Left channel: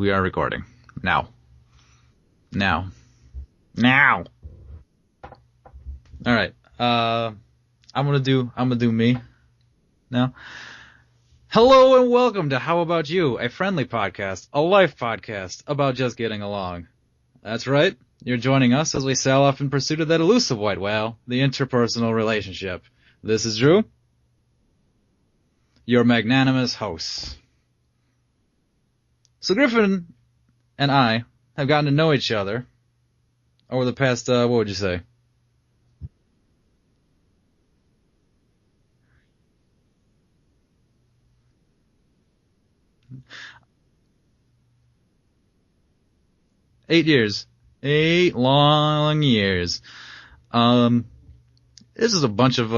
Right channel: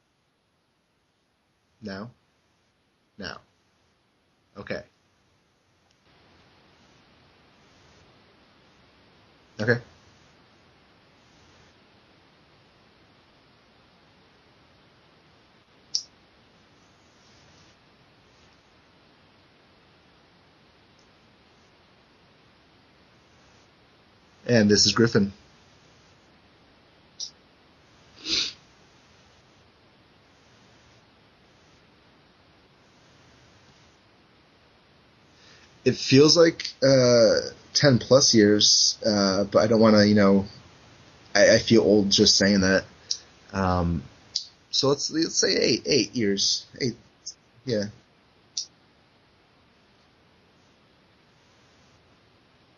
we are recording. Now. Now? Now. Now. Now. Okay. All right. I'm gonna do me. Okay. Now. Hello and welcome to How About You, a friendly podcast, a life podcast about just getting along. That's right. You're joining us as we sail off in pursuit of that elusive white whale, the interpersonal relationship. This is Drew. And this is Griffin. Your magnanimous hosts. So Griffin and I have gotten to know each other over the past, what would you say? It feels like 10 plus years, but I don't want to, I feel old just saying that. So let's say 8 years. 8 years. Yeah. 8 long years. This is a bunch of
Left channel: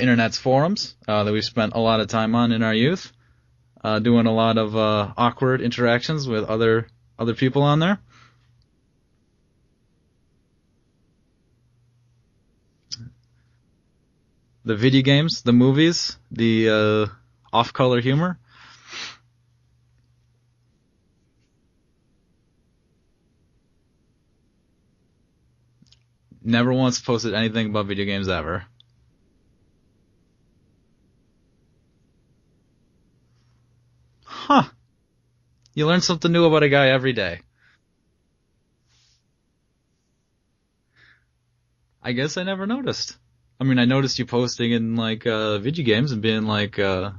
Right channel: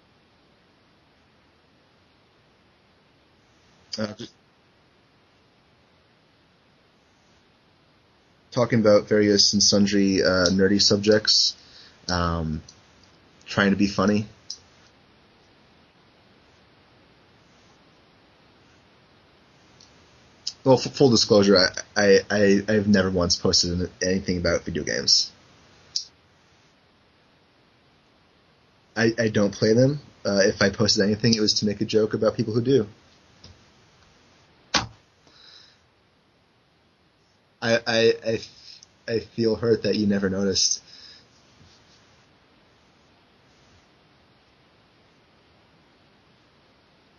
internet's forums that we've spent a lot of time on in our youth, doing a lot of awkward interactions with other people on there. Talking about various and sundry nerdy subjects, trying to be funny. The video games, the movies, the off-color humor. Well, full disclosure, I've never once posted anything about video games. Never once posted anything about video games ever. I don't play them. If I posted anything, it was to make a joke about people who do. Huh. You learn something new about a guy every day. I feel hurt that you never noticed. I guess I never noticed. I mean, I noticed you posting in, video games and being, a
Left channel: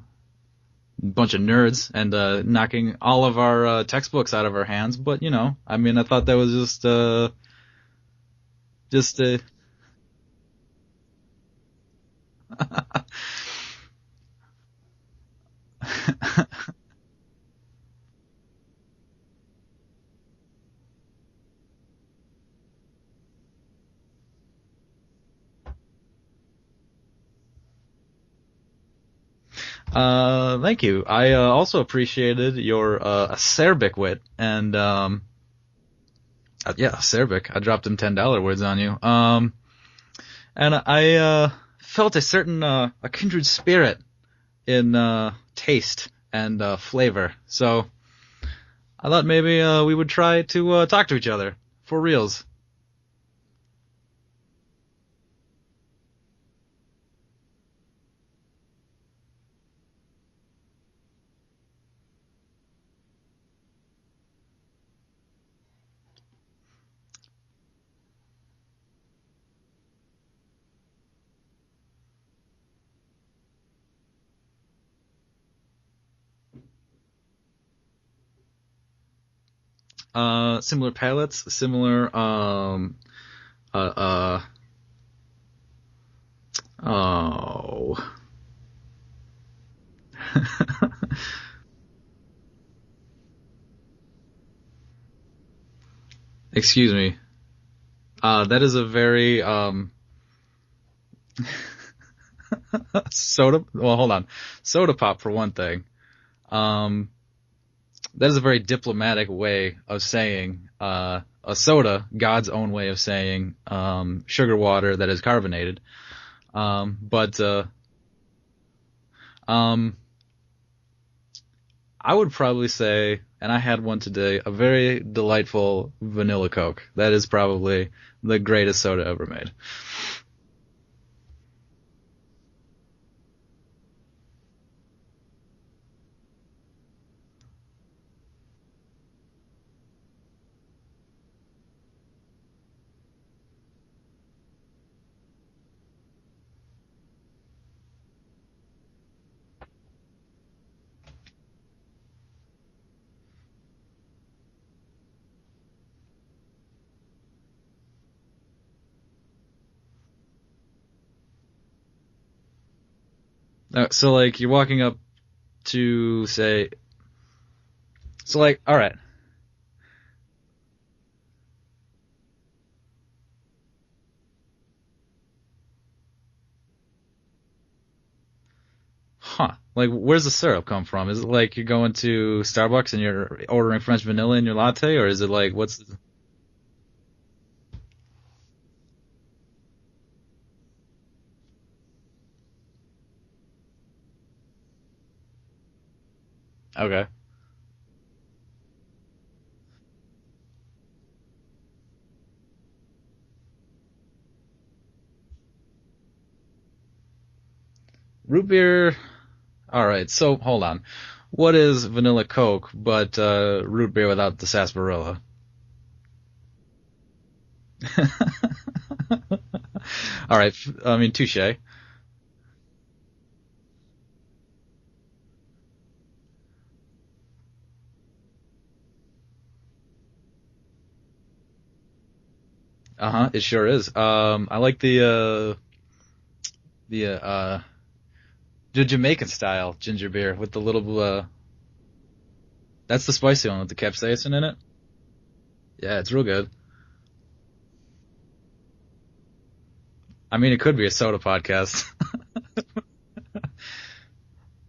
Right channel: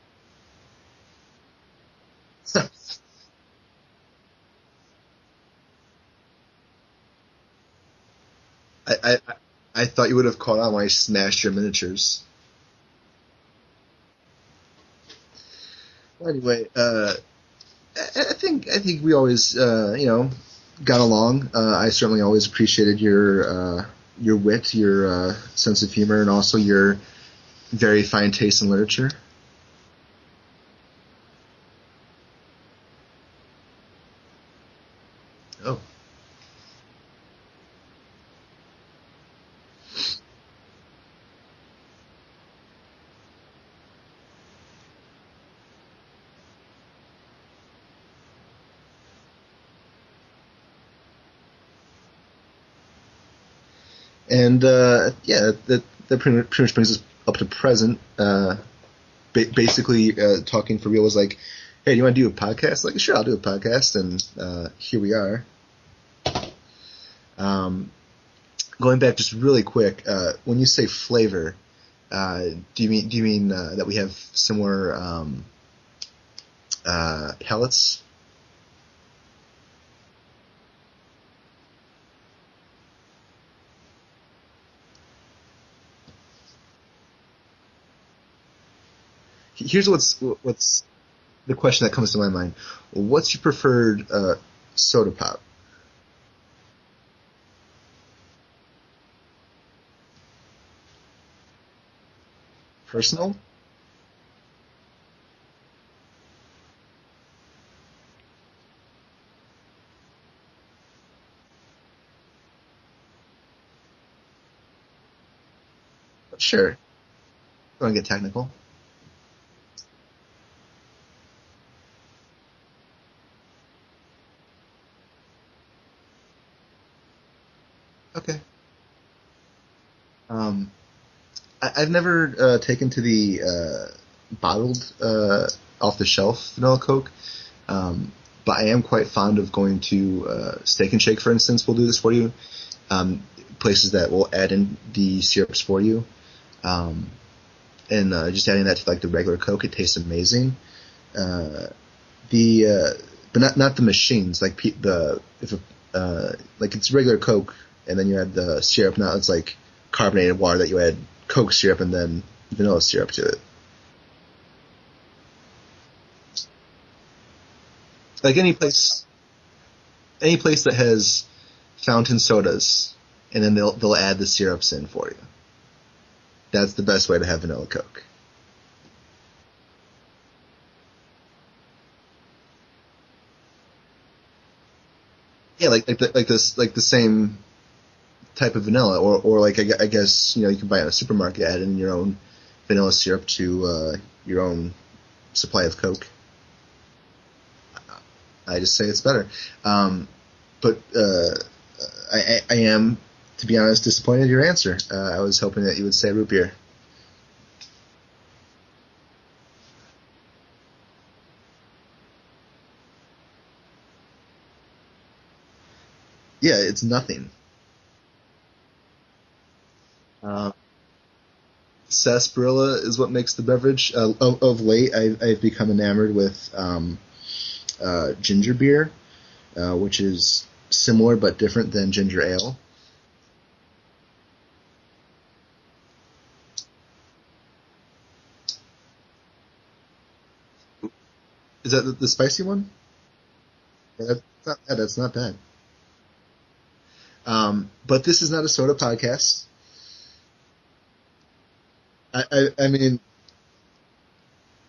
bunch of nerds and knocking all of our textbooks out of our hands, but, I thought that was just I thought you would have caught on when I smashed your miniatures. Anyway, I think we always, got along. I certainly always appreciated your wit, your sense of humor, and also your very fine taste in literature. Thank you. I also appreciated your acerbic wit and yeah, acerbic. I dropped them $10 words on you. And I felt a certain a kindred spirit in taste and flavor. So I thought maybe we would try to talk to each other for reals. And yeah, that pretty much brings us up to present. Basically, talking for real was like, hey, do you want to do a podcast? Like, sure, I'll do a podcast, and here we are. Going back just really quick, when you say flavor, do you mean that we have similar palates? Similar palates, similar Here's what's the question that comes to my mind. What's your preferred soda pop? Excuse me. That is a very personal soda. Well, hold on. Soda pop for one thing. That is a very diplomatic way of saying a soda, God's own way of saying sugar water that is carbonated. Sure. But don't want to get technical. I would probably say, and I had one today, a very delightful vanilla Coke. That is probably the greatest soda ever made. I've never taken to the bottled, off-the-shelf vanilla Coke, but I am quite fond of going to Steak and Shake, for instance. Will do this for you. Places that will add in the syrups for you. And just adding that to the regular Coke, it tastes amazing. But not the machines, it's regular Coke and then you add the syrup. Now it's like carbonated water that you add Coke syrup and then vanilla syrup to it. So you're walking up to say, any place, all right, any place that has fountain sodas, and then they'll add the syrups in for you. That's the best way to have vanilla Coke. Huh. Where's the syrup come from? Is it you're going to Starbucks and you're ordering French vanilla in your latte, or is it what's... Yeah, the same type of vanilla, or I guess you can buy it in a supermarket, add in your own vanilla syrup to your own supply of Coke. Okay. I just say it's better. But I am, to be honest, disappointed in your answer. I was hoping that you would say root beer. Root beer. All right, so hold on. What is vanilla Coke but root beer without the sarsaparilla? Yeah, it's nothing. All right, I mean, touche. Sarsaparilla is what makes the beverage. Of late, I've become enamored with ginger beer, which is similar but different than ginger ale. It sure is. I like the Jamaican style ginger beer with the little. Is that the spicy one? That's the spicy one with the capsaicin in it. That's not bad. Yeah, it's real good. But this is not a soda podcast. I mean, it could be a soda podcast. I mean,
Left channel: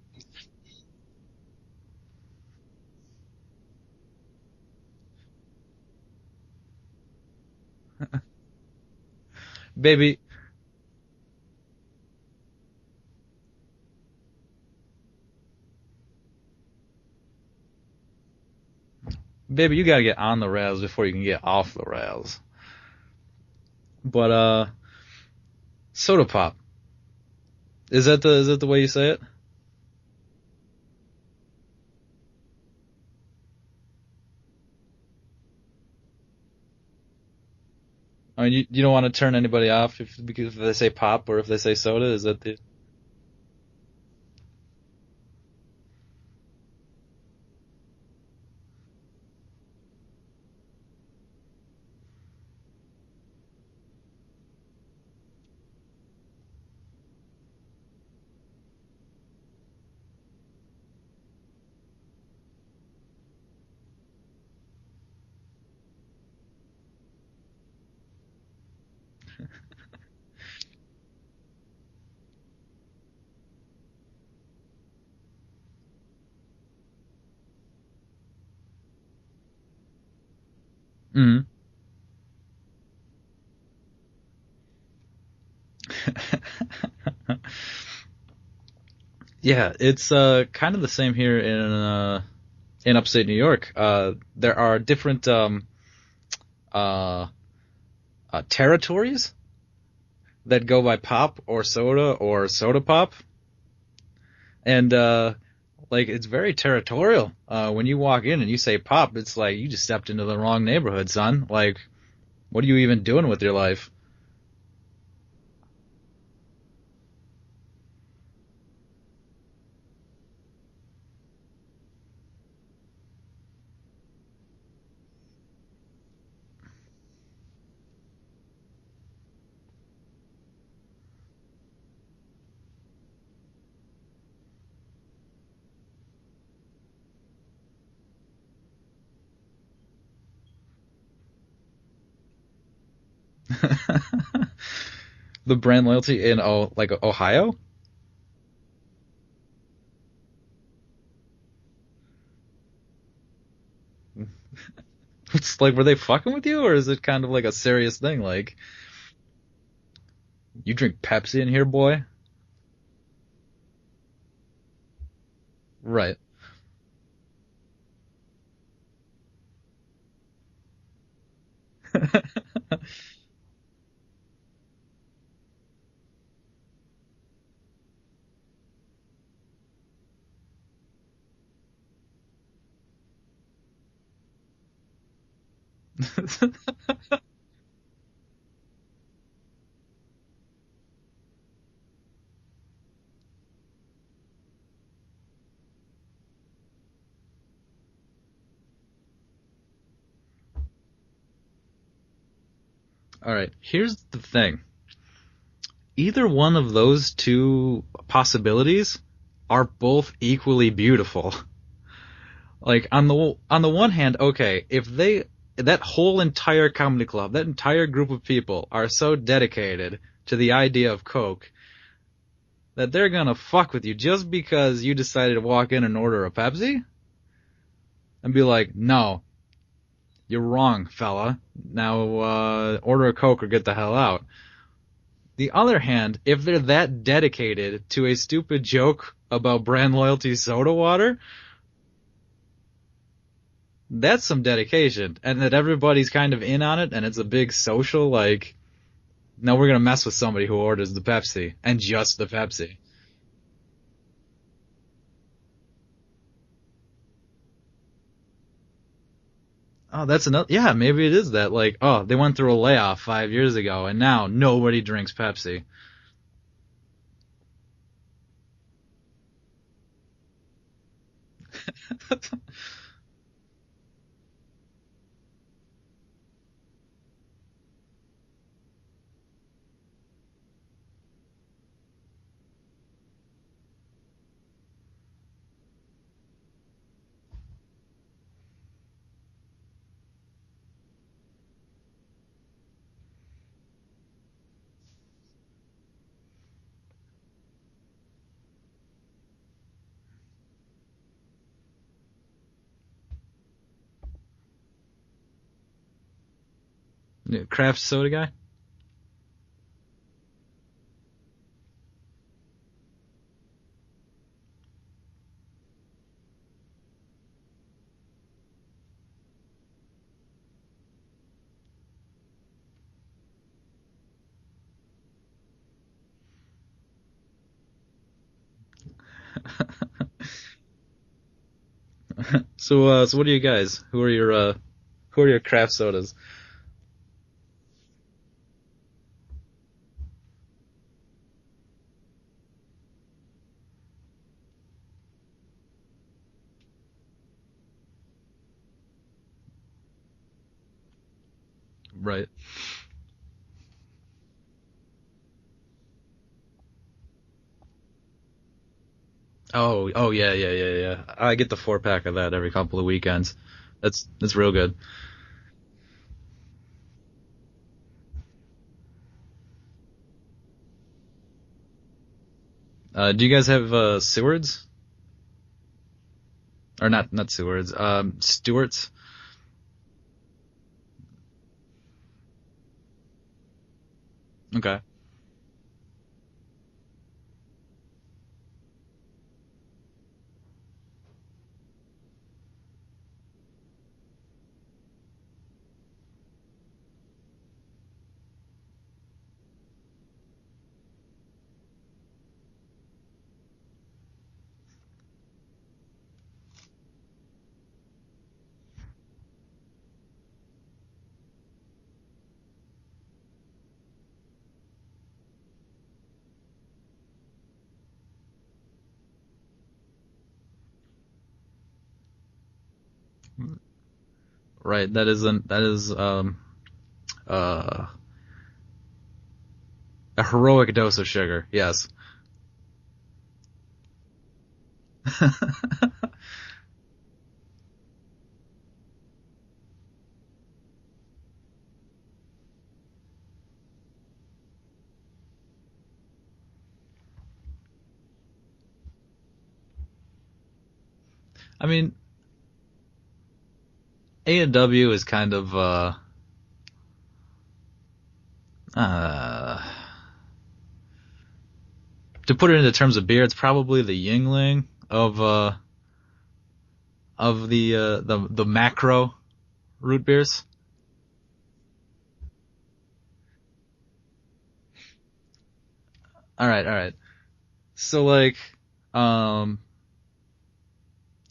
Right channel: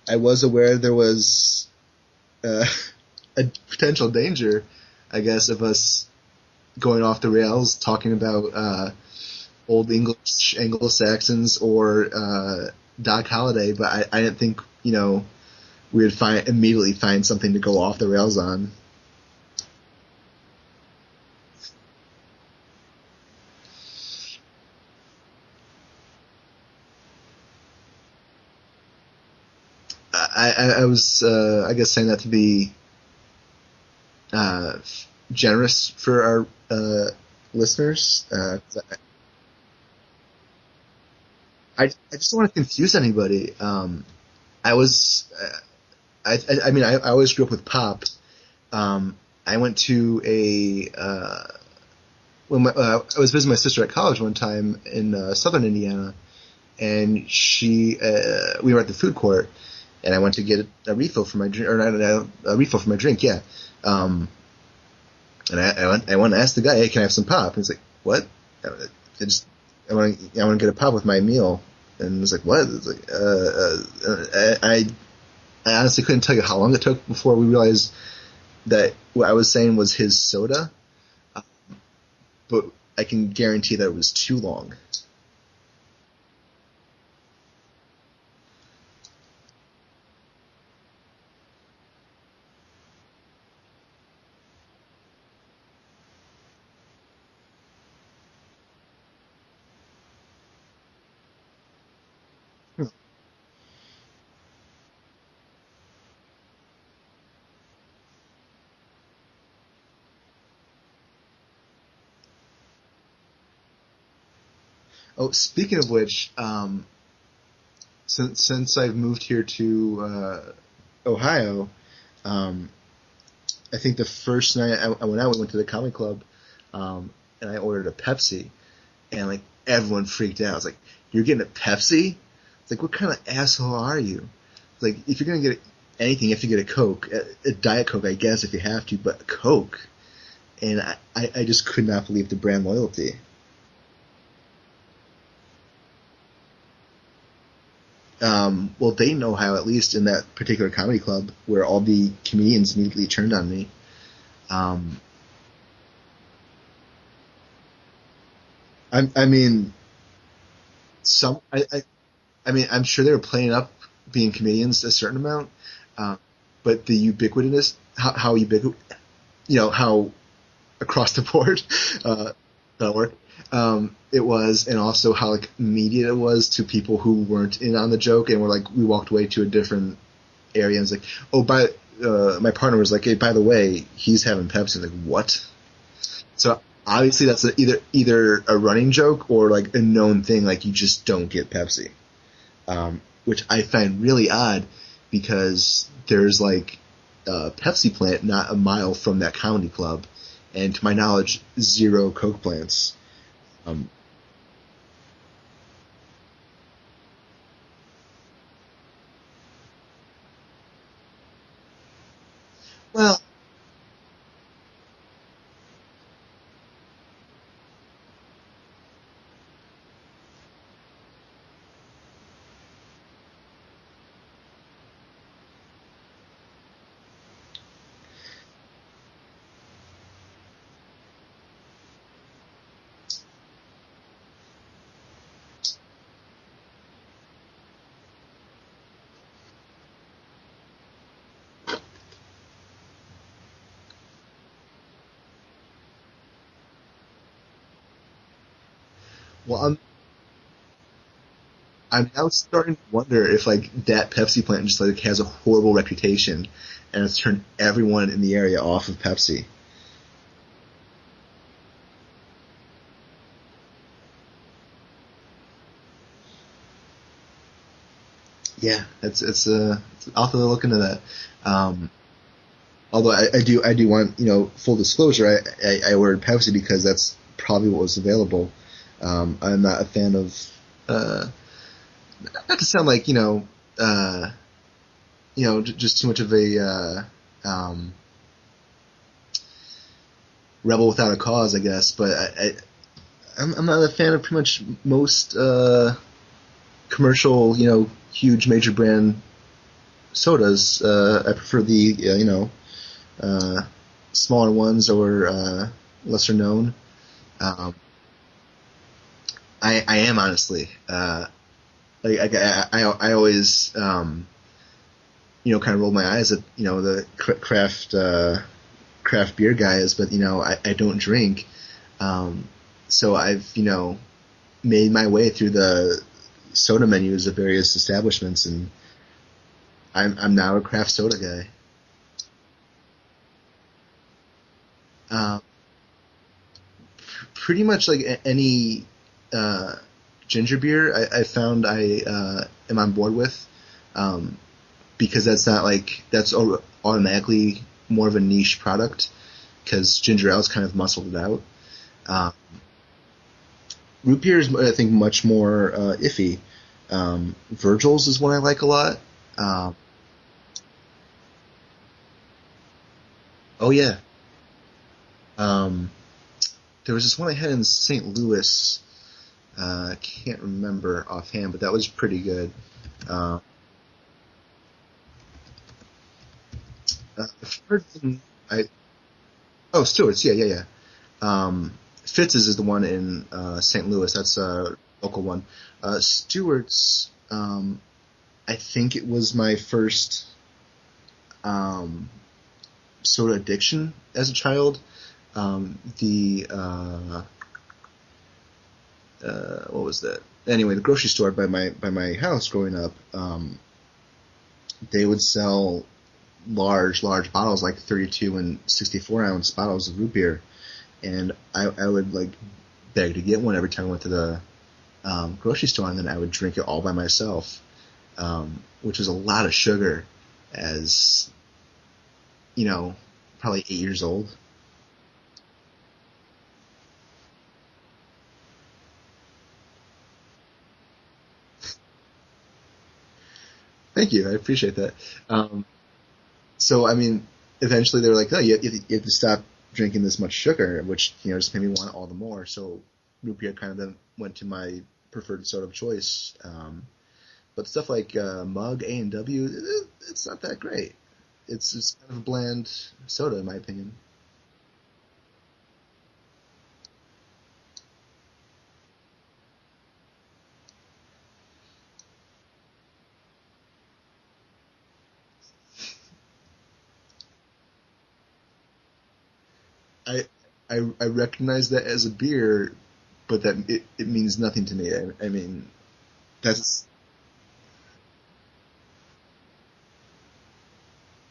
I was aware there was a potential danger, I guess, of us going off the rails talking about old English Anglo-Saxons or Doc Holliday, but I didn't think we would immediately find something to go off the rails on. Baby, you gotta get on the rails before you can get off the rails. But soda pop. Is that the way you say it? I was I guess saying that to be generous for our listeners. I mean, you don't want to turn anybody off because if they say pop or if they say soda. I just don't want to confuse anybody. I was, I mean, I always grew up with pop. I went to when I was visiting my sister at college one time in southern Indiana, and we were at the food court, and I went to get a refill for my drink, or not a refill for my drink, yeah. And I went and asked the guy, hey, can I have some pop? And he's like, what? I want to get a pop with my meal. And I was like, what? It's like, I honestly couldn't tell you how long it took before we realized that what I was saying was his soda. Mm. But I can guarantee that it was too long. Yeah, it's kind of the same here in upstate New York. There are different territories that go by pop or soda pop, and like it's very territorial. When you walk in and you say pop, it's like you just stepped into the wrong neighborhood, son. Like, what are you even doing with your life? Oh, speaking of which, since I've moved here to Ohio, I think the first night I went out, we went to the comedy club, and I ordered a Pepsi, and like everyone freaked out. I was like, "You're getting a Pepsi?" It's like, "What kind of asshole are you?" It's like, if you're gonna get anything, you have to get a Coke, a Diet Coke, I guess, if you have to, but a Coke. And I just could not believe the brand loyalty. The brand loyalty in Ohio? Well, they know how, at least in that particular comedy club, where all the comedians immediately turned on me. It's like, were they fucking with you, or is it kind of like a serious thing? Like, I mean, you drink Pepsi in here, boy? I mean, I'm sure they were playing up being comedians a certain amount, right? But the ubiquitousness, how ubiquitous, how across the board that'll work. It was, and also how like immediate it was to people who weren't in on the joke, and we walked away to a different area, and it's like, oh, my partner was like, hey, by the way, he's having Pepsi. Like, what? So obviously that's either a running joke or like a known thing, like you just don't get Pepsi, which I find really odd because there's like a Pepsi plant not a mile from that comedy club, and to my knowledge, 0 Coke plants. All right, here's the thing. Either one of those two possibilities are both equally beautiful. Like, on the one hand, okay, if that whole entire comedy club, that entire group of people are so dedicated to the idea of Coke that they're gonna fuck with you just because you decided to walk in and order a Pepsi? And be like, no, you're wrong, fella. Now, order a Coke or get the hell out. The other hand, if they're that dedicated to a stupid joke about brand loyalty soda water, That's some dedication, and that everybody's kind of in on it, and it's a big social like. No, Well, we're gonna mess with somebody who orders the Pepsi and I'm just the now Pepsi. starting to wonder if like that Pepsi plant just like has a horrible reputation, and it's turned everyone in the area off of Pepsi. Oh, that's another. Yeah, maybe it is that. Like, oh, they went through a layoff 5 years ago, and now nobody drinks Pepsi. Yeah, I'll have to look into that. Um, Although I do want full disclosure, I ordered Pepsi because that's probably what was available. I'm not a fan of not to sound like just too much of a rebel without a cause, I guess. But I'm not a fan of pretty much most commercial huge major brand sodas. I prefer the uh, smaller ones or lesser known. Craft soda guy. I am honestly. I always kind of roll my eyes at the craft beer guys, but I don't drink. So I've made my way through the soda menus of various establishments, and I'm now a craft soda guy. So what are you guys? Who are your craft sodas? Pretty much like any ginger beer I found I am on board with, because that's not like that's automatically more of a niche product because ginger ale's kind of muscled it out. Right. Root beer is I think much more iffy. Virgil's is one I like a lot. Oh yeah. I get the 4-pack of that every couple of weekends. Oh yeah. That's real good. There was this one I had in St. Louis. I can't remember offhand, but that was pretty good. Do you guys have Sewards? Or not Sewards. Stewart's. Stewart's. Yeah. Fitz's is the one in St. Louis. That's a Okay. local one. Stewart's. I think it was my first soda addiction as a child. What was that? Anyway, the grocery store by my house growing up, they would sell large bottles, like 32 and 64 ounce bottles of root beer, and I would like beg to get one every time I went to the grocery store, and then I would drink it all by myself, which was a lot of sugar, as probably 8 years old. Right. That is a heroic dose of sugar. Yes. Thank you, I appreciate that. So I mean, eventually they were like, "Oh, you have to stop drinking this much sugar," which just made me want it all the more. So root beer kind of then went to my preferred soda of choice. But stuff like Mug, A&W, it's not that great. It's just kind of a bland soda, in my opinion. A&W is kind of to put it into terms of beer, it's probably the Yingling of the macro root beers. I recognize that as a beer, but that it means nothing to me. I mean, all right. So like, in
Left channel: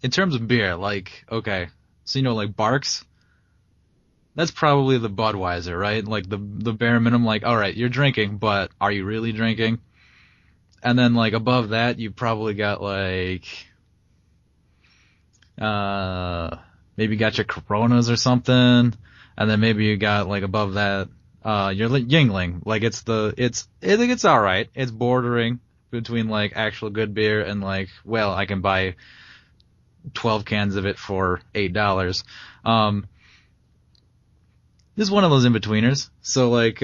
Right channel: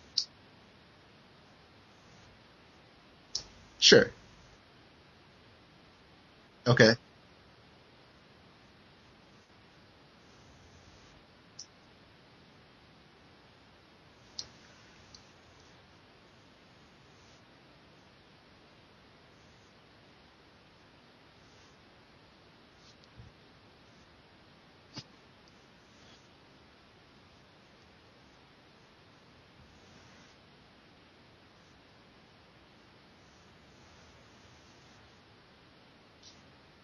terms of beer, like, okay, so like Barks. Sure. That's probably the Budweiser, right? Like the Okay. bare minimum. Like, all right, you're drinking, but are you really drinking? And then like above that, you probably got like, maybe got your Coronas or something, and then maybe you got like above that, your Yingling. Like I think it's all right. It's bordering between like actual good beer and like, well, I can buy 12 cans of it for $8. This is one of those in-betweeners. So like,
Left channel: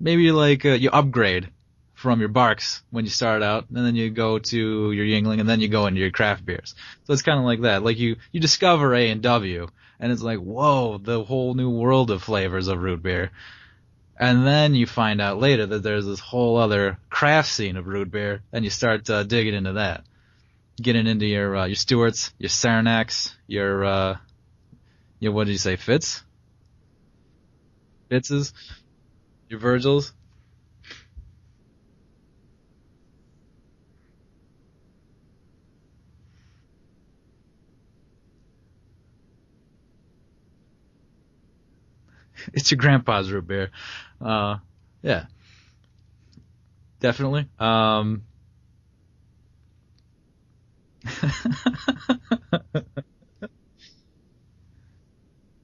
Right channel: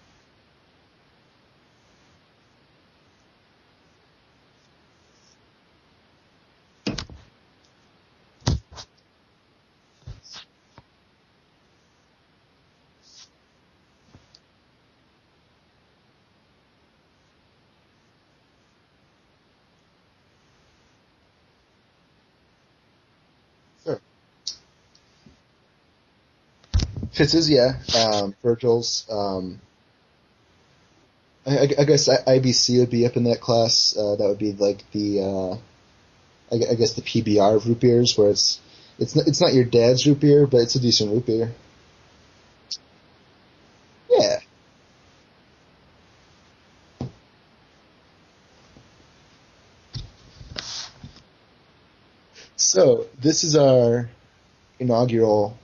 maybe like you upgrade from your Barks when you start out, and then you go to your Yingling, and then you go into your craft beers. So it's kind of like that. Like you discover A&W, and it's like, whoa, the whole new world of flavors of root beer. And then you find out later that there's this whole other craft scene of root beer, and you start digging into that. Getting into your Stewart's, your Saranaks, your Yeah, what did you say? Fitz? Fitz's, yeah. Fitz's? Virgil's. Your Virgils? I guess IBC would be up in that class. That would be like I guess the PBR of root beers, where it's not your dad's root beer, but it's a decent root beer. It's your grandpa's root beer. Yeah. Yeah. Definitely. So this is our inaugural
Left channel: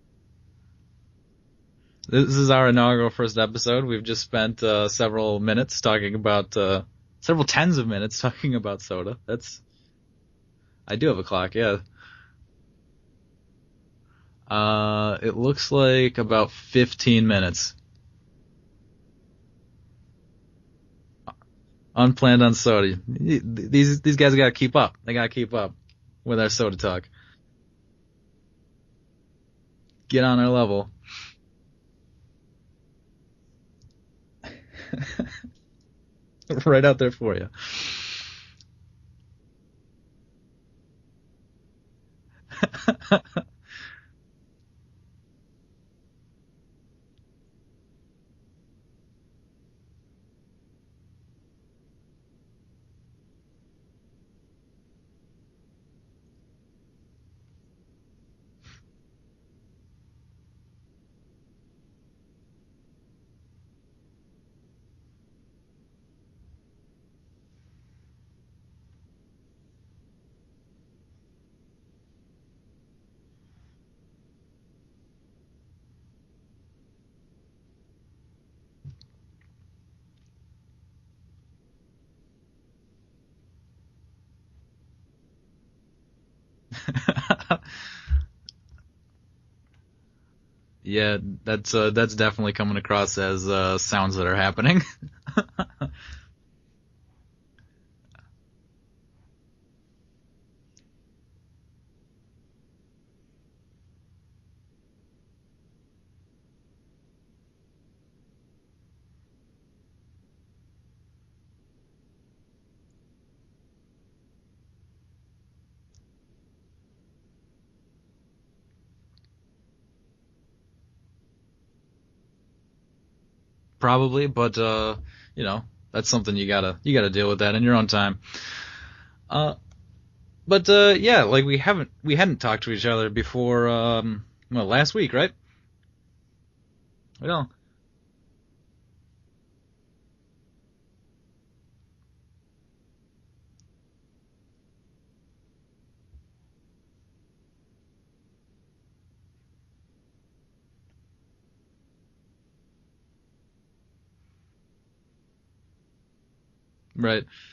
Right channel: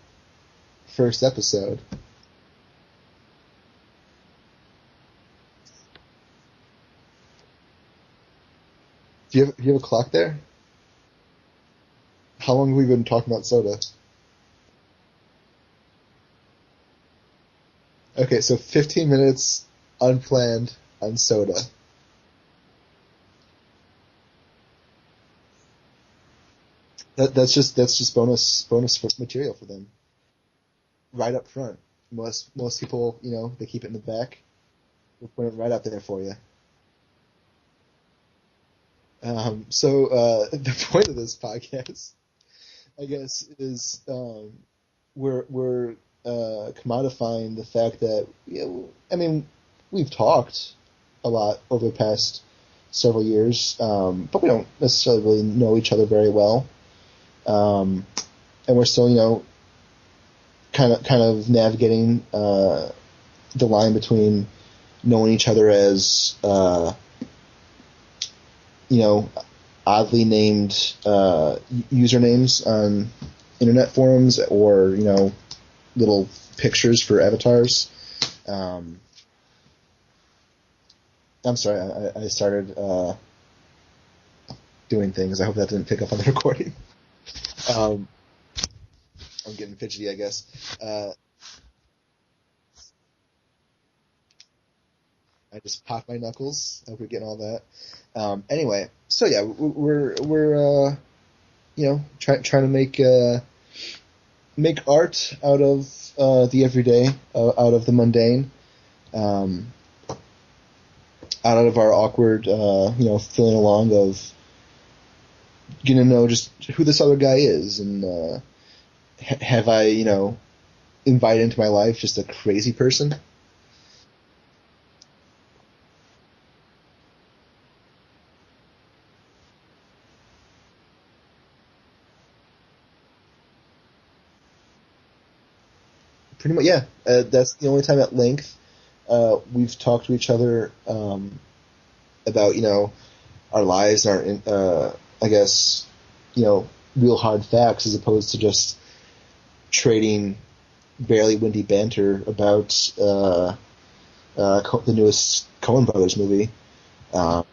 first episode. This is our inaugural first episode. We've just spent several minutes talking about, several tens of minutes talking about soda. Do you have a clock there? I do have a clock, yeah. How long have we been talking about soda? It looks like about 15 minutes. Okay, so 15 minutes unplanned on soda. Unplanned on soda. These guys gotta keep up. They gotta keep up with our soda talk. That's just bonus material for them. Get on our level. Right up front. Most people, they keep it in the back. Put it right out there for you. Right out there for you. So the point of this podcast, I guess, is we're commodifying the fact that we've talked a lot over the past several years, but we don't necessarily really know each other very well, and we're still kind of navigating the line between knowing each other as oddly named usernames on internet forums, or little pictures for avatars. I'm sorry, I started doing things. I hope that didn't pick up on the recording. I'm getting fidgety, I guess. Yeah, that's definitely coming across as sounds that are happening. I just popped my knuckles. I hope you're getting all that. Anyway, so yeah, we're trying to make art out of the everyday, out of the mundane, out of our awkward, feeling along of getting to know just who this other guy is, and have I, invited into my life just a crazy person? Probably, but that's something you gotta deal with that in your own time. But yeah, like we hadn't talked to each other before, last week, right? Pretty much, yeah. That's the only time at length we've talked to each other about our lives, and our I guess real hard facts, as opposed to just trading barely windy banter about the newest Coen Brothers movie. Right.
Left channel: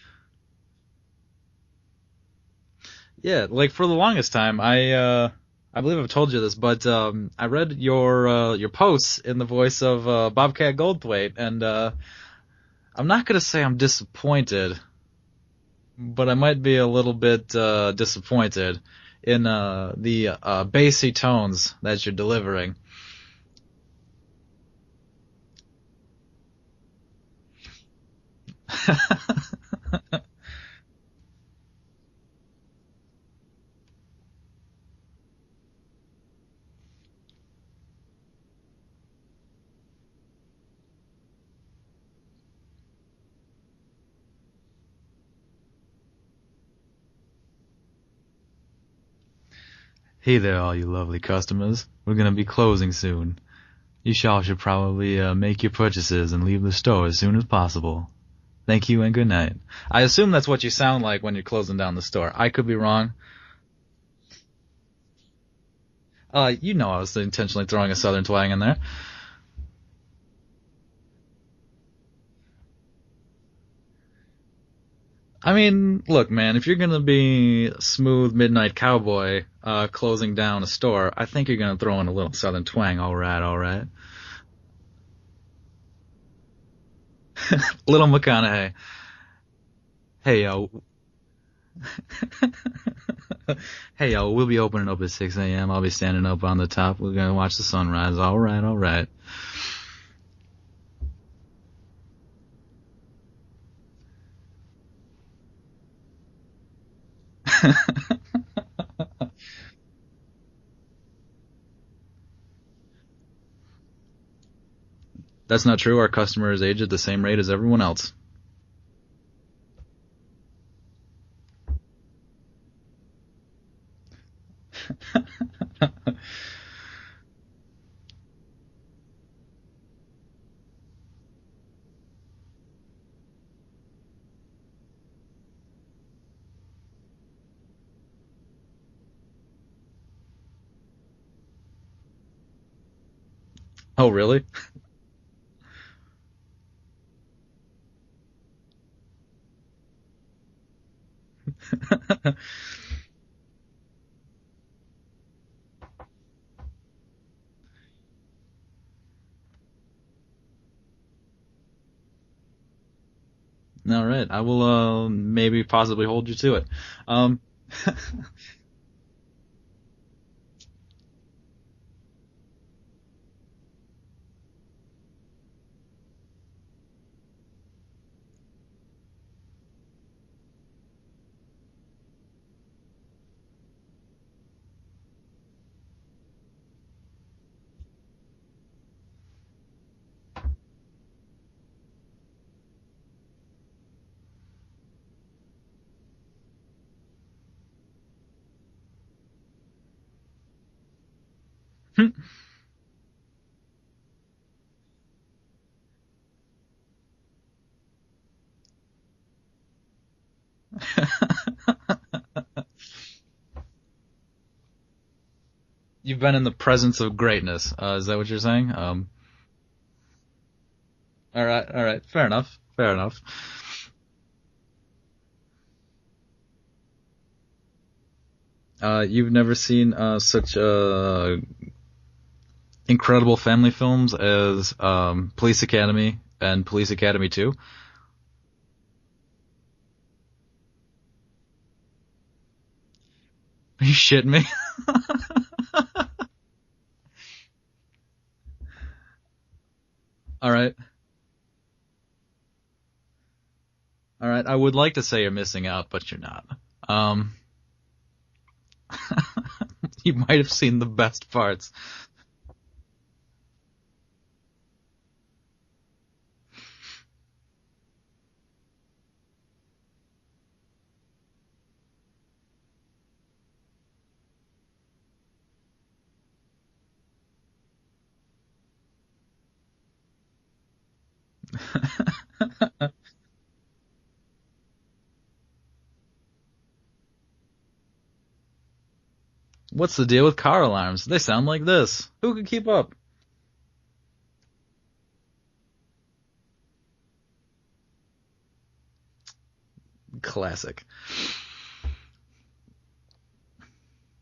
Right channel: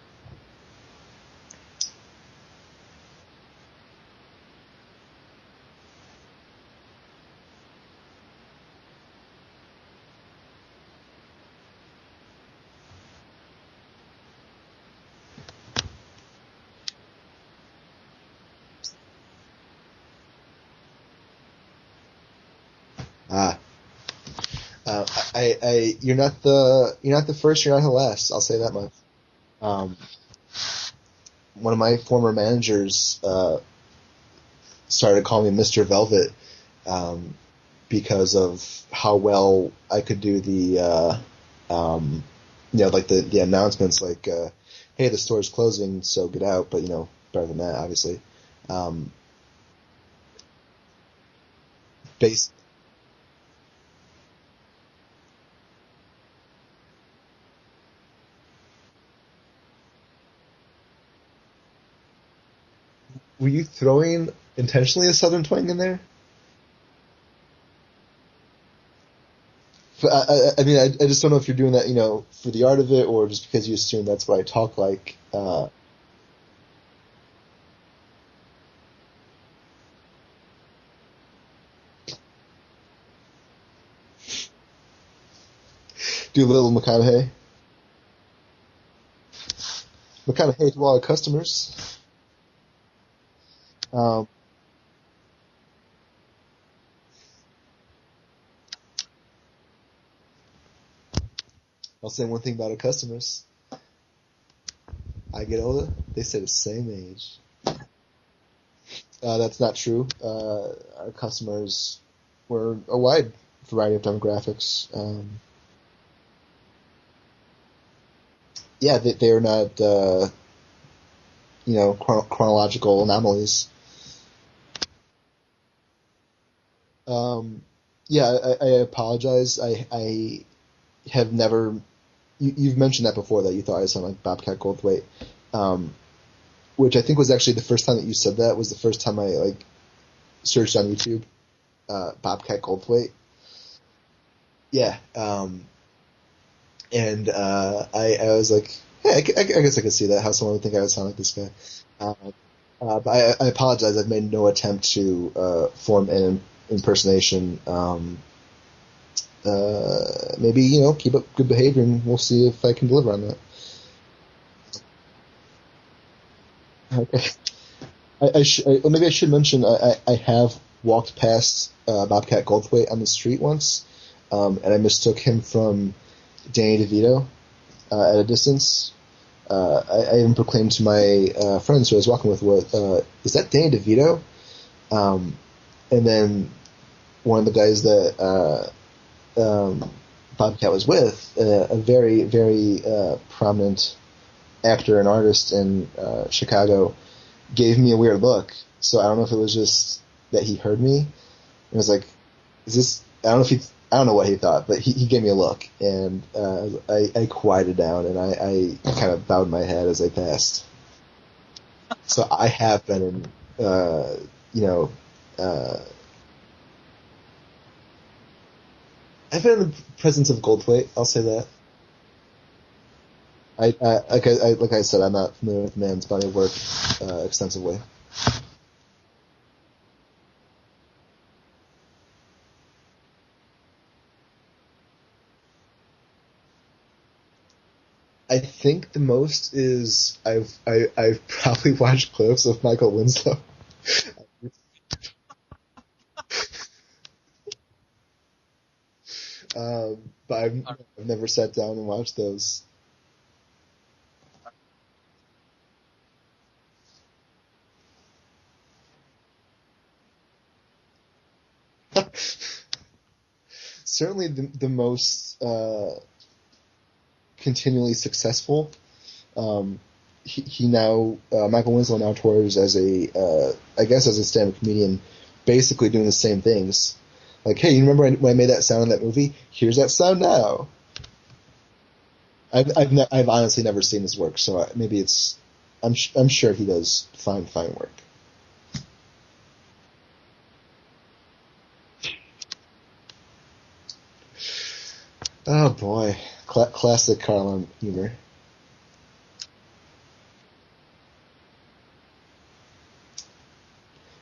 Yeah, like for the longest time, I believe I've told you this, but I read your posts in the voice of Bobcat Goldthwait, and I'm not gonna say I'm disappointed, but I might be a little bit disappointed in the bassy tones that you're delivering. You're not the first, you're not the last. I'll say that much. One of my former managers started calling me Mr. Velvet because of how well I could do the like the announcements, like hey, the store's closing, so get out. But better than that, obviously. Hey there, all you lovely customers. We're gonna be closing soon. You should probably make your purchases and leave the store as soon as possible. Thank you and good night. I assume that's what you sound like when you're closing down the store. I could be wrong. Were you throwing intentionally a southern twang in there? I was intentionally throwing a southern twang in there. I just don't know if you're doing that, for the art of it, or just because you assume that's what I talk like. Look, man, if you're gonna be smooth midnight cowboy closing down a store, I think you're gonna throw in a little southern twang. All right. Do a little McConaughey. Little McConaughey. Hey, McConaughey to all our customers. Hey, we'll be opening up at 6 a.m. I'll be standing up on the top. We're gonna watch the sunrise. All right. I'll say one thing about our customers. I get older, they stay the same age. That's not true. Our customers were a wide variety of demographics. That's not true. Our customers age at the same rate as everyone else. Yeah, they are not, chronological anomalies. Um, yeah, I apologize. I have never. You've mentioned that before that you thought I sounded like Bobcat Goldthwait, um, which I think was actually the first time that you said that was the first time I like searched on YouTube, Bobcat Goldthwait. Oh, really? Yeah, and I was like, hey, I guess I could see that how someone would think I would sound like this guy. But I apologize. I've made no attempt to form an impersonation. Maybe keep up good behavior, and we'll see if I can deliver on that. All right. I will maybe possibly hold you to it. Um, Maybe I should mention I have walked past Bobcat Goldthwait on the street once, and I mistook him from Danny DeVito at a distance. I even proclaimed to my friends who I was walking with, "Is that Danny DeVito?" And then one of the guys that Bobcat was with, a very, very prominent actor and artist in Chicago, gave me a weird look. So I don't know if it was just that he heard me. It was like, is this? I don't know what he thought, but he gave me a look, and I quieted down, and I kind of bowed my head as I passed. So I have been in, you've been in the presence of greatness. Is that what you're saying? I've been in the presence of Goldthwait. I'll say that. All right. Fair enough. Fair enough. Like I said, I'm not familiar with the man's body of work extensively. You've never seen such incredible family films as Police Academy and Police Academy 2? I think the most is I've probably watched clips of Michael Winslow. Are you shitting me? But All right. I've never sat down and watched those. All right. I would like to say you're missing out, but you're not. You might have seen the best parts. Certainly the most continually successful. He now Michael Winslow now tours as I guess as a stand-up comedian, basically doing the same things. Like, hey, you remember when I made that sound in that movie? Here's that sound now. I've honestly never seen his work, so maybe it's I'm sure he does fine work. What's the deal with car alarms? They sound like this. Who can keep up? Oh boy, classic Carlin humor. Classic.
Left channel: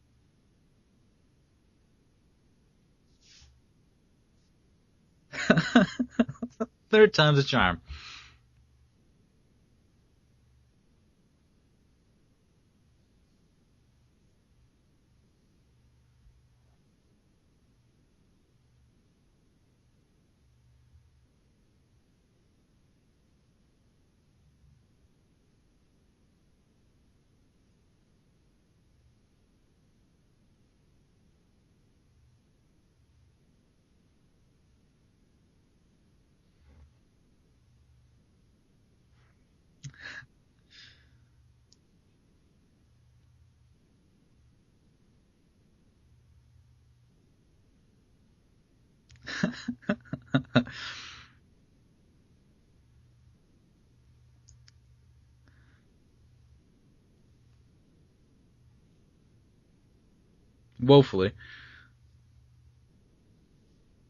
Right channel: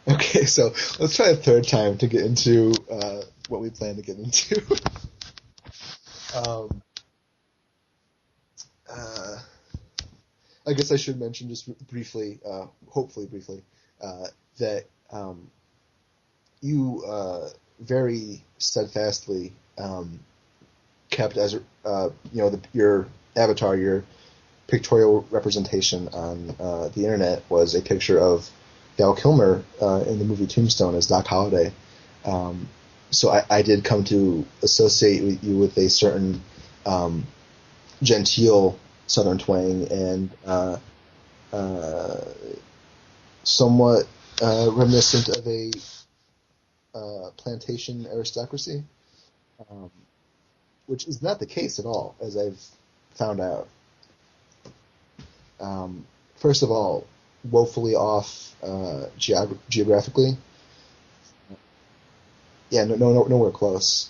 Okay, so let's try a third time to get into what we plan to get into. Third time's a charm. I guess I should mention just briefly, hopefully briefly, that you very steadfastly kept as your avatar, your pictorial representation on the internet was a picture of Val Kilmer in the movie Tombstone as Doc Holliday. So I did come to associate you with a certain genteel Southern twang and somewhat reminiscent of a plantation aristocracy, which is not the case at all, as I've found out. First of all, woefully off geographically. Woefully. Yeah, nowhere close.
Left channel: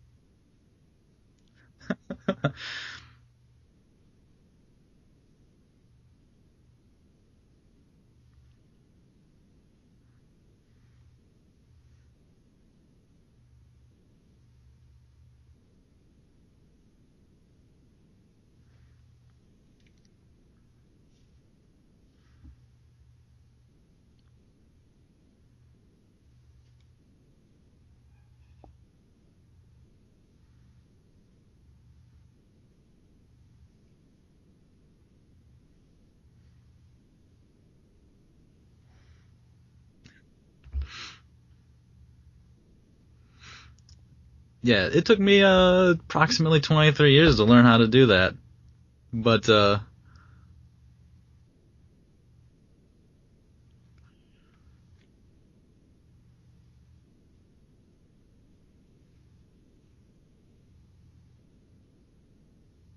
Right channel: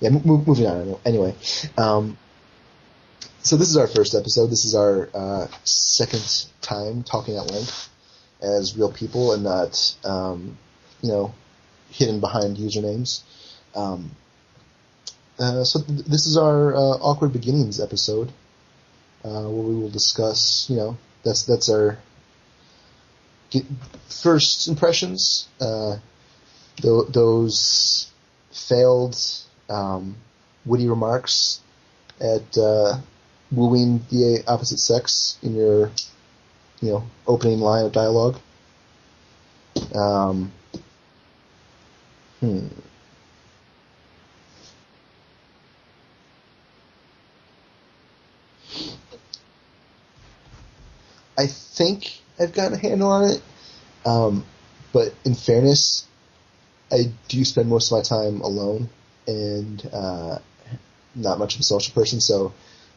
Moving on. Anyway, so this is our first episode. This is our second time talking at length as real people and not, hidden behind usernames. This is our awkward beginnings episode, where we will discuss, that's our first impressions, those failed witty remarks at wooing the opposite sex in your opening line of dialogue. Um, hmm. Yeah, it took me approximately 23 years to learn how to do that. But I think I've gotten a handle on it. But in fairness, I do spend most of my time alone and not much of a social person. So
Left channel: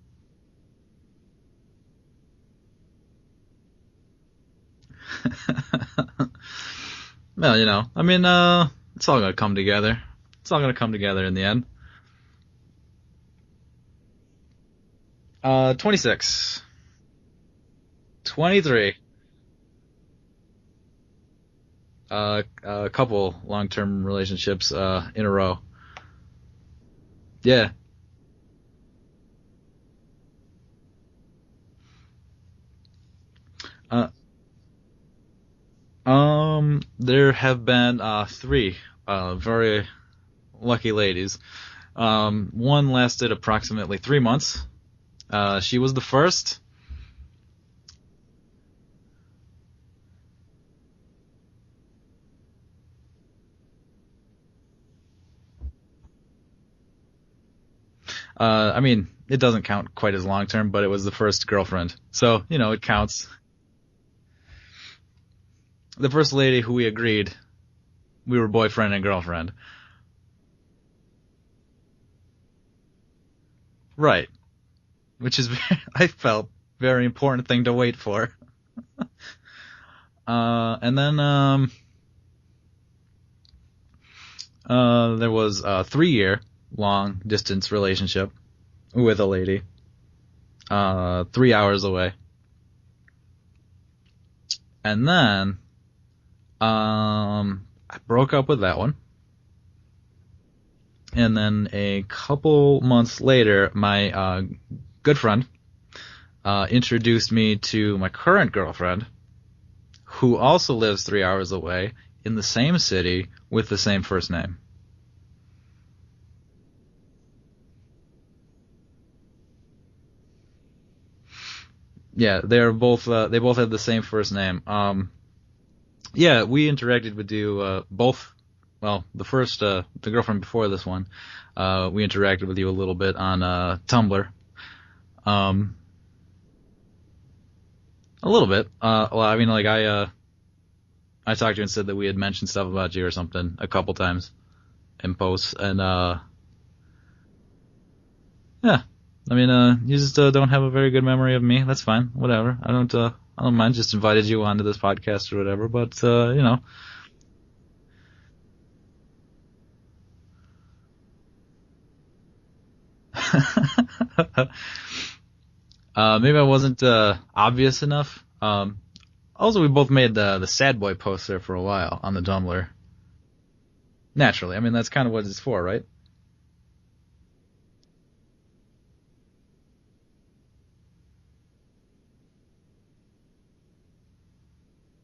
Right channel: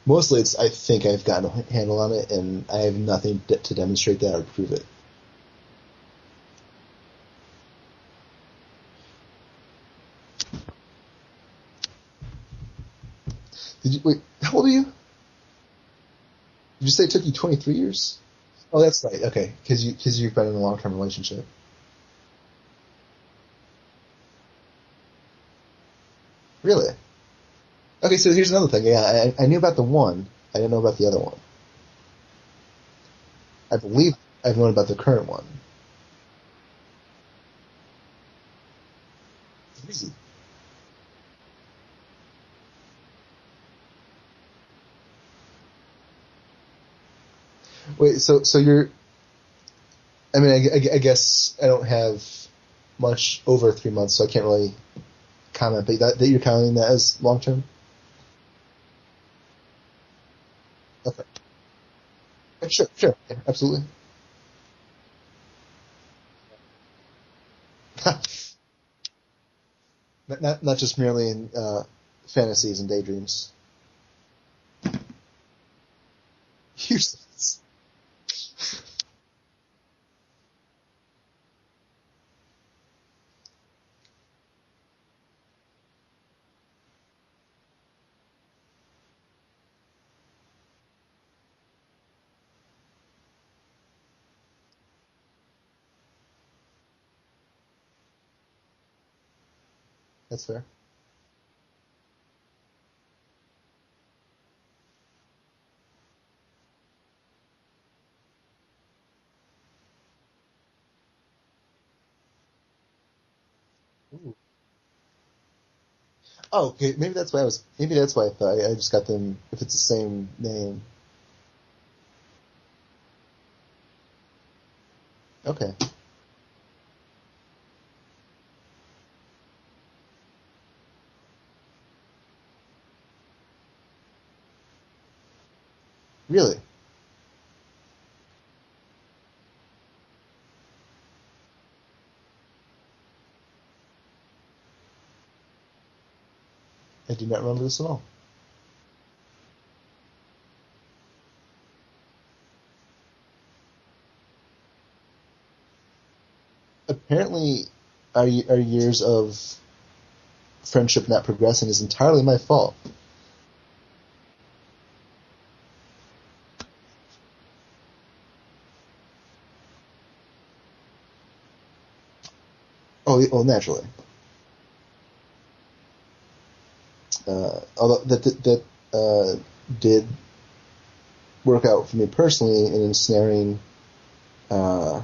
mostly I think I've gotten a handle on it, and I have nothing to demonstrate that or prove it. well, I mean, it's all gonna come together. It's all gonna come together in the end. Wait, how old are you? 26. Did you say it took you 23 years? 23. Oh, that's right. Okay, because you've been in a long-term relationship. A couple long-term relationships in a row. Really? Yeah. Okay, so here's another thing. Yeah, I knew about the one. I didn't know about the other one. I believe I've known about the current one. There have been 3 very lucky ladies. One lasted approximately 3 months. She was the first. Wait, so you're... I mean, I guess I don't have much over 3 months, so I can't really comment, but that you're counting that as long-term? I mean, it doesn't count quite as long-term, but it was the first girlfriend. So, it counts. Sure, absolutely. The first lady who we agreed we were boyfriend and girlfriend. Not just merely in fantasies and daydreams. Right. Which is, I felt, very important thing to wait for. And then there was a 3-year long distance relationship with a lady 3 hours away. And then I broke up with that one. That's fair. And then a couple months later, my good friend introduced me to my current girlfriend, who also lives 3 hours away in the same city with the same first name. Oh, okay. Maybe that's why I thought I just got them. If it's the same name. Yeah, they both have the same first name. Okay. Yeah, we interacted with you both. Well, the girlfriend before this one, we interacted with you a little bit on Tumblr. Really? A little bit. Well, I mean, like I talked to you and said that we had mentioned stuff about you or something a couple times in posts, and I do not remember this at all. yeah, I mean, you just don't have a very good memory of me. That's fine, whatever. I don't mind. Just invited you onto this podcast or whatever, but Apparently, our years of friendship not progressing is entirely my fault. Maybe I wasn't obvious enough. Also, we both made the sad boy poster for a while on the Tumblr. Oh, naturally. Naturally, I mean that's kind of what it's for, right? Although that did work out for me personally in ensnaring. I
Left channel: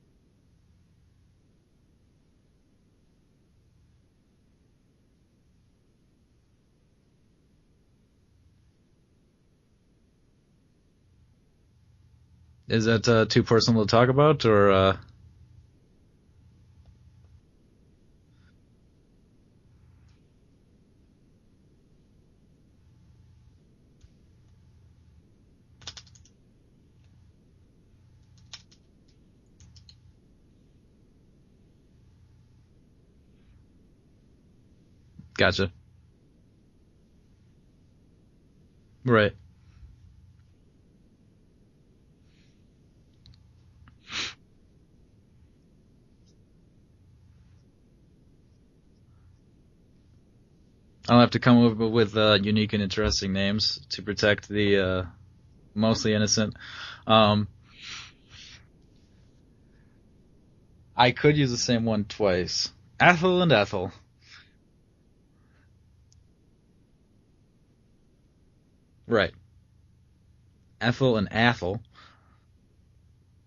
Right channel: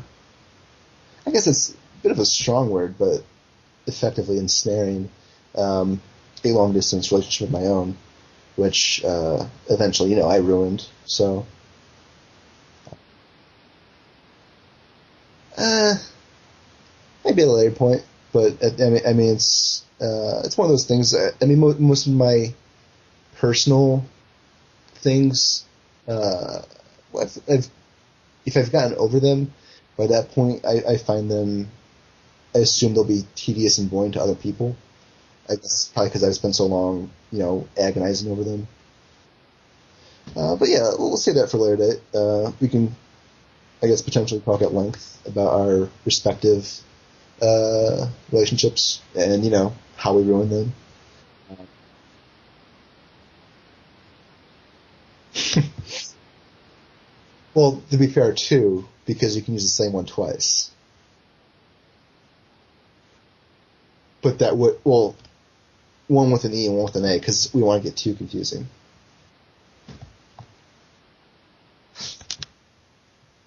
guess it's a bit of a strong word, but effectively ensnaring a long distance relationship of my own, which eventually, I ruined. So. Is that too personal to talk about, or? Maybe at a later point, but I mean, it's one of those things. I mean, most of my personal things, if I've gotten over them, by that point, I find them. I assume they'll be tedious and boring to other people. Gotcha. It's probably because I've spent so long, agonizing over them. Right. But yeah, we'll say that for later date. We can, I guess, potentially talk at length about our respective relationships and, how we ruin them. I'll have to come up with unique and interesting names to protect the mostly innocent. Well, to be fair, too, because you can use the same one twice. I could use the same one twice. Ethel and Ethel. But that would, well, one with an E and one with an A, because we want to get too confusing. Right. Ethel and Athel.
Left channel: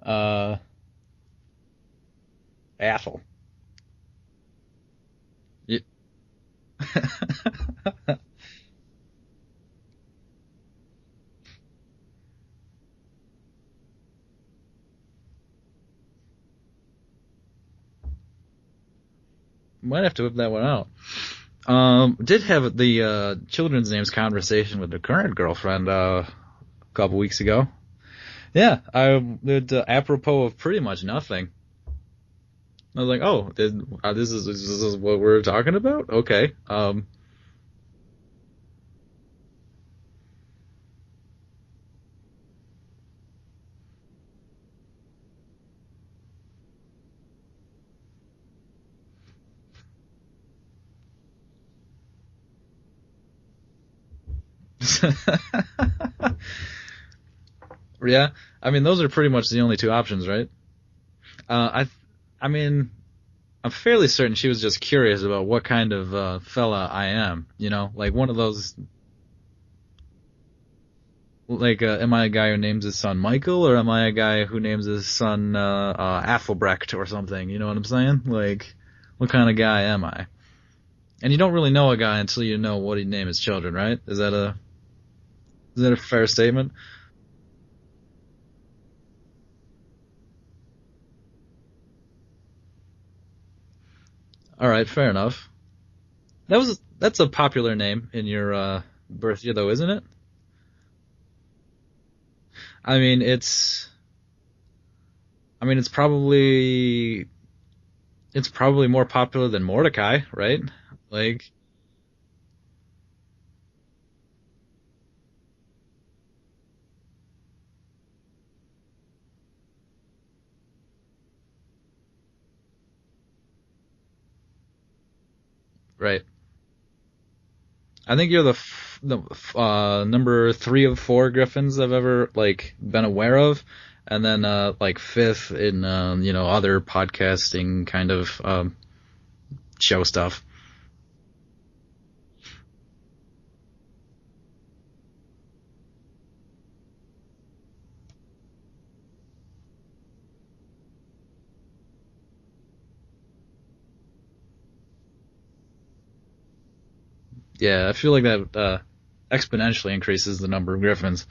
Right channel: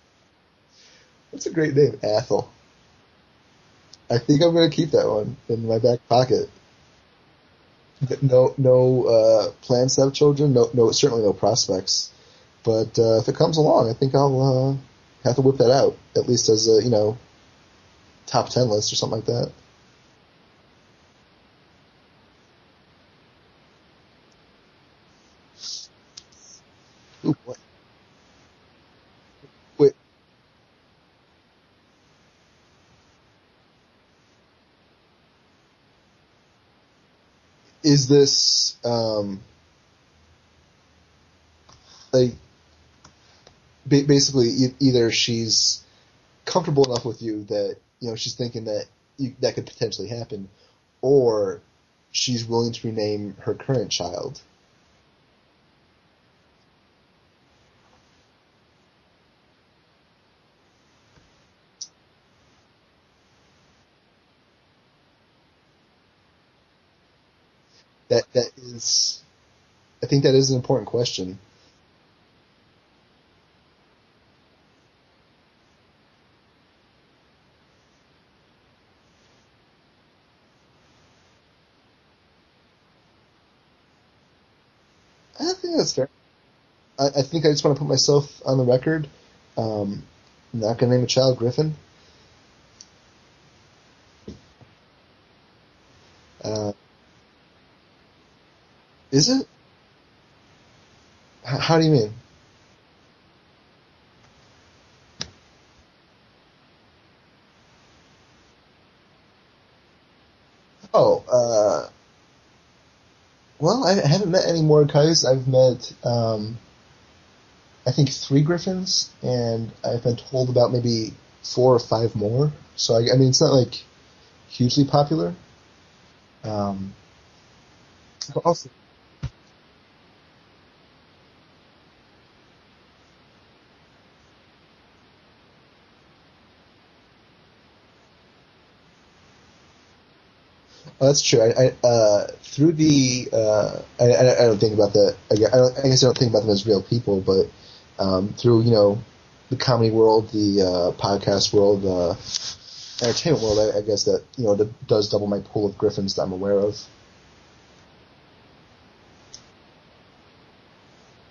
That's a great name, Athel. Athel. I think I'm going to keep that one in my back pocket. No plans to have children. No, certainly no prospects. But if it comes along, I think I'll Have to whip that out, at least as a, top 10 list or something like that. Might have to whip that one out. Did have the children's names conversation with the current girlfriend a couple weeks ago. Yeah, I did apropos of pretty much nothing. I was like, oh, this is what we're talking about? Okay. Is this, like, basically either she's comfortable enough with you that, she's thinking that that could potentially happen, or she's willing to rename her current child? Yeah, I mean, those are pretty much the only two options, right? I mean, I'm fairly certain she was just curious about what kind of fella I am. Like one of those. I think that is an important question. Like, am I a guy who names his son Michael, or am I a guy who names his son Athelbrecht or something? You know what I'm saying? Like, what kind of guy am I? And you don't really know a guy until you know what he'd name his children, right? Is that a fair statement? I think I just want to put myself on the record. I'm not going to name a child Griffin. All right, fair enough. That's a popular name in your birth year, though, isn't it? How do you mean? I mean, it's probably more popular than Mordecai, right? Oh, well, I haven't met any Mordecais. I've met, I think 3 Griffins, and I've been told about maybe 4 or 5 more. So I mean, it's not like hugely popular. Right. I think you're the number 3 of 4 Griffins I've ever been aware of, and then 5th in other podcasting kind of show stuff. Oh, that's true. I through the I don't think about that. I guess I don't think about them as real people, but through the comedy world, the podcast world, the entertainment world, I guess that that does double my pool of Griffins that I'm aware of. Yeah, I feel like that exponentially increases the number of Griffins.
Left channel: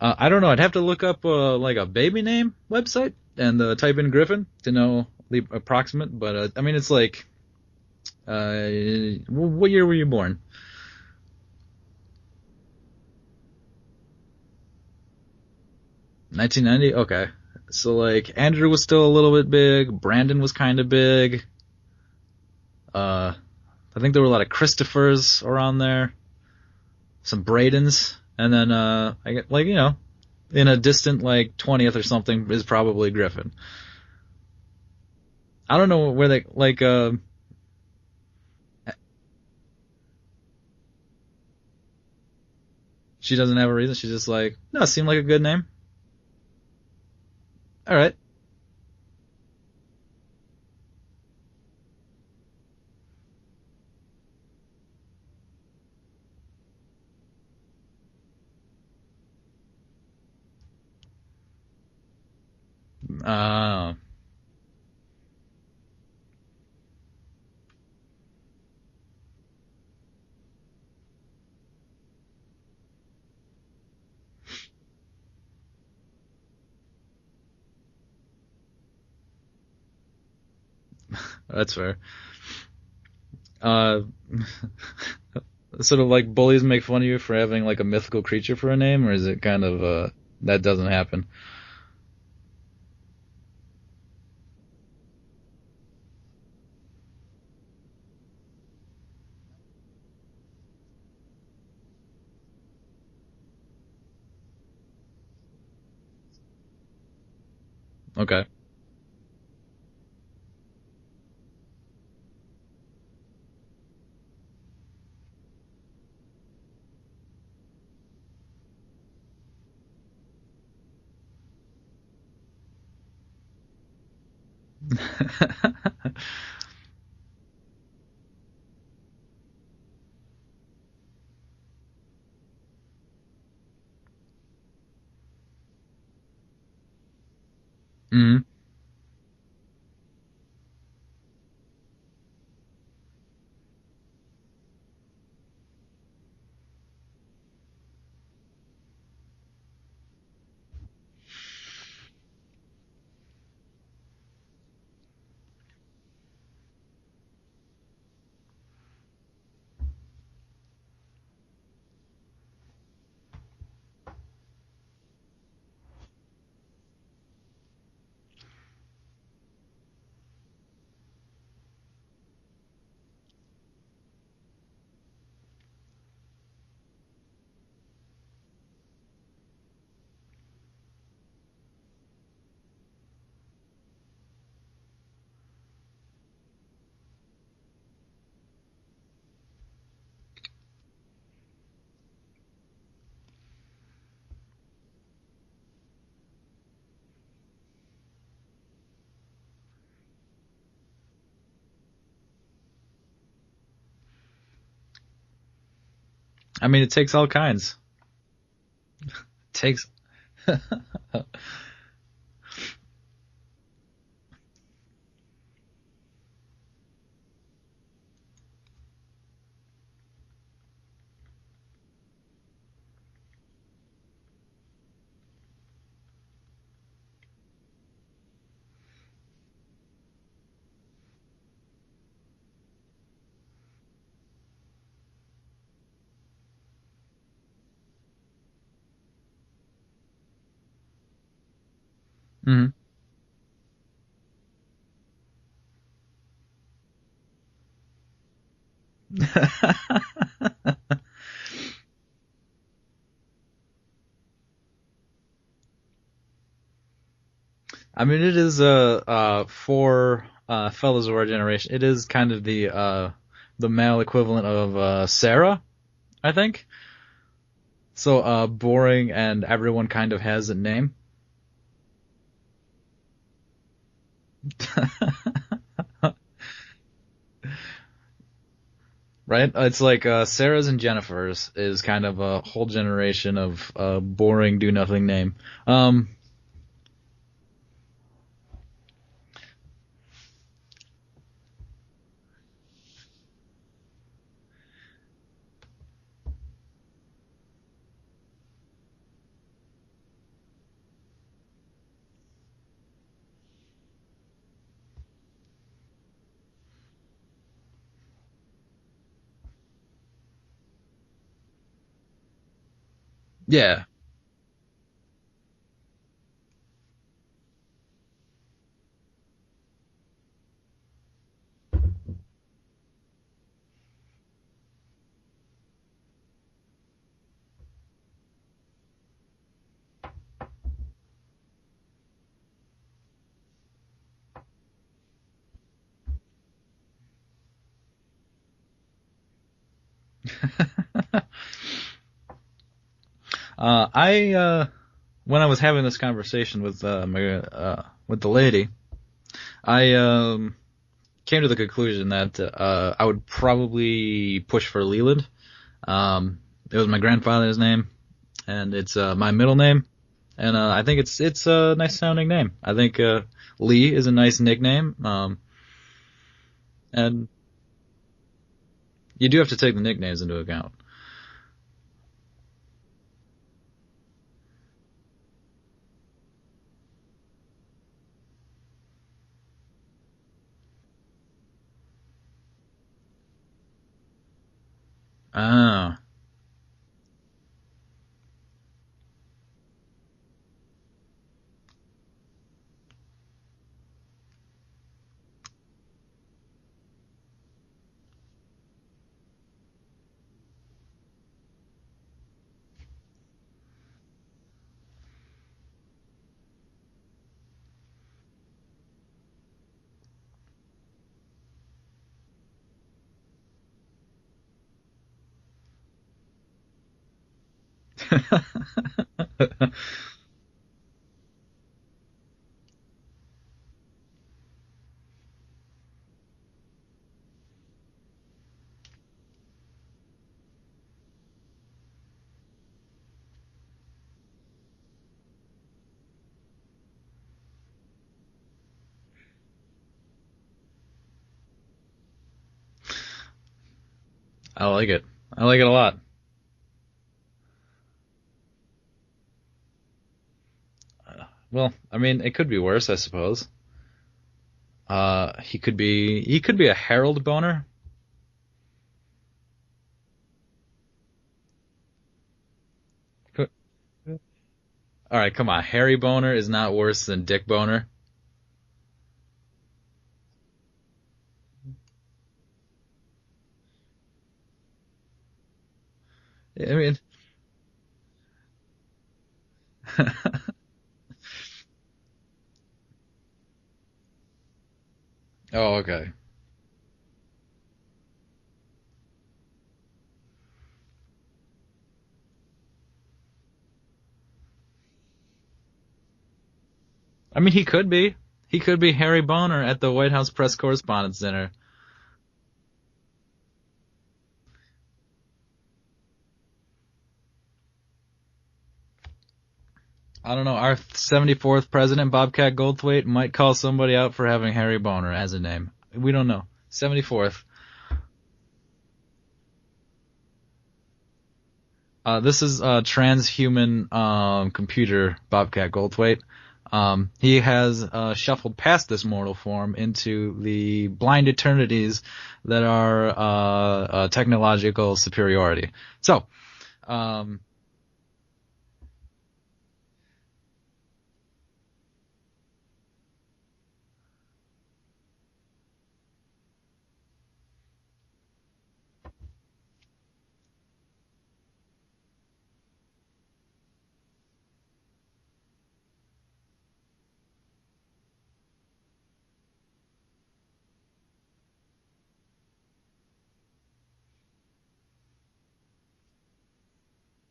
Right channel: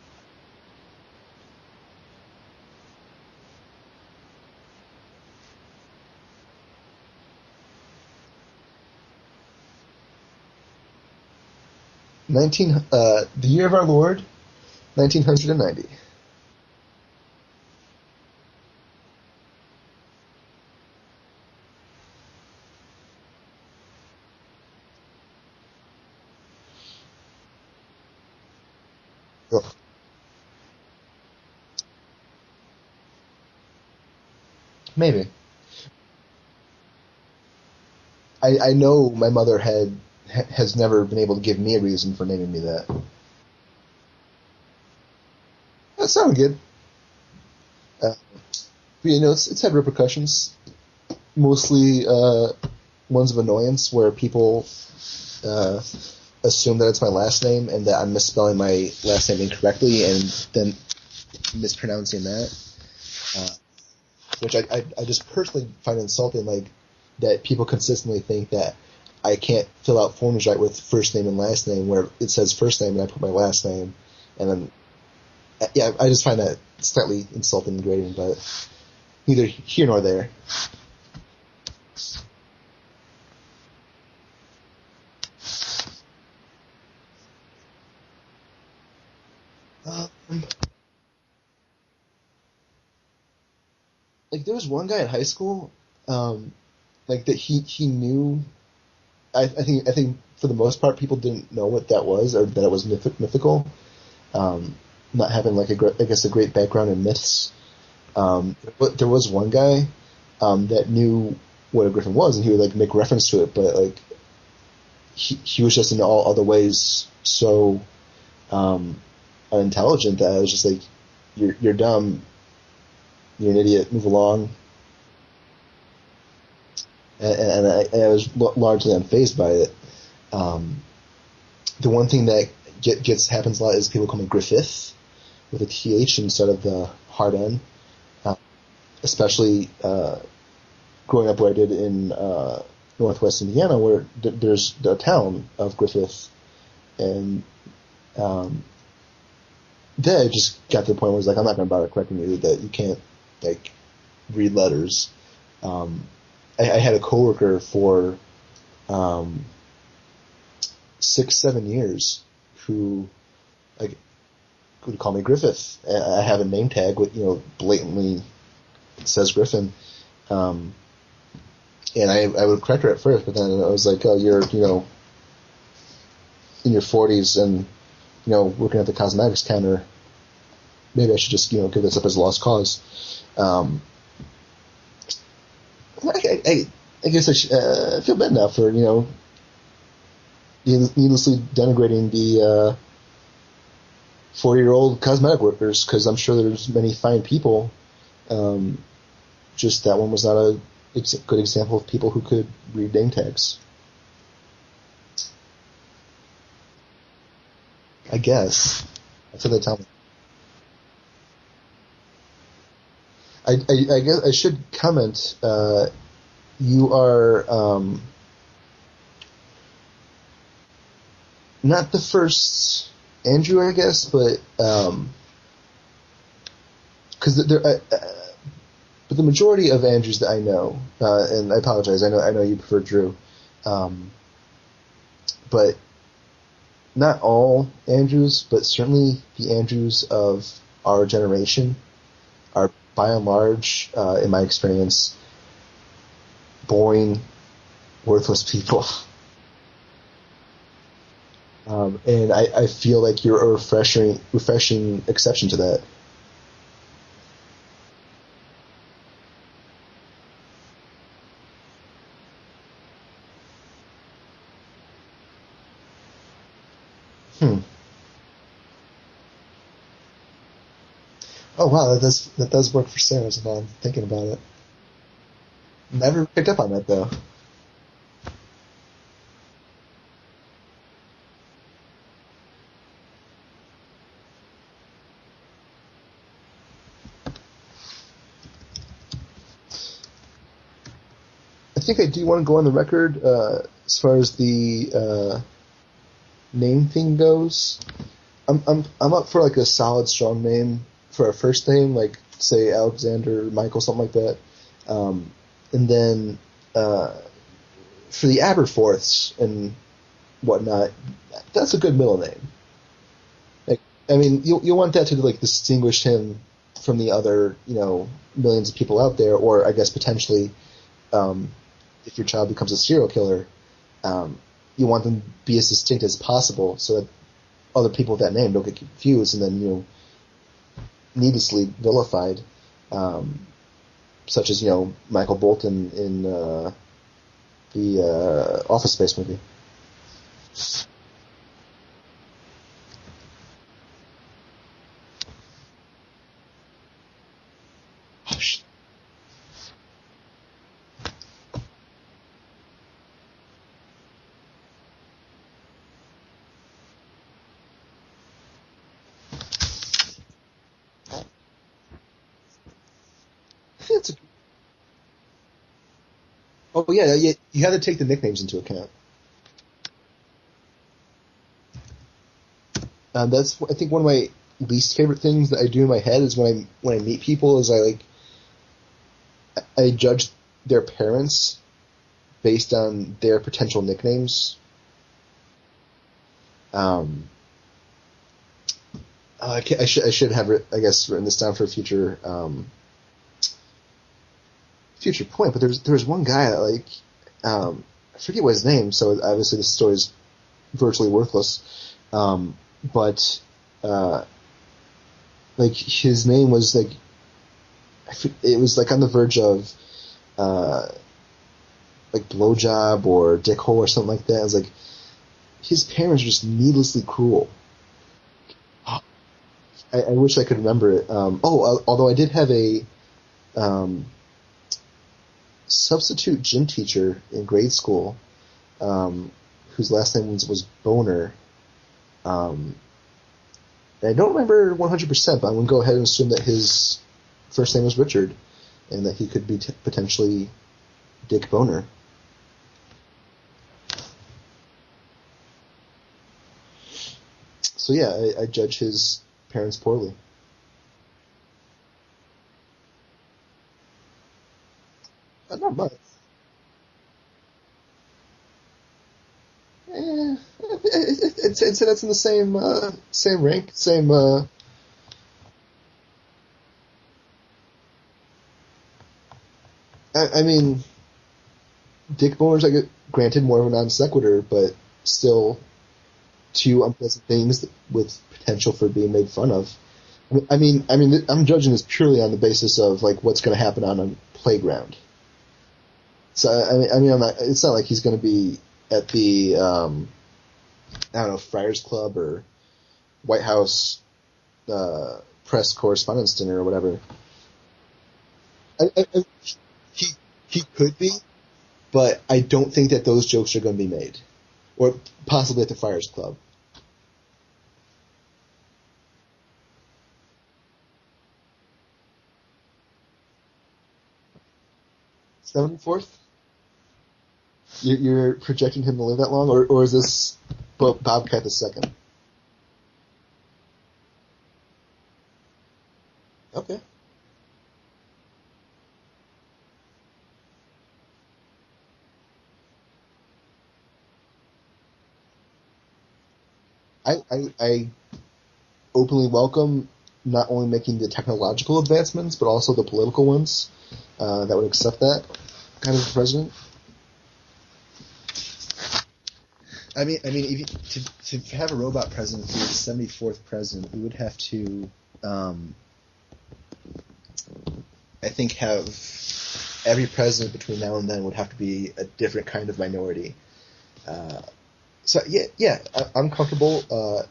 I don't know. I'd have to look up a baby name website and type in Griffin to know the approximate. But I mean, it's like, what year were you born? The year of our Lord, 1990. 1990. Okay. So Andrew was still a little bit big. Brandon was kind of big. I think there were a lot of Christophers around there. Some Bradens, and then I get in a distant 20th or something is probably Griffin. Maybe. I don't know where they I know my mother has never been able to give me a reason for naming me that. She doesn't have a reason. She's just no, it seemed like a good name. That sounded good. All right. But, it's had repercussions. Mostly ones of annoyance, where people assume that it's my last name and that I'm misspelling my last name incorrectly and then mispronouncing that. Oh. Which I just personally find insulting, that people consistently think that I can't fill out forms right with first name and last name, where it says first name and I put my last name. And then, yeah, I just find that slightly insulting and grating, but neither here nor there. That's fair. Sort of bullies make fun of you for having a mythical creature for a name, or is it kind of that doesn't happen? There was one guy in high school, that he knew. I think for the most part people didn't know what that was, or that it was mythical. Not having a great background in myths. Okay. But there was one guy that knew what a griffin was, and he would make reference to it, but he was just in all other ways so unintelligent that I was just you're dumb, you're an idiot, move along. and I was largely unfazed by it. The one thing that happens a lot is people call me Griffith with a TH instead of the hard N. Mm-hmm. Especially growing up where I did in Northwest Indiana, where there's the town of Griffith, and then it just got to the point where it's like, I'm not going to bother correcting you that you can't like read letters. I had a coworker for 6-7 years who like would call me Griffith. I have a name tag with blatantly says Griffin, and I would correct her at first, but then I was like, oh, you're in your 40s and working at the cosmetics counter. Maybe I should just give this up as a lost cause. I guess I feel bad now for needlessly denigrating the 40-year-old cosmetic workers, because I'm sure there's many fine people. Just that one was not a good example of people who could read name tags. I mean, it takes all kinds. I guess. That's what It takes. I guess I should comment. You are not the first Andrew, I guess, but because but the majority of Andrews that I know, and I apologize, I know you prefer Drew, but not all Andrews, but certainly the Andrews of our generation are by and large, in my experience, boring, worthless people. And I feel like you're a refreshing exception to that. I mean, it is for fellows of our generation. It is kind of the male equivalent of Sarah, I think. So boring, and everyone kind of has a name. Oh wow, that does work for Sarah. If I'm thinking about it. Never picked up on that though. Right? It's like Sarah's and Jennifer's is kind of a whole generation of boring, do-nothing name. I think I do want to go on the record as far as the name thing goes. I'm up for like a solid, strong name for a first name, like say Alexander, Michael, something like that, and then for the Aberforths and whatnot, that's a good middle name. Yeah. I mean, you'll want that to like distinguish him from the other millions of people out there, or I guess potentially, if your child becomes a serial killer, you want them to be as distinct as possible so that other people with that name don't get confused and then needlessly vilified, such as Michael Bolton in the Office Space movie. When I was having this conversation with with the lady, I came to the conclusion that I would probably push for Leland. It was my grandfather's name, and it's my middle name, and I think it's a nice sounding name. I think Lee is a nice nickname. Oh yeah, you have to take the nicknames into account. You do have to take the nicknames into account. That's I think one of my least favorite things that I do in my head is when I meet people is I judge their parents based on their potential nicknames. Oh. I should have I guess written this down for a future point. But there's one guy that I forget what his name. So obviously this story is virtually worthless. But his name was it was on the verge of blowjob or dickhole or something like that. It was his parents were just needlessly cruel. I wish I could remember it. Although I did have a substitute gym teacher in grade school whose last name was Boner. And I don't remember 100%, but I'm going to go ahead and assume that his first name was Richard and that he could be potentially Dick Boner. I like it. I like it a lot. So yeah, I judge his parents poorly. Well, I mean, it could be worse, I suppose. He Not could be a Harold boner. It's that's in the same rank, same. All right, come on. Harry boner is not worse than Dick boner. I mean, Dick boners, I get granted more of a non sequitur, but still two unpleasant things with potential for being made fun of. I mean, I'm judging this purely on the basis of like what's going to happen on a playground. Oh, okay. So I'm not. It's not like he's going to be at the I don't know, Friars Club or White House press correspondence dinner or whatever. I mean, he could be. He could be Harry Boner at the White House press correspondence dinner. But I don't think that those jokes are going to be made, or possibly at the Friars Club. I don't know. Our 74th president, Bobcat Goldthwait, might call somebody out for having Harry Boner as a name. 74th? We don't know. 74th. You're projecting him to live that long, or is this Bobcat the second? This is transhuman computer Bobcat Goldthwait. Okay. He has shuffled past this mortal form into the blind eternities that are technological superiority. So, I openly welcome not only making the technological advancements, but also the political ones that would accept that kind of president. I mean, if you, to have a robot president be the 74th president, we would have to, I think, have every president between now and then would have to be a different kind of minority. So I'm comfortable. I'm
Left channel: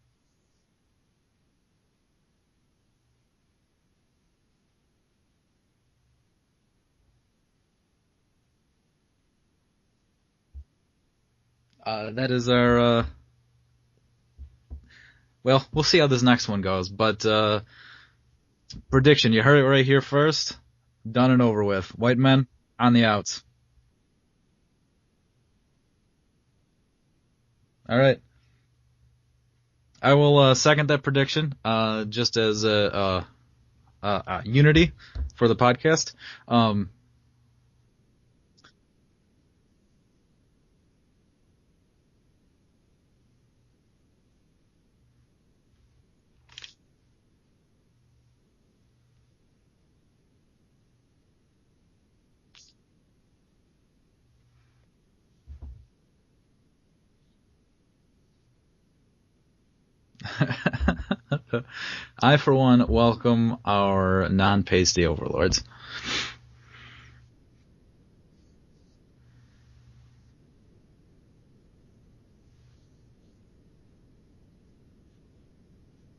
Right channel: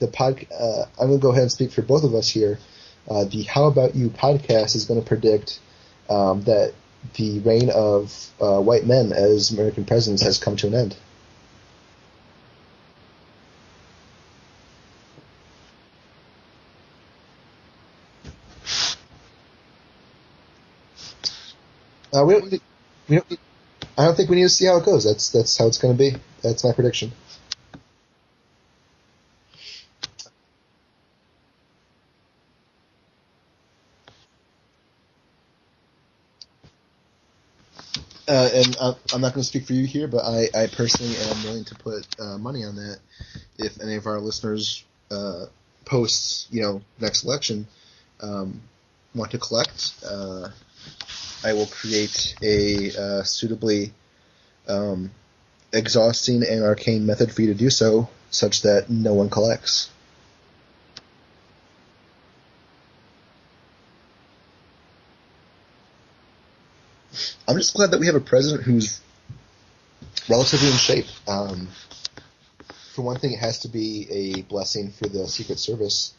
going to go ahead and speak for both of us here. The How About You podcast is going to predict that the reign of white men as American presidents has come to an end. That is our... well, we'll see how this next one goes, but prediction, you heard it right here first. Done and over with. White men on the outs. I don't think we need to see how it goes. That's how it's going to be. That's my prediction. All right. I will second that prediction, just as unity for the podcast. And I'm not going to speak for you here, but I personally am willing to put money on that. If any of our listeners post, next election, want to collect, I will create a suitably exhausting and arcane method for you to do so, such that no one collects. I, for one, welcome our non-pasty overlords. I'm just glad that we have a president who's relatively in shape. For one thing, it has to be a blessing for the Secret Service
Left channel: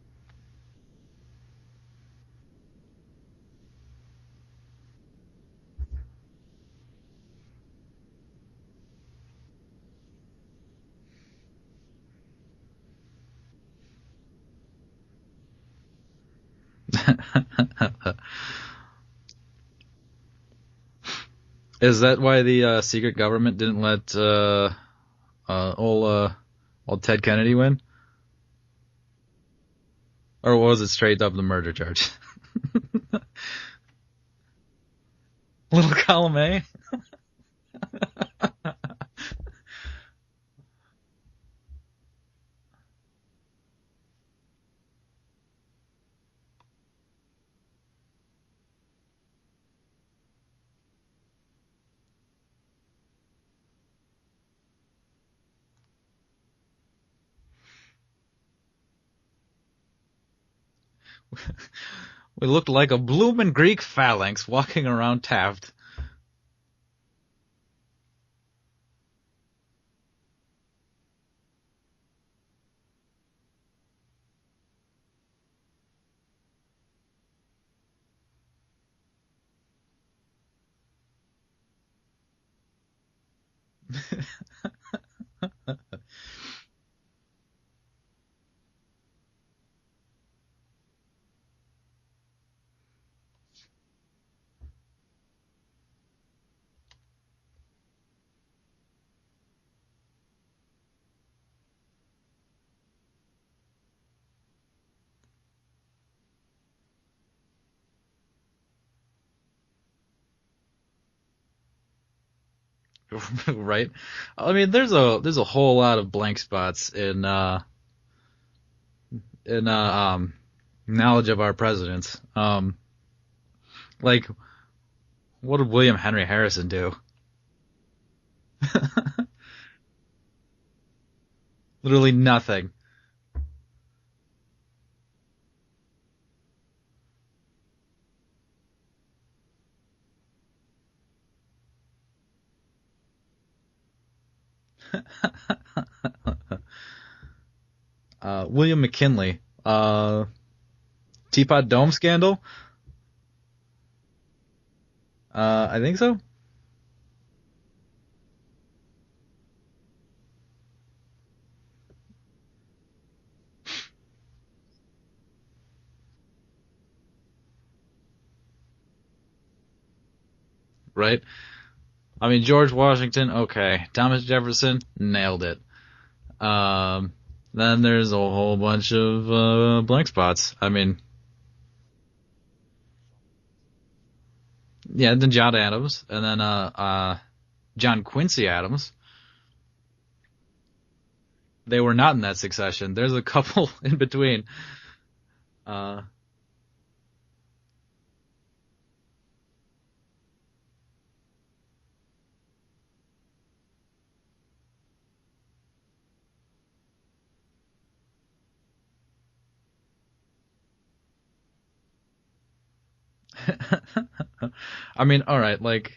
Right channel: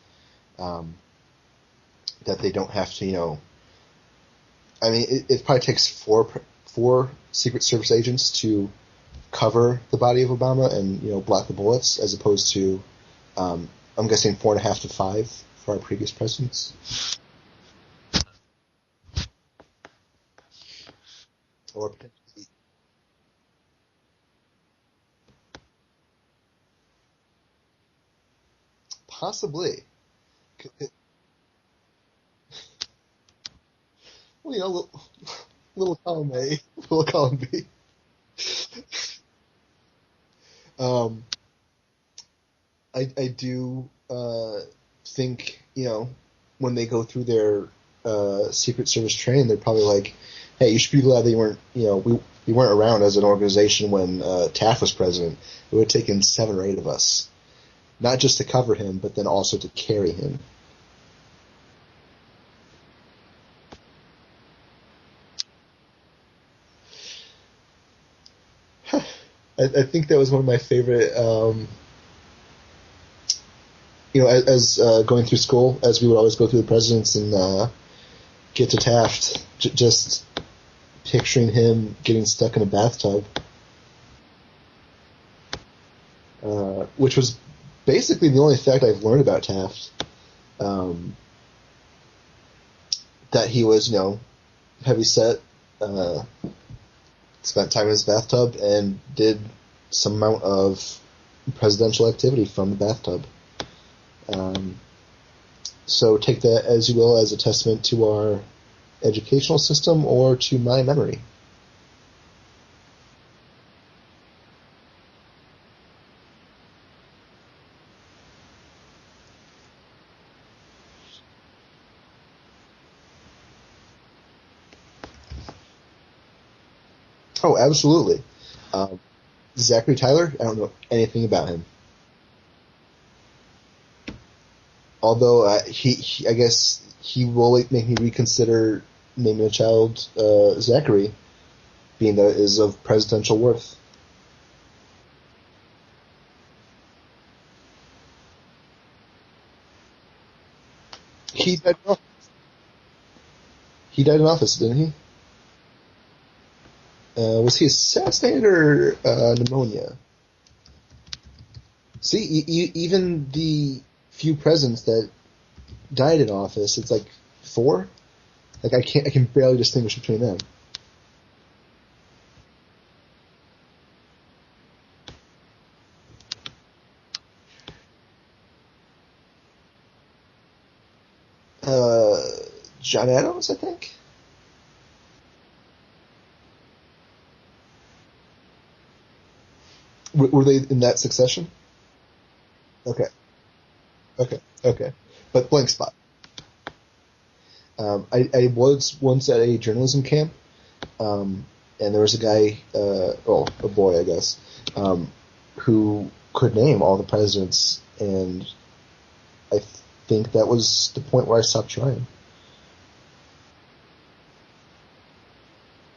that they don't have to, I mean, it probably takes four Secret Service agents to cover the body of Obama and, block the bullets, as opposed to, I'm guessing 4.5 to 5 for our previous presidents. Is that why the secret government didn't let old Ted Kennedy win? Possibly. Or was it straight up the murder charge? Well, little column A. Little column B. I do think, when they go through their Secret Service training, they're probably like, hey, you should be glad that you weren't, we weren't around as an organization when Taft was president. It would have taken 7 or 8 of us, not just to cover him, but then also to carry him. We looked like a bloomin' Greek phalanx walking around Taft. I think that was one of my favorite, as going through school, as we would always go through the presidents and get to Taft, just picturing him getting stuck in a bathtub, which was basically the only fact I've learned about Taft. That he was, heavyset, spent time in his bathtub, and did some amount of presidential activity from the bathtub. So take that as you will, as a testament to our educational system or to my memory. Right? I mean, there's a whole lot of blank spots in knowledge of our presidents. Like, what did William Henry Harrison do? Oh, absolutely. Um, Zachary Tyler, I don't know anything about him. Literally nothing. Although I guess he will make me reconsider naming a child Zachary, being that it is of presidential worth. William McKinley. He Teapot died, Dome scandal? he died in office, didn't he? I think so. Was he assassinated or pneumonia? See, even the few presidents that died in office, it's like 4. Like I can barely distinguish between them. Right? I mean, George Washington, okay. Thomas Jefferson, nailed it. Then there's a whole bunch of blank spots. I mean, John Adams, I think. yeah, then John Adams, and then John Quincy Adams. Were they in that succession? They were not in that succession. Okay. There's a couple in between. Okay. But blank spot. I was once at a journalism camp, and there was a guy, a boy, I guess, who could name all the presidents, and I think that was the point where I stopped trying. I mean, all right, like,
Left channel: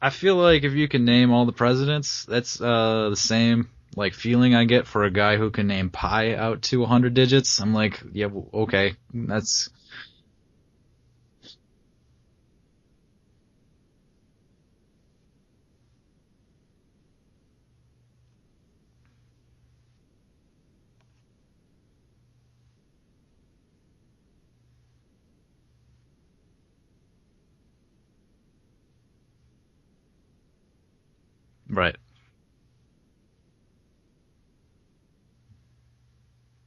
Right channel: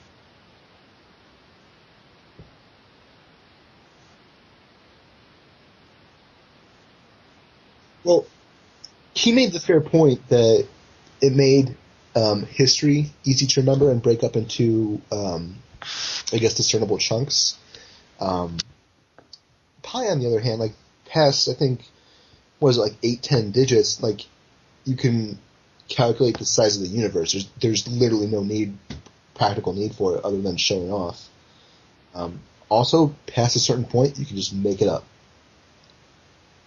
I feel like if you can name all the presidents, that's the same like feeling I get for a guy who can name pi out to 100 digits. I'm like, Well, yeah, okay. He made the fair point that it made history easy to remember and break up into, I guess, discernible chunks. Pi, on the other hand, like past, I think, what is it, like 8, 10 digits, like you can calculate the size of the universe. There's literally no practical need for it other than showing off. Right. Also, past a certain point, you can just make it up.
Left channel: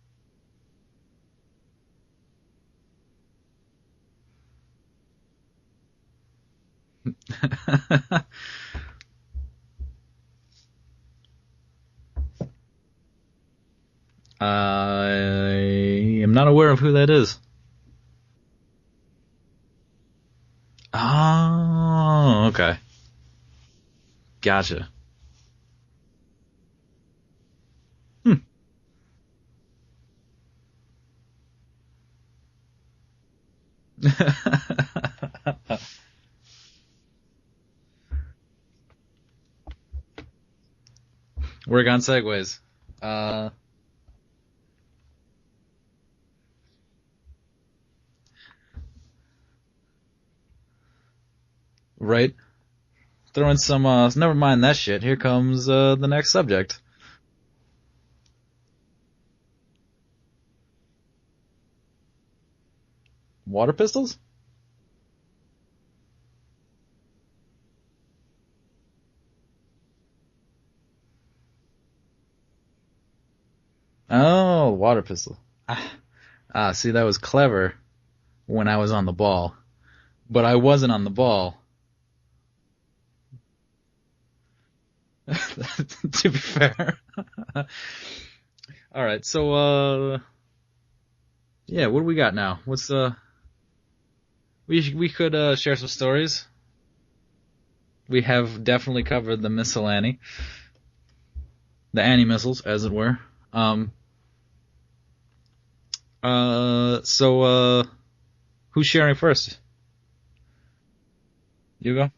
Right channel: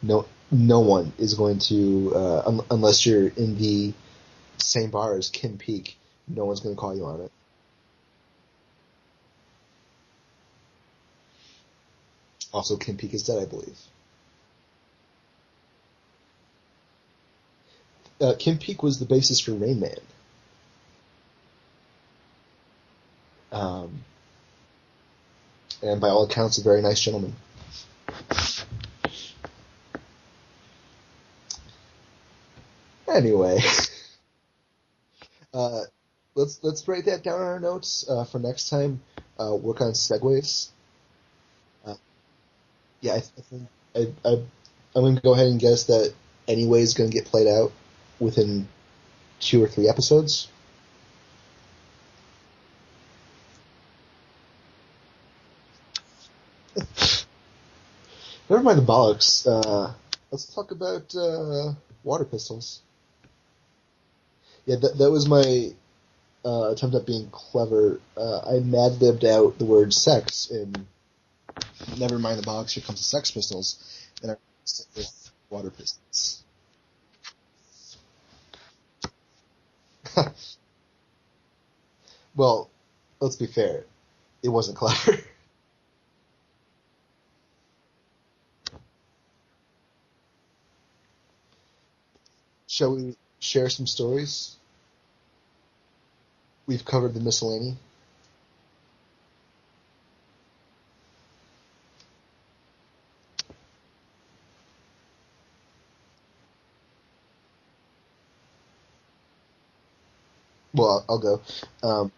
No one is going to, unless you're in the same bar as Kim Peek, no one's going to call you on it. Also, Kim Peek is dead, I believe. I am not aware of who that is. Kim Peek was the basis for Rain Man. Oh, okay. Gotcha. And by all accounts, a very nice gentleman. Anyway, let's break that down in our notes for next time. Work on segues. Work on segues. Yeah, I'm going to go ahead and guess that Anyway is going to get played out within 2 or 3 episodes. Right. Throw in some, never mind that shit. Here comes the next subject. Never mind the bollocks. Let's talk about water pistols. Water pistols? Yeah, that was my attempt at being clever. I mad-libbed out the word sex in Never Mind the Bollocks, Here Comes the Sex Pistols. Oh, water pistol. Water pistols. See, that was clever when I was on the ball. But I wasn't on the ball. Well, let's be fair. It wasn't clever. To be fair. All right, so yeah, what do we got now? Shall we share some stories? We could share some stories. We've covered the miscellany. We have definitely covered the miscellany, the anti-missiles, as it were. So who's sharing first? Well, I'll go. You go.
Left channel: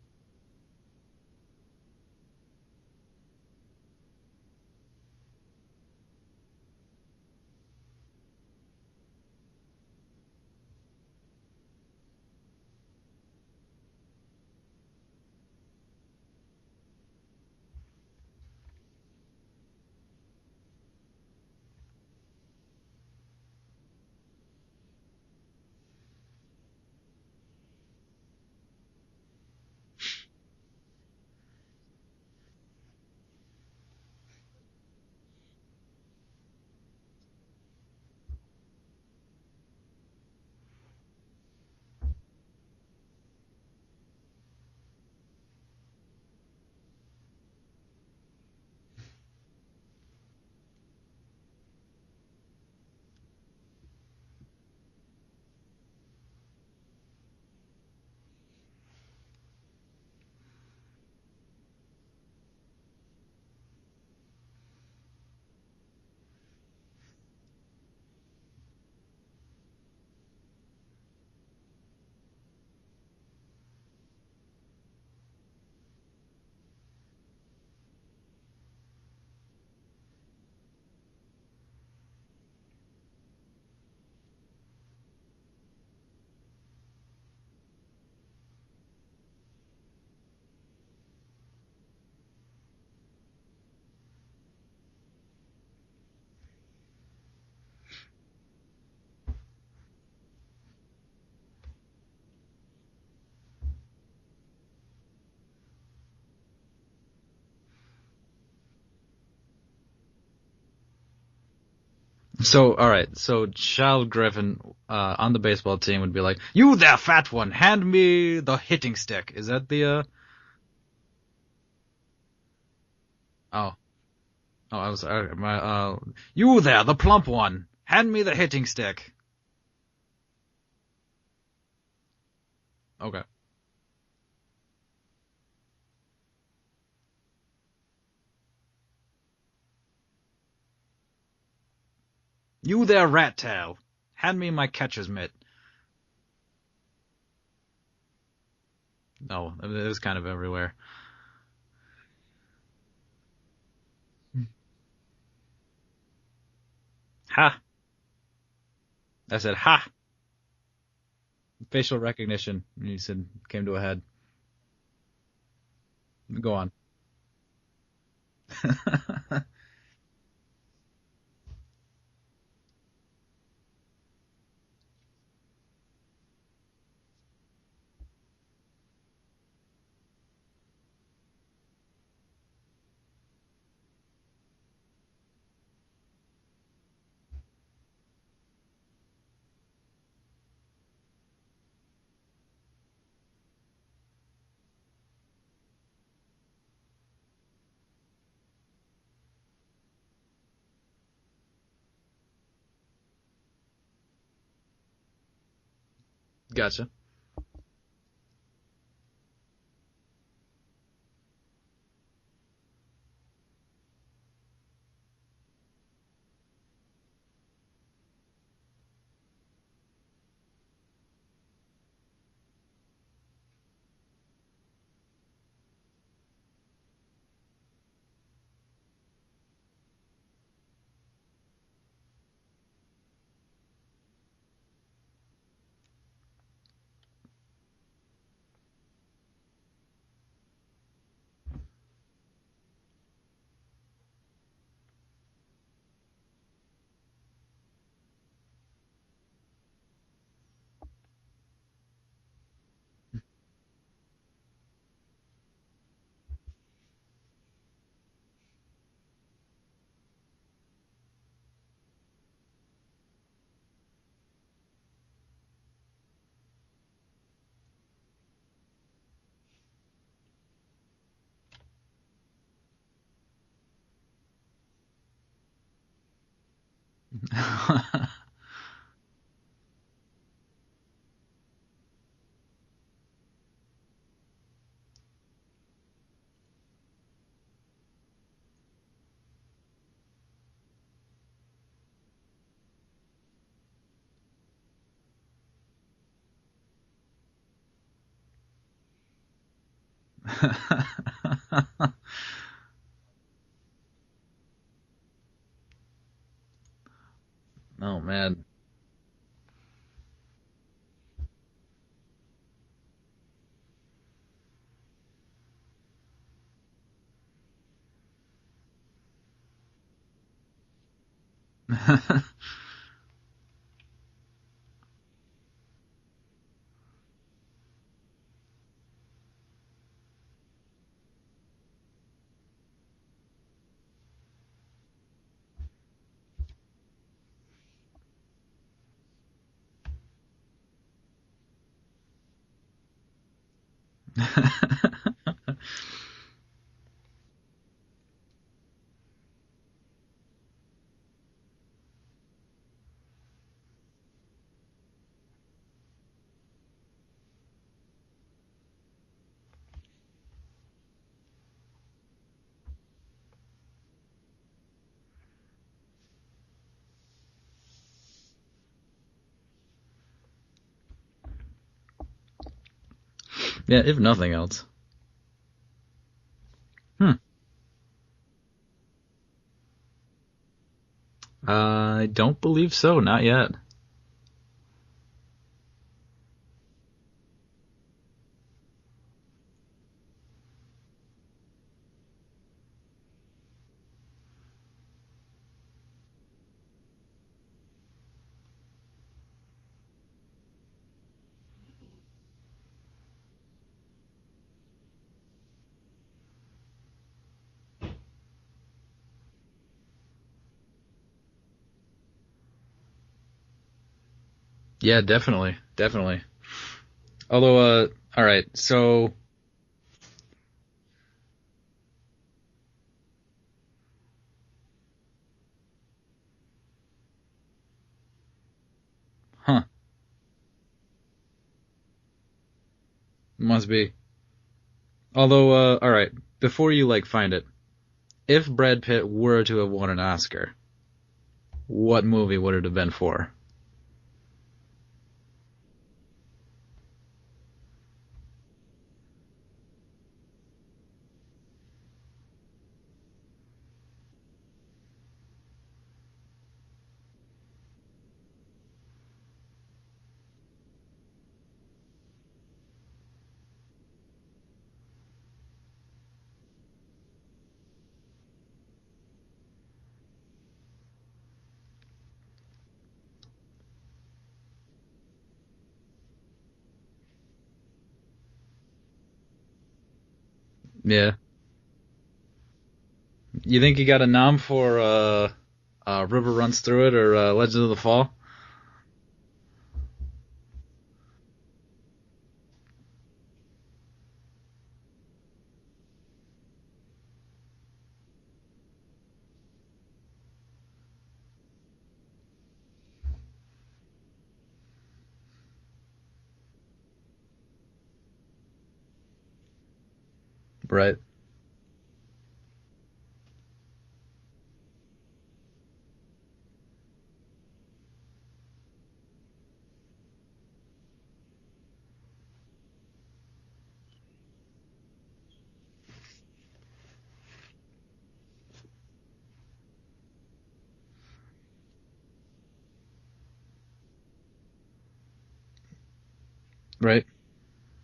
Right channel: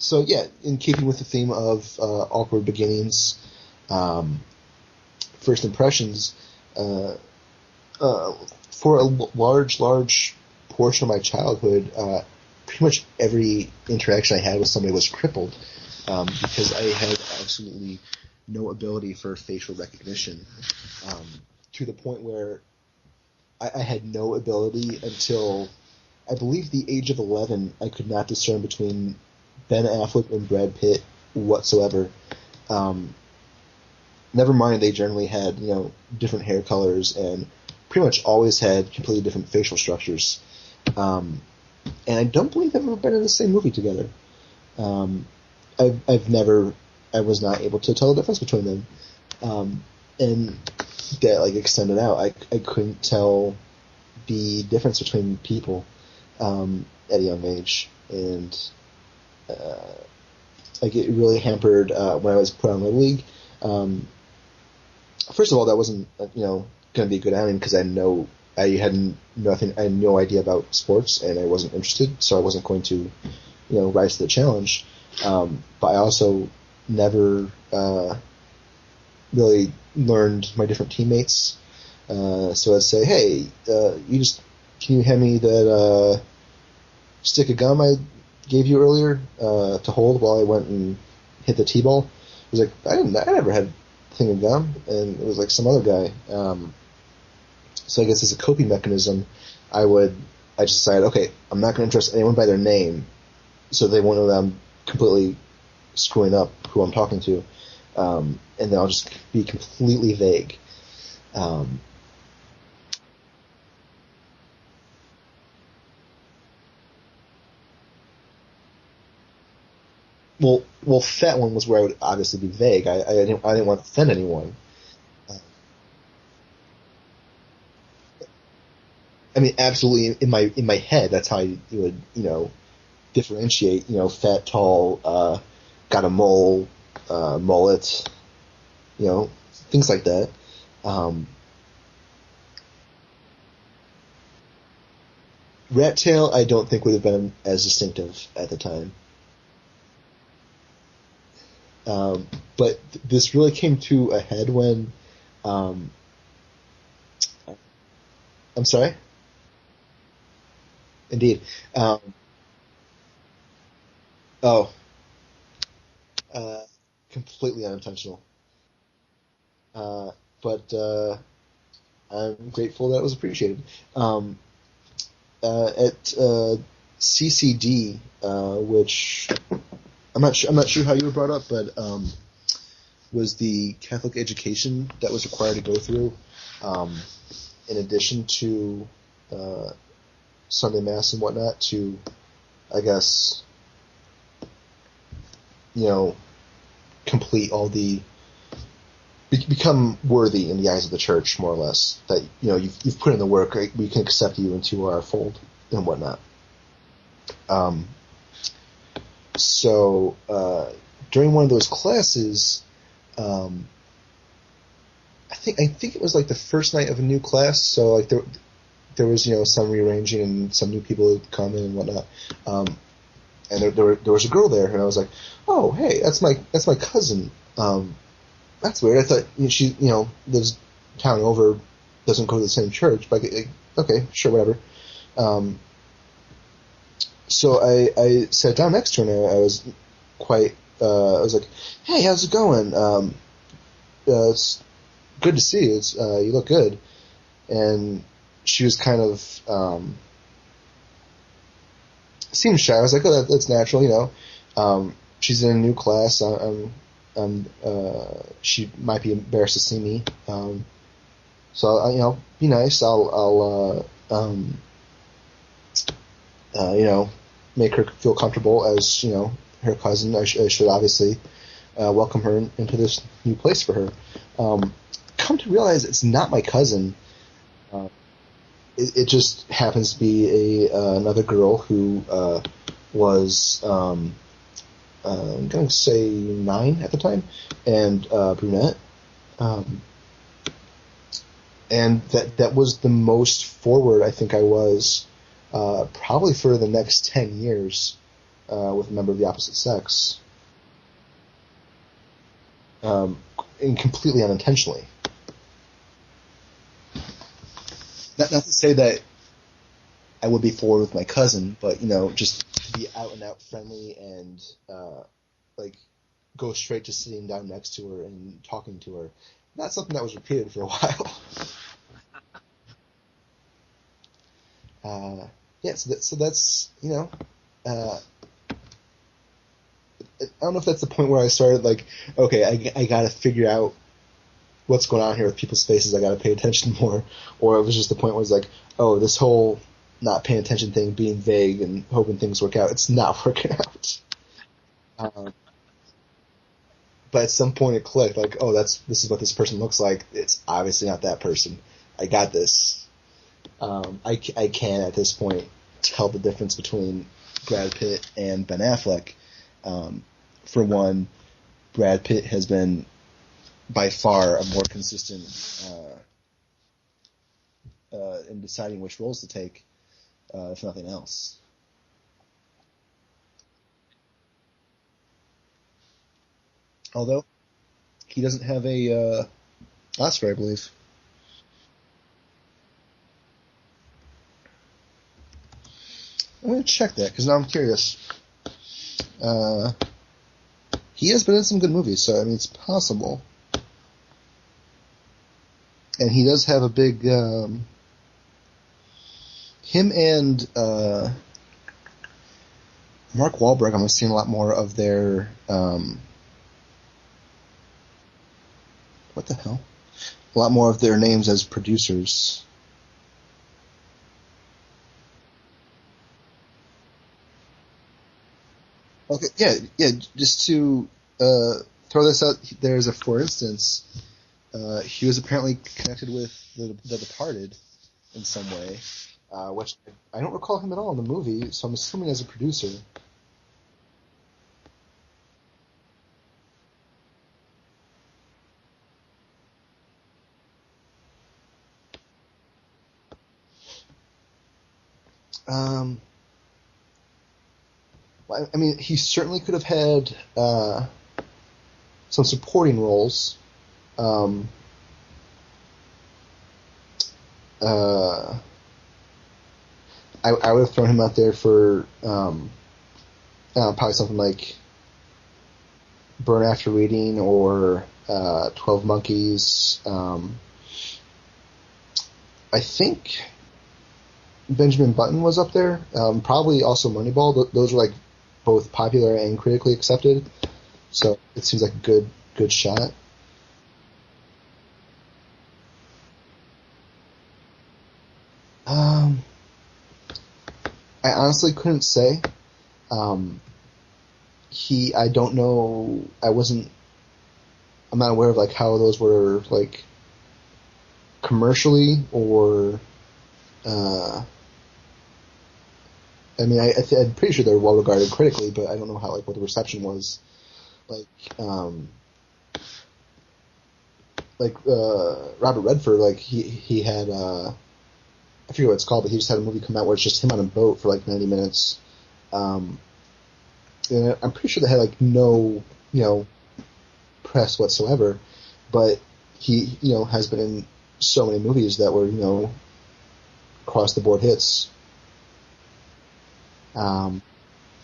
So yeah, in keeping with the theme of awkward beginnings, first impressions, for a large portion of my childhood, pretty much every interaction I had with somebody was crippled because I had absolutely no ability for facial recognition, to the point where I had no ability until I believe the age of 11. I could not discern between Ben Affleck and Brad Pitt whatsoever. Never mind, they generally had different hair colors and pretty much always had completely different facial structures. And I don't believe they've ever been in the same movie together. Um, I was not able to tell the difference between them. And that like extended out, I couldn't tell the difference between people at a young age, and like it really hampered when I was put on the league. First of all, that wasn't going to be a good outing because I had nothing, I had no idea about sports, and I wasn't interested, so I wasn't going to rise to the challenge. But I also never really learned my different teammates. So I'd say, hey, can you hand me that stick of gum I gave you earlier to hold while I went and hit the t-ball? I was like, I never had a thing of gum, and it was like some other guy. So I guess as a coping mechanism, I just decided, okay, I'm not going to address anyone by their name, so they won't know that I'm completely screwing up who I'm talking to, and then I'll just be completely vague. So, all right. So, Child Griffin on the baseball team would be like, "You there, fat one, hand me the hitting stick." Is that the? Well, fat one was where I would obviously be vague. I didn't want to offend anyone. Oh, I was you there, the plump one, hand me the hitting stick. I mean, absolutely. In my head, that's how you would differentiate. Fat, tall, got a mole, mullet, things like that. You there, rat tail, hand me my catcher's mitt. Rat tail, I don't think would have been as distinctive at the time. No, it was kind of everywhere. But this really came to a head when. Ha! I'm sorry? I said ha! Indeed. Facial recognition, you said, came to a head. Oh. Go on. Completely unintentional. But I'm grateful that it was appreciated. At CCD, which I'm not sure how you were brought up, but was the Catholic education that was required to go through, in addition to Sunday Mass and whatnot, to, I guess, complete all the become worthy in the eyes of the church, more or less. That you've put in the work, right? We can accept you into our fold and whatnot. Gotcha. So during one of those classes, I think it was like the first night of a new class. So like there was some rearranging and some new people had come in and whatnot. And there was a girl there, and I was like, oh hey, that's my cousin. That's weird. I thought she lives town over, doesn't go to the same church. But okay, sure, whatever. So I sat down next to her, and I was quite. I was like, "Hey, how's it going? It's good to see you. You look good." And she was kind of seemed shy. I was like, "Oh, that's natural, She's in a new class. She might be embarrassed to see me. So be nice. I'll make her feel comfortable as her cousin. I should obviously welcome her into this new place for her. Come to realize it's not my cousin. It just happens to be another girl who was I'm going to say 9 at the time, and brunette. And that was the most forward I think I was probably for the next 10 years with a member of the opposite sex. And completely unintentionally. Oh, man. Not to say that I would be forward with my cousin, but, just be out and out friendly and, go straight to sitting down next to her and talking to her. Not something that was repeated for a while. So that's I don't know if that's the point where I started okay, I got to figure out what's going on here with people's faces? I got to pay attention more. Or it was just the point where it's like, oh, this whole not paying attention thing, being vague and hoping things work out, it's not working out. But at some point it clicked, like, oh, this is what this person looks like. It's obviously not that person. I got this. I can at this point tell the difference between Brad Pitt and Ben Affleck. For one, Brad Pitt has been by far a more consistent in deciding which roles to take, if nothing else. Yeah, if nothing else. Although he doesn't have a Oscar, I believe. I don't believe so, not yet. I'm going to check that because now I'm curious. He has been in some good movies, so I mean it's possible. And he does have a big. Him and Mark Wahlberg, I'm seeing a lot more of their. What the hell? A lot more of their names as producers. Yeah, definitely. Although, all right, so... Okay, yeah, just to throw this out, there's a, for instance, he was apparently connected with the Departed in some way, which I don't recall him at all in the movie, so I'm assuming as a producer. Must be. Although, all right, before you, find it, if Brad Pitt were to have won an Oscar, what movie would it have been for? I mean, he certainly could have had some supporting roles. I would have thrown him out there for probably something like Burn After Reading or 12 Monkeys. I think Benjamin Button was up there. Probably also Moneyball. Those are both popular and critically accepted. Yeah. So it seems like a good shot. You think you got a nom for River Runs Through It or Legend of the Fall? I honestly couldn't say. I don't know. I'm not aware of how those were commercially or. I mean, I'm pretty sure they're well regarded critically, but I don't know how what the reception was. Right. Robert Redford, he had I forget what it's called, but he just had a movie come out where it's just him on a boat for 90 minutes. And I'm pretty sure they had no press whatsoever, but he has been in so many movies that were across the board hits. Right.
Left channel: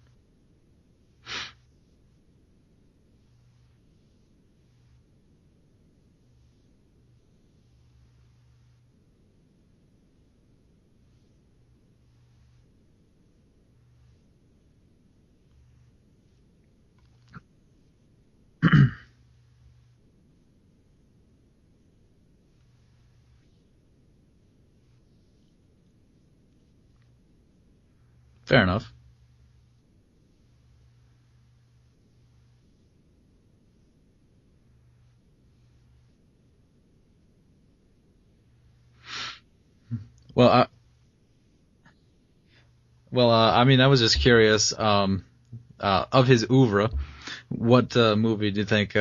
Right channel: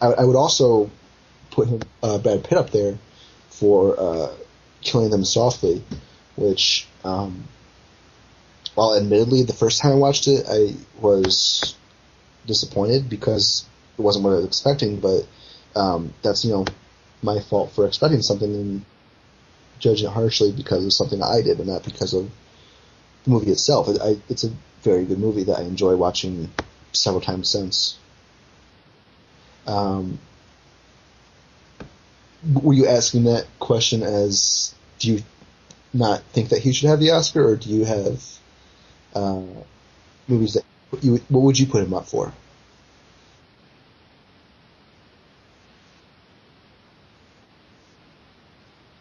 I would also put Brad Pitt up there for Killing Them Softly, which, while admittedly the first time I watched it I was disappointed because it wasn't what I was expecting, but that's my fault for expecting something and judging it harshly because of something I did and not because of the movie itself. It's a very good movie that I enjoy watching several times since. Fair enough. Were you asking that question as, do you not think that he should have the Oscar, or do you have movies what would you put him up for? Well, I mean, I was just curious, of his oeuvre, what movie do you think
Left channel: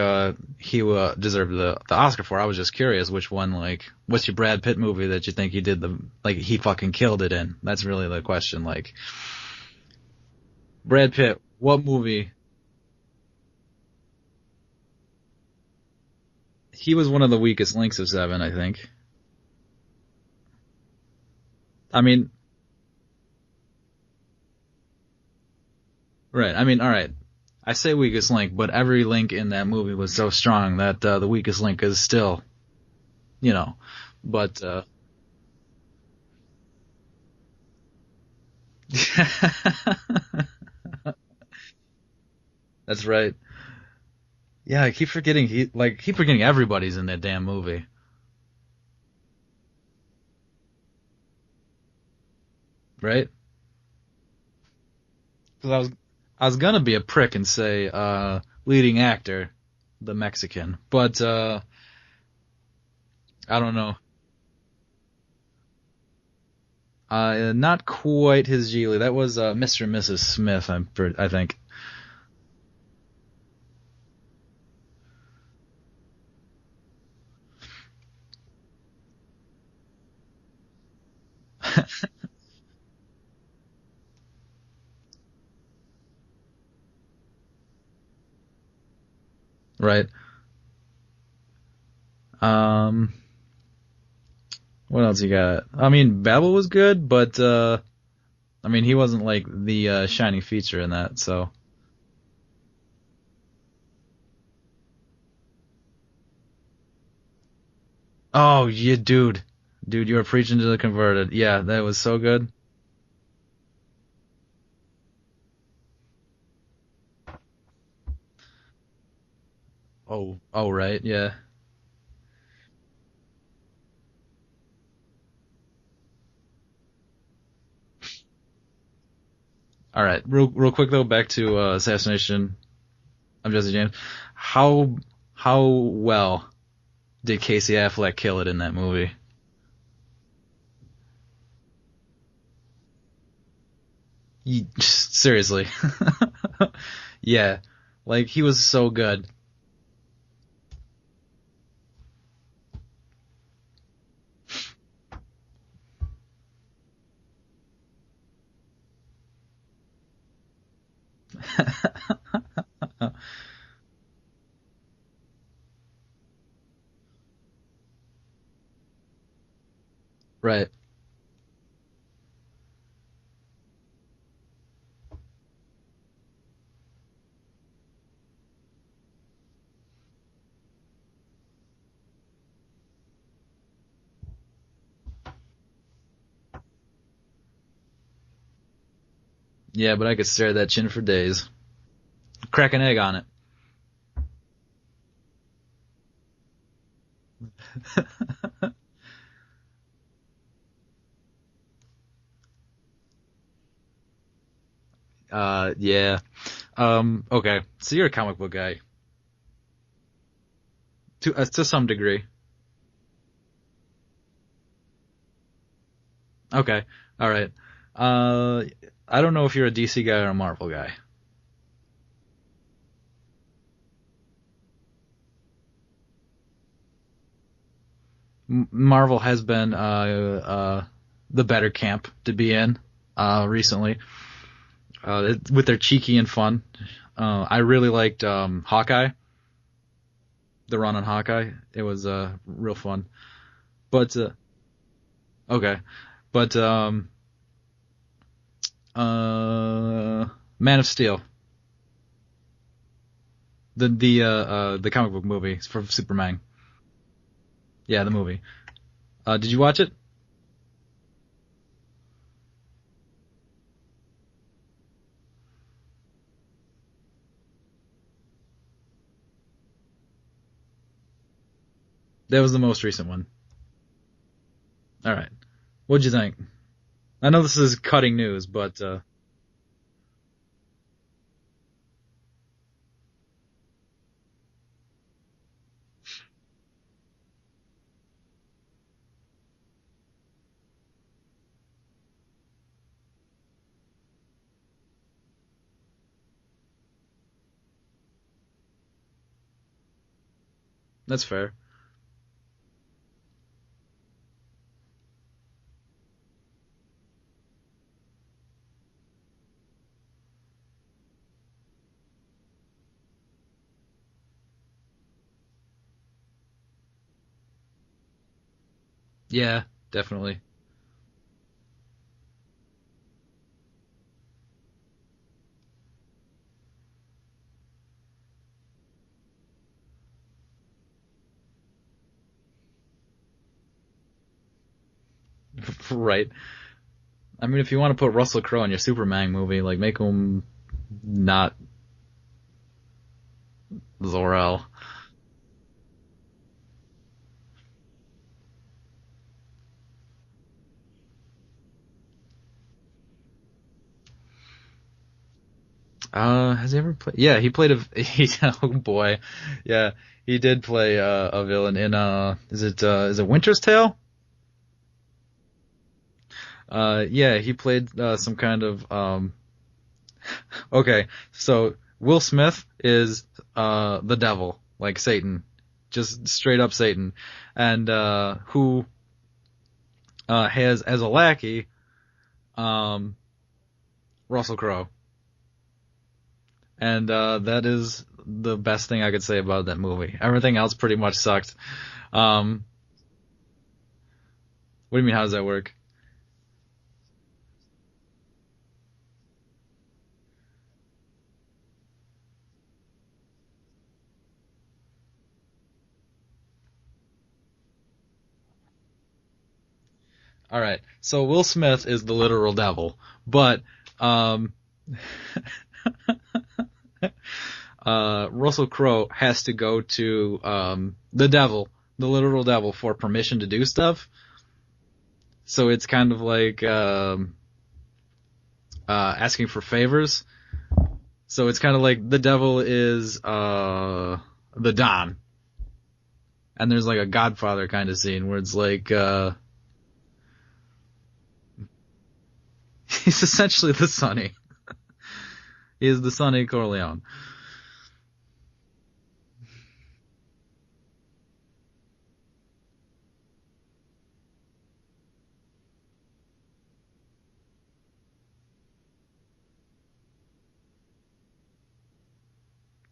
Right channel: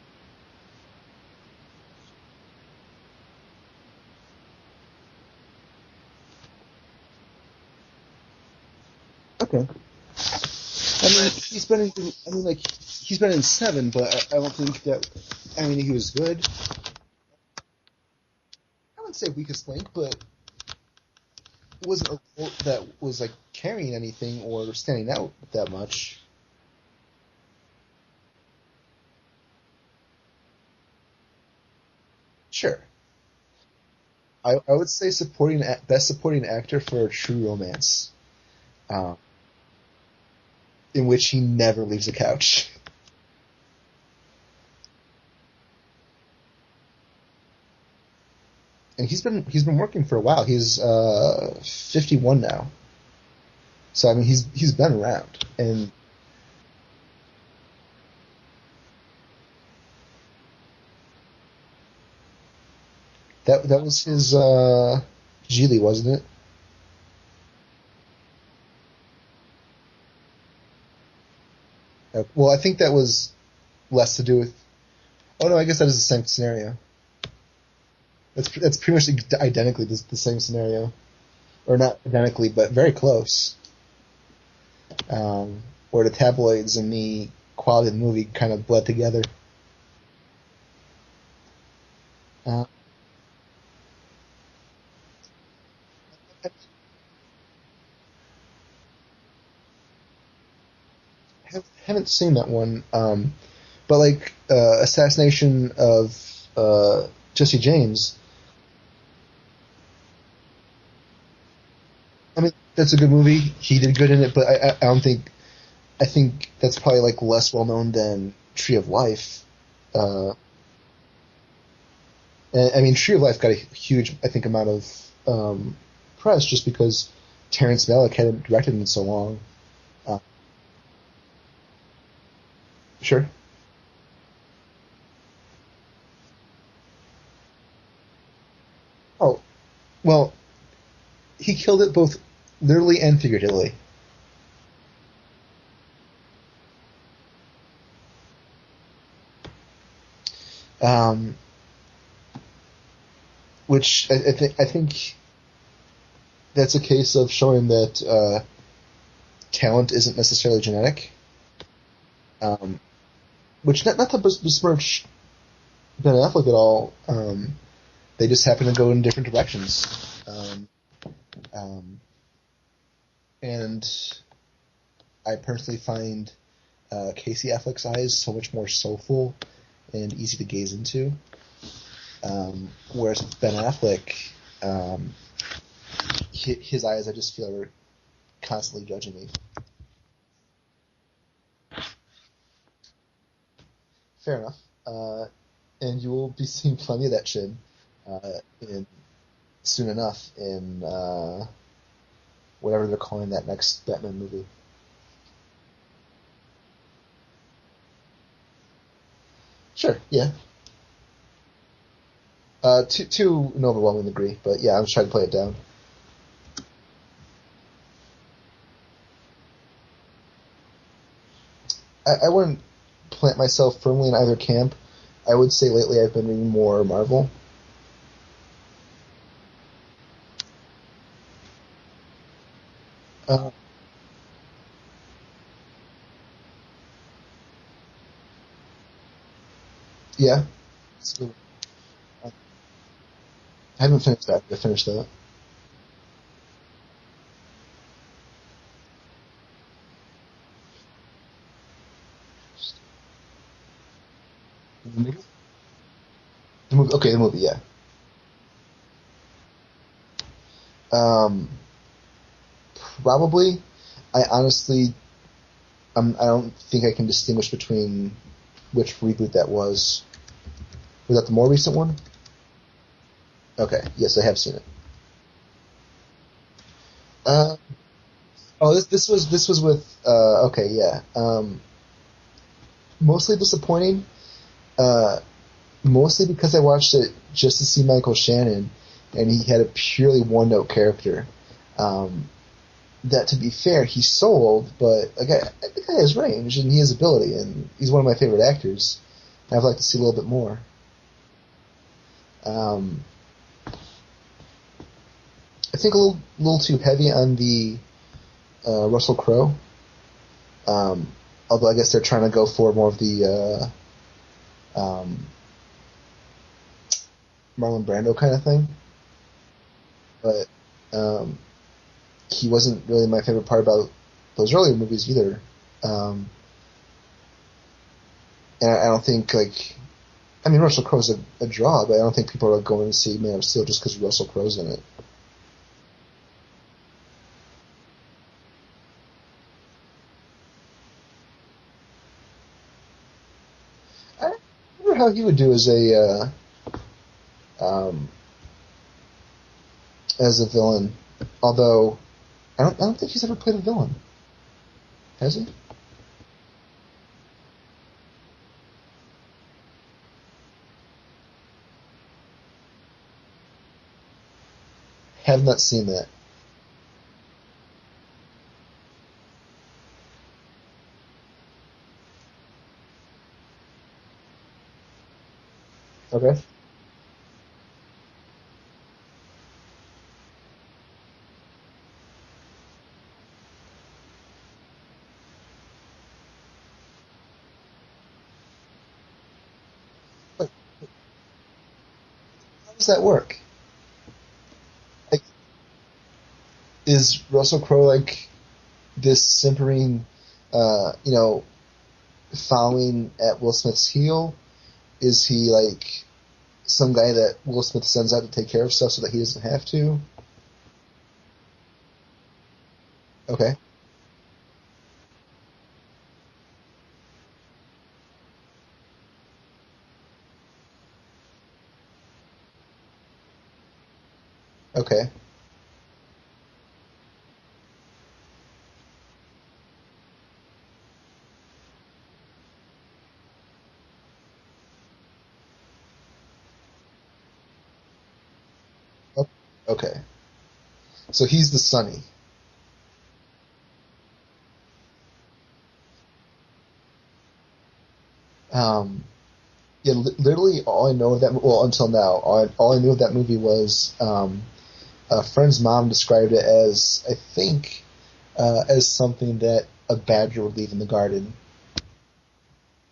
he deserved the Oscar for? I was just curious which one, what's your Brad Pitt movie that you think he did he fucking killed it in? That's really the question, Okay. Brad Pitt, what movie? He's been in 7, but I don't think that. I mean, he was good. He was one of the weakest links of 7, I think. I wouldn't say weakest link, but that was carrying anything or standing out that much. Right. I mean, all right. I say weakest link, but every link in that movie was so strong that the weakest link is still. Sure. But I would say best supporting actor for a True Romance. In which he never leaves the couch. That's right. Yeah, I keep forgetting keep forgetting everybody's in that damn movie, And he's been working for a while. He's 51 now. right? So I mean, he's been around, 'Cause I and was I was gonna be a prick and say leading actor, the Mexican, but I that don't that know. was his Geely, wasn't it? Not quite his Geely. That was Mr. and Mrs. Smith. I think. Well, I think that was less to do with. Oh no, I guess that is the same scenario. That's pretty much identically the same scenario, or not identically, but very close. Where the tabloids and the quality of the movie kind of bled together. Right. Uh, Um. What else you got? I mean, Babel was good, but I mean, he wasn't like the shining feature in that. So. haven't seen that one, but like Assassination of Jesse James. Oh, yeah, dude, you were preaching to the converted. Yeah, that was so I good. mean, that's a good movie. He did good in it, but I don't think. I think that's probably like less well known than Tree of Life. Oh, right, yeah. And, I mean, Tree of Life got a huge, I think, amount of press just because Terrence Malick hadn't directed in so long. All right, real quick though, back to Assassination Sure. of Jesse James. How well did Casey Affleck kill it in that movie? Oh, well, he killed it both literally and figuratively. Seriously. Yeah, like he was so good. Um, which I think that's a case of showing that talent isn't necessarily genetic. Um, which not to besmirch Ben Affleck at all. They just happen to go in different directions. Right. Um, and I personally find Casey Affleck's eyes so much more soulful and easy to gaze into. Whereas with Ben Affleck, his eyes, I just feel, are constantly judging me. Yeah, but I could stare at that chin for days. Crack an egg on it. Fair enough. And you will be seeing plenty of that chin soon enough in whatever they're calling that next Batman movie. Yeah. Okay. So you're a comic book guy Sure, yeah. to some degree. To an overwhelming degree, but yeah, I'm just trying to play it down. Okay. All right. I don't know if you're a DC guy or a Marvel guy. I wouldn't plant myself firmly in either camp. I would say lately I've been reading more Marvel. Marvel has been the better camp to be in recently. With their cheeky and fun. I really liked Hawkeye. Yeah, The run on that's good. Hawkeye. It was real fun. I haven't But finished that. I finished that. okay. But Man of Steel. The comic book movie for Superman. The movie, okay, the movie, yeah. Yeah, the movie. Did you watch it? Um, Probably. I honestly, I don't think I can distinguish between which reboot that was. Was that the more recent one? That was the most recent one. Okay, yes, I have seen it. All right. What'd you think? I know Uh, this is cutting news, but oh, this was with okay, yeah. Mostly disappointing. Uh, Mostly because I watched it just to see Michael Shannon, and he had a purely one note character. That, to be fair, he sold, but the guy has range and he has ability, and he's one of my favorite actors. I'd like to see a little bit more. that's fair. Um, I think a little too heavy on the Russell Crowe. Although I guess they're trying to go for more of the Marlon Brando kind of thing. Yeah, definitely. But he wasn't really my favorite part about those earlier movies either. And I don't think I mean Russell Crowe's a draw, but I don't think people are going to see Man of Steel just because Russell Crowe's in it. Right. I mean, if you want to put Russell Crowe in your Superman movie, like make him not Zor-El. I wonder how he would do um, as a villain. Although I don't think he's ever played a villain. Has he? Has he ever played? Yeah, he played oh boy, yeah, he did play a villain in is it Winter's Tale? Have not seen that. Yeah, he played some kind of Okay, so Will Smith is the devil, like Satan, just Okay. straight up Satan, and who has as a lackey um, Russell Crowe, and that is the best thing I could say about that movie. Everything else pretty much sucked. How does that work? What do you mean? Like, How does that work? is Russell Crowe like this simpering, following at Will Smith's heel? Is he like some guy that Will Smith sends out to take care of stuff so that he doesn't have to? All right, so Will Smith is the literal devil, Okay. but um, Russell Crowe has to go to the devil, the literal devil, for permission to do stuff. Okay. So it's kind of like asking for favors. So it's kind of like the devil is the Don, and there's like a Godfather kind of scene where it's like Okay. So he's the Sonny. he's essentially the Sonny. He is the Sonny Corleone. Yeah, literally all I know of that, well, until now, all I knew of that movie was a friend's mom described it as, I think, as something that a badger would leave in the garden.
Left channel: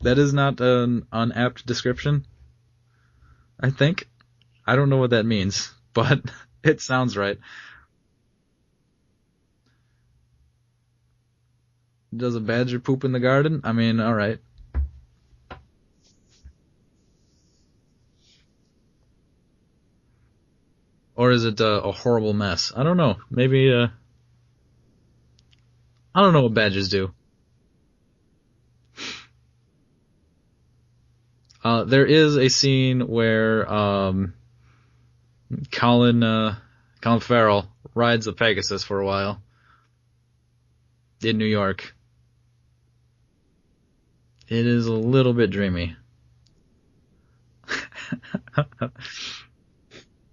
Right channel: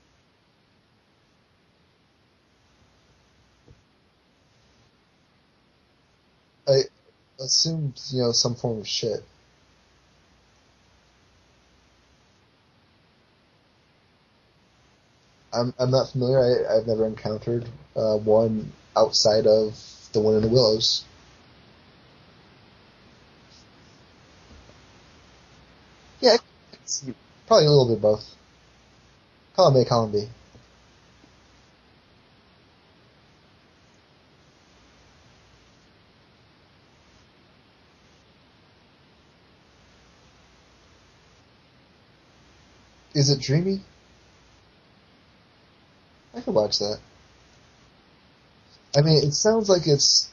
That is not an unapt description, I think. I don't know what that means, but it I sounds right. assumed, some form of shit. Does a badger poop in the garden? I mean, all right. I'm not familiar. I've never encountered one outside of the one in the Willows. Or is it a horrible mess? I don't know. Maybe I don't Yeah, know what badgers do. probably a little bit of both. Column A, column B. There is a scene where Colin Farrell rides a Pegasus for a while in New York. Is it dreamy? It is a little bit dreamy. I could watch that. I mean, it sounds like it's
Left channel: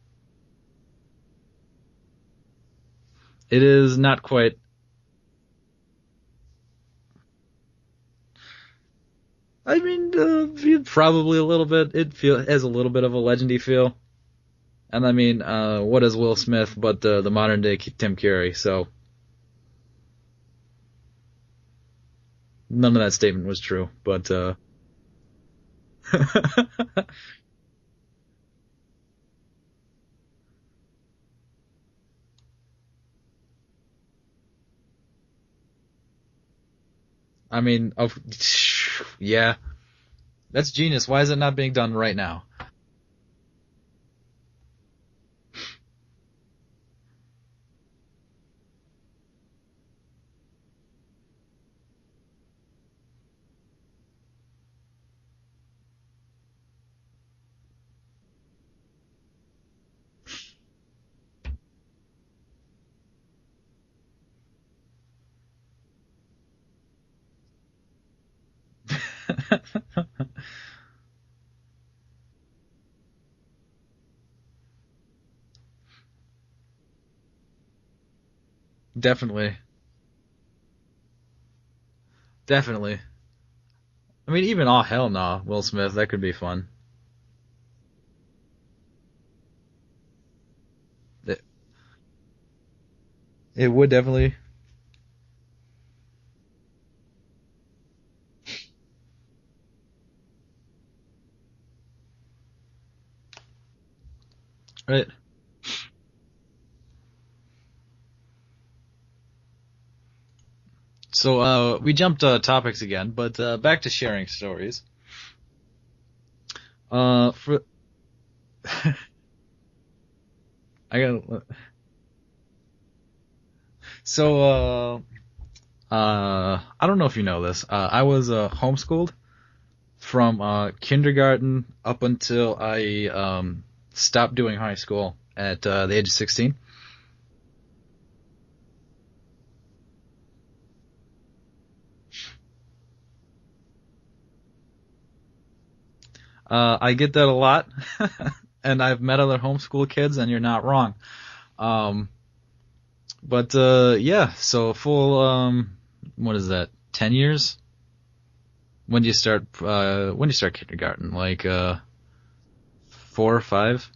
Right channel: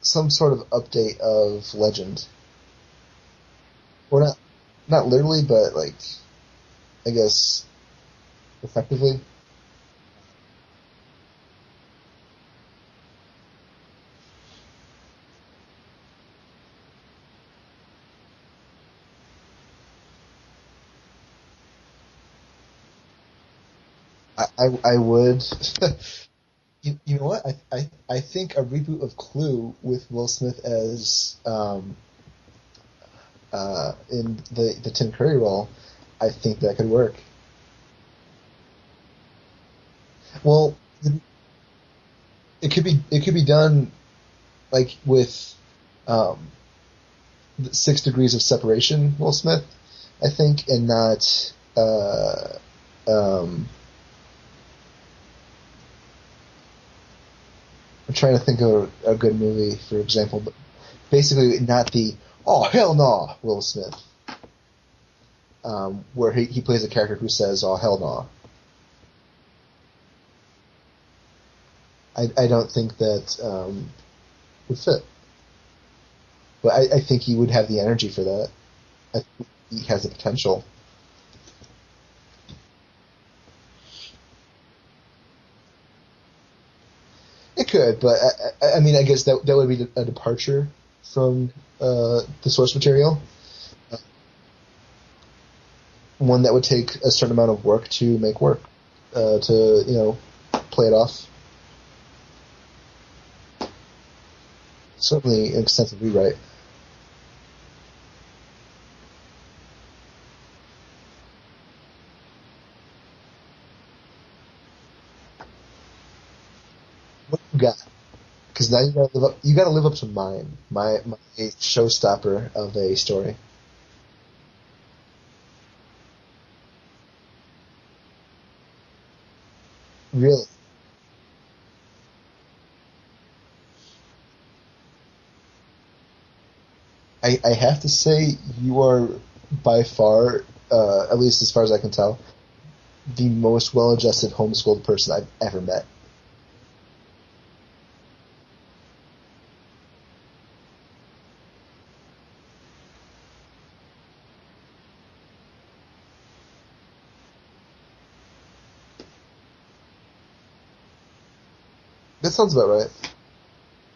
some sort of update of Legend. It is not Well, quite. not literally, but like, I guess, effectively. I mean, probably a little bit. It has a little bit of a legendy feel. And I mean, what is Will Smith but the modern day Tim Curry? So none of that statement was true. But I would. You know what? I think a reboot of Clue with Will Smith as in the Tim Curry role, I think that could work. I mean, yeah, Well, that's genius. Why is it not being done right now? it could be done like with 6 degrees of separation, Will Smith, I think, and not I'm trying to think of a good movie, for example, but basically not the "oh hell no" Will Smith, where he plays a character who says "oh hell no." I don't think that would fit, but I think he would have the energy for that. Definitely, He has the potential. definitely. I mean, even oh hell no, Will Smith, that could be fun. It could, but I mean, I guess that would be a departure from the source material. It would definitely. One that would take a certain amount of work to make work, to play it off. Right. Certainly an extensive rewrite. So we jumped topics again, but back to sharing stories. What you got? Because now you gotta live up to mine. Mine gotta- a showstopper of a story. So I don't know if you know this. I was homeschooled from Really, kindergarten up until I stopped doing high school at the age of 16. I have to say you are by far, at least as far as I can tell, the most well-adjusted homeschooled person I've ever met. I get that a lot, and I've met other homeschool kids, and you're not wrong. Um, but yeah, so full what is that? 10 years? When do you start? When do you start kindergarten? Like That sounds about right. 4 or 5?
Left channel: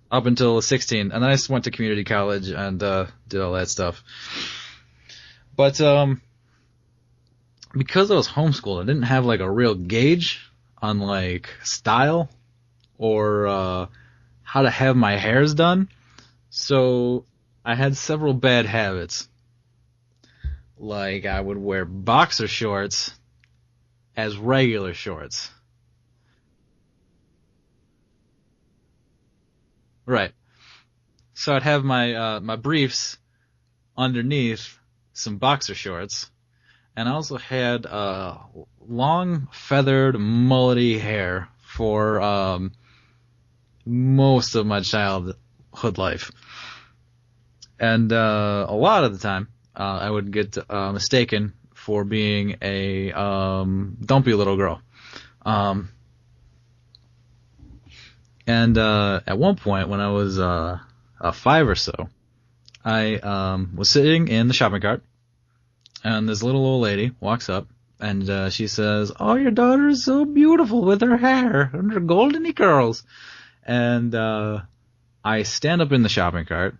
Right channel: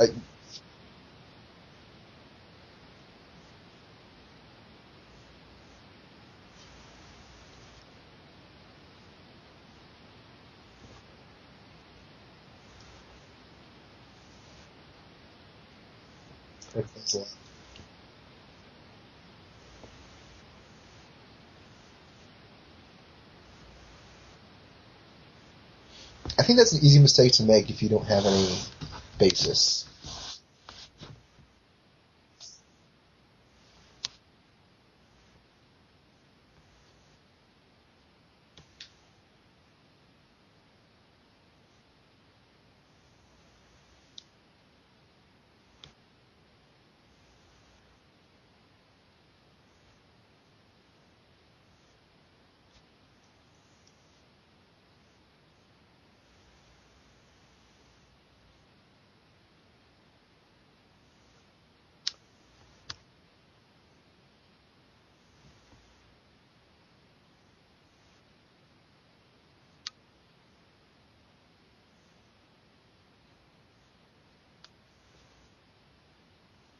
I, Up until 16, and then I just went to community college and did all that stuff. But because I was homeschooled, I didn't have like a real gauge on like style or how to have my hairs done. So I had several bad habits. Like I would wear boxer shorts as regular shorts. I think that's an easy mistake to make if you don't have any basis. Right. So I'd have my briefs underneath some boxer shorts, and I also had long feathered mullety hair for most of my childhood life, and a lot of the time I would get mistaken for being a dumpy little girl. Um, and at one point when I was 5 or so, I was sitting in the shopping cart, and this little old lady walks up, and she says, "Oh, your daughter is so beautiful with her hair and her goldeny curls." And I stand up in the shopping cart,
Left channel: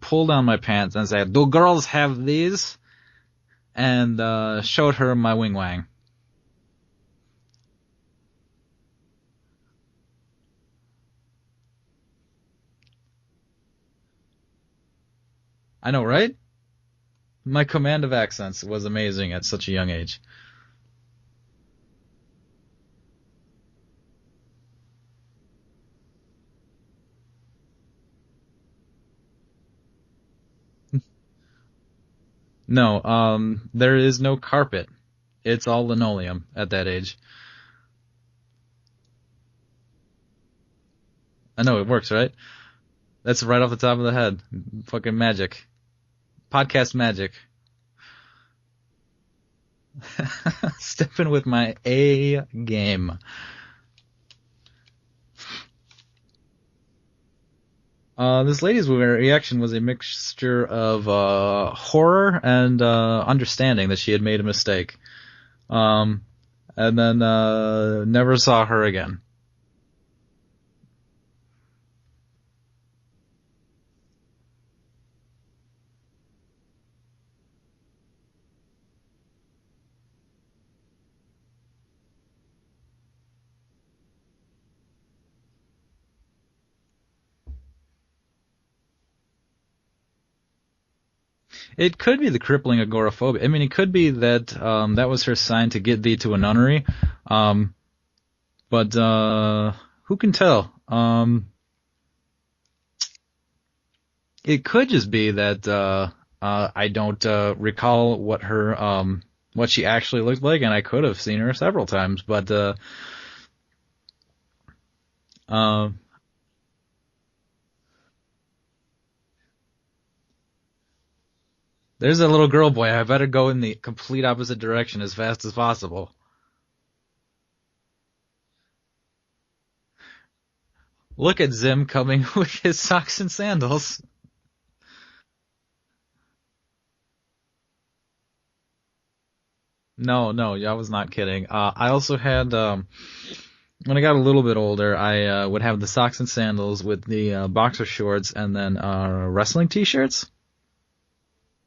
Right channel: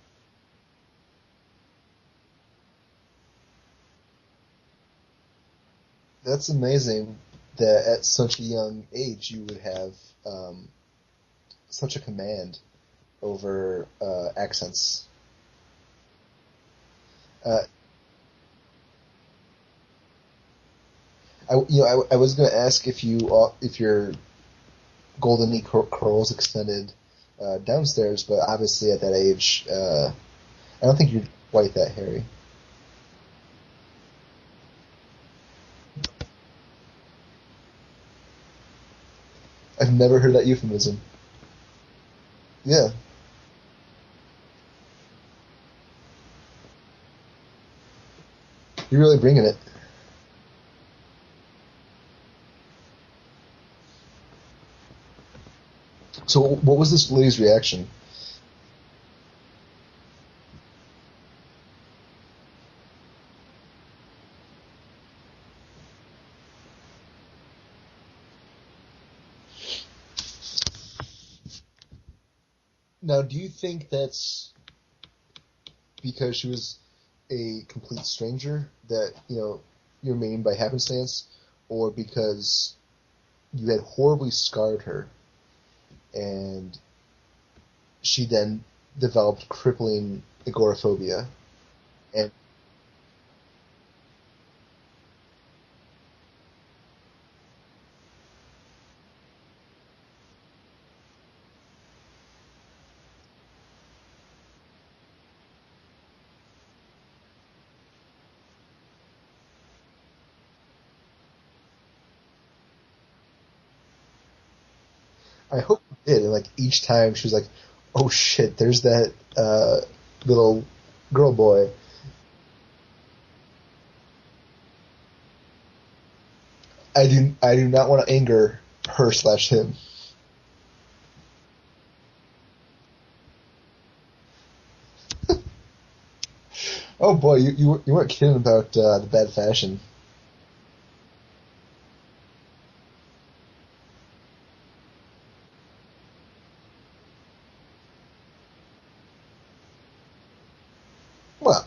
pull down my pants, and say, "Do girls have these?" And showed her my wing wang. That's amazing that at such a young age you would have such a command over accents. I know, right? Uh, My command of accents was amazing at such a young age. I was going to ask if your golden curls extended downstairs, but obviously at that age, I don't think you're quite that hairy. No, there is no carpet. It's all linoleum at that age. I've never heard that euphemism. I know it works, right? Yeah, That's right off the top of the head. Fucking magic. Podcast magic. you're really bringing it. Stepping with my A game. So, what was this lady's reaction? This lady's reaction was a mixture of horror and understanding that she had made a mistake. And then never saw her again. Now, do you think that's because she was a complete stranger that you're mean by happenstance, or because you had horribly scarred her and she then developed crippling agoraphobia? It could be And the crippling agoraphobia. I mean, it could be that that was her sign to get thee to a nunnery. But who can tell? It could just be that I don't recall what she actually looked like, and I could have seen her several times. But I hope it did. And like each time she was like, "Oh shit, there's that little girl boy." there's a little girl boy. I better go in the complete opposite direction as fast as possible. I do not want to anger her/him. Look at Zim coming with his socks and sandals. Oh boy, you weren't kidding about the bad fashion. No, I was not kidding. I also had, when I got a little bit older, I would have the socks and sandals with the boxer shorts and then wrestling t-shirts. Well,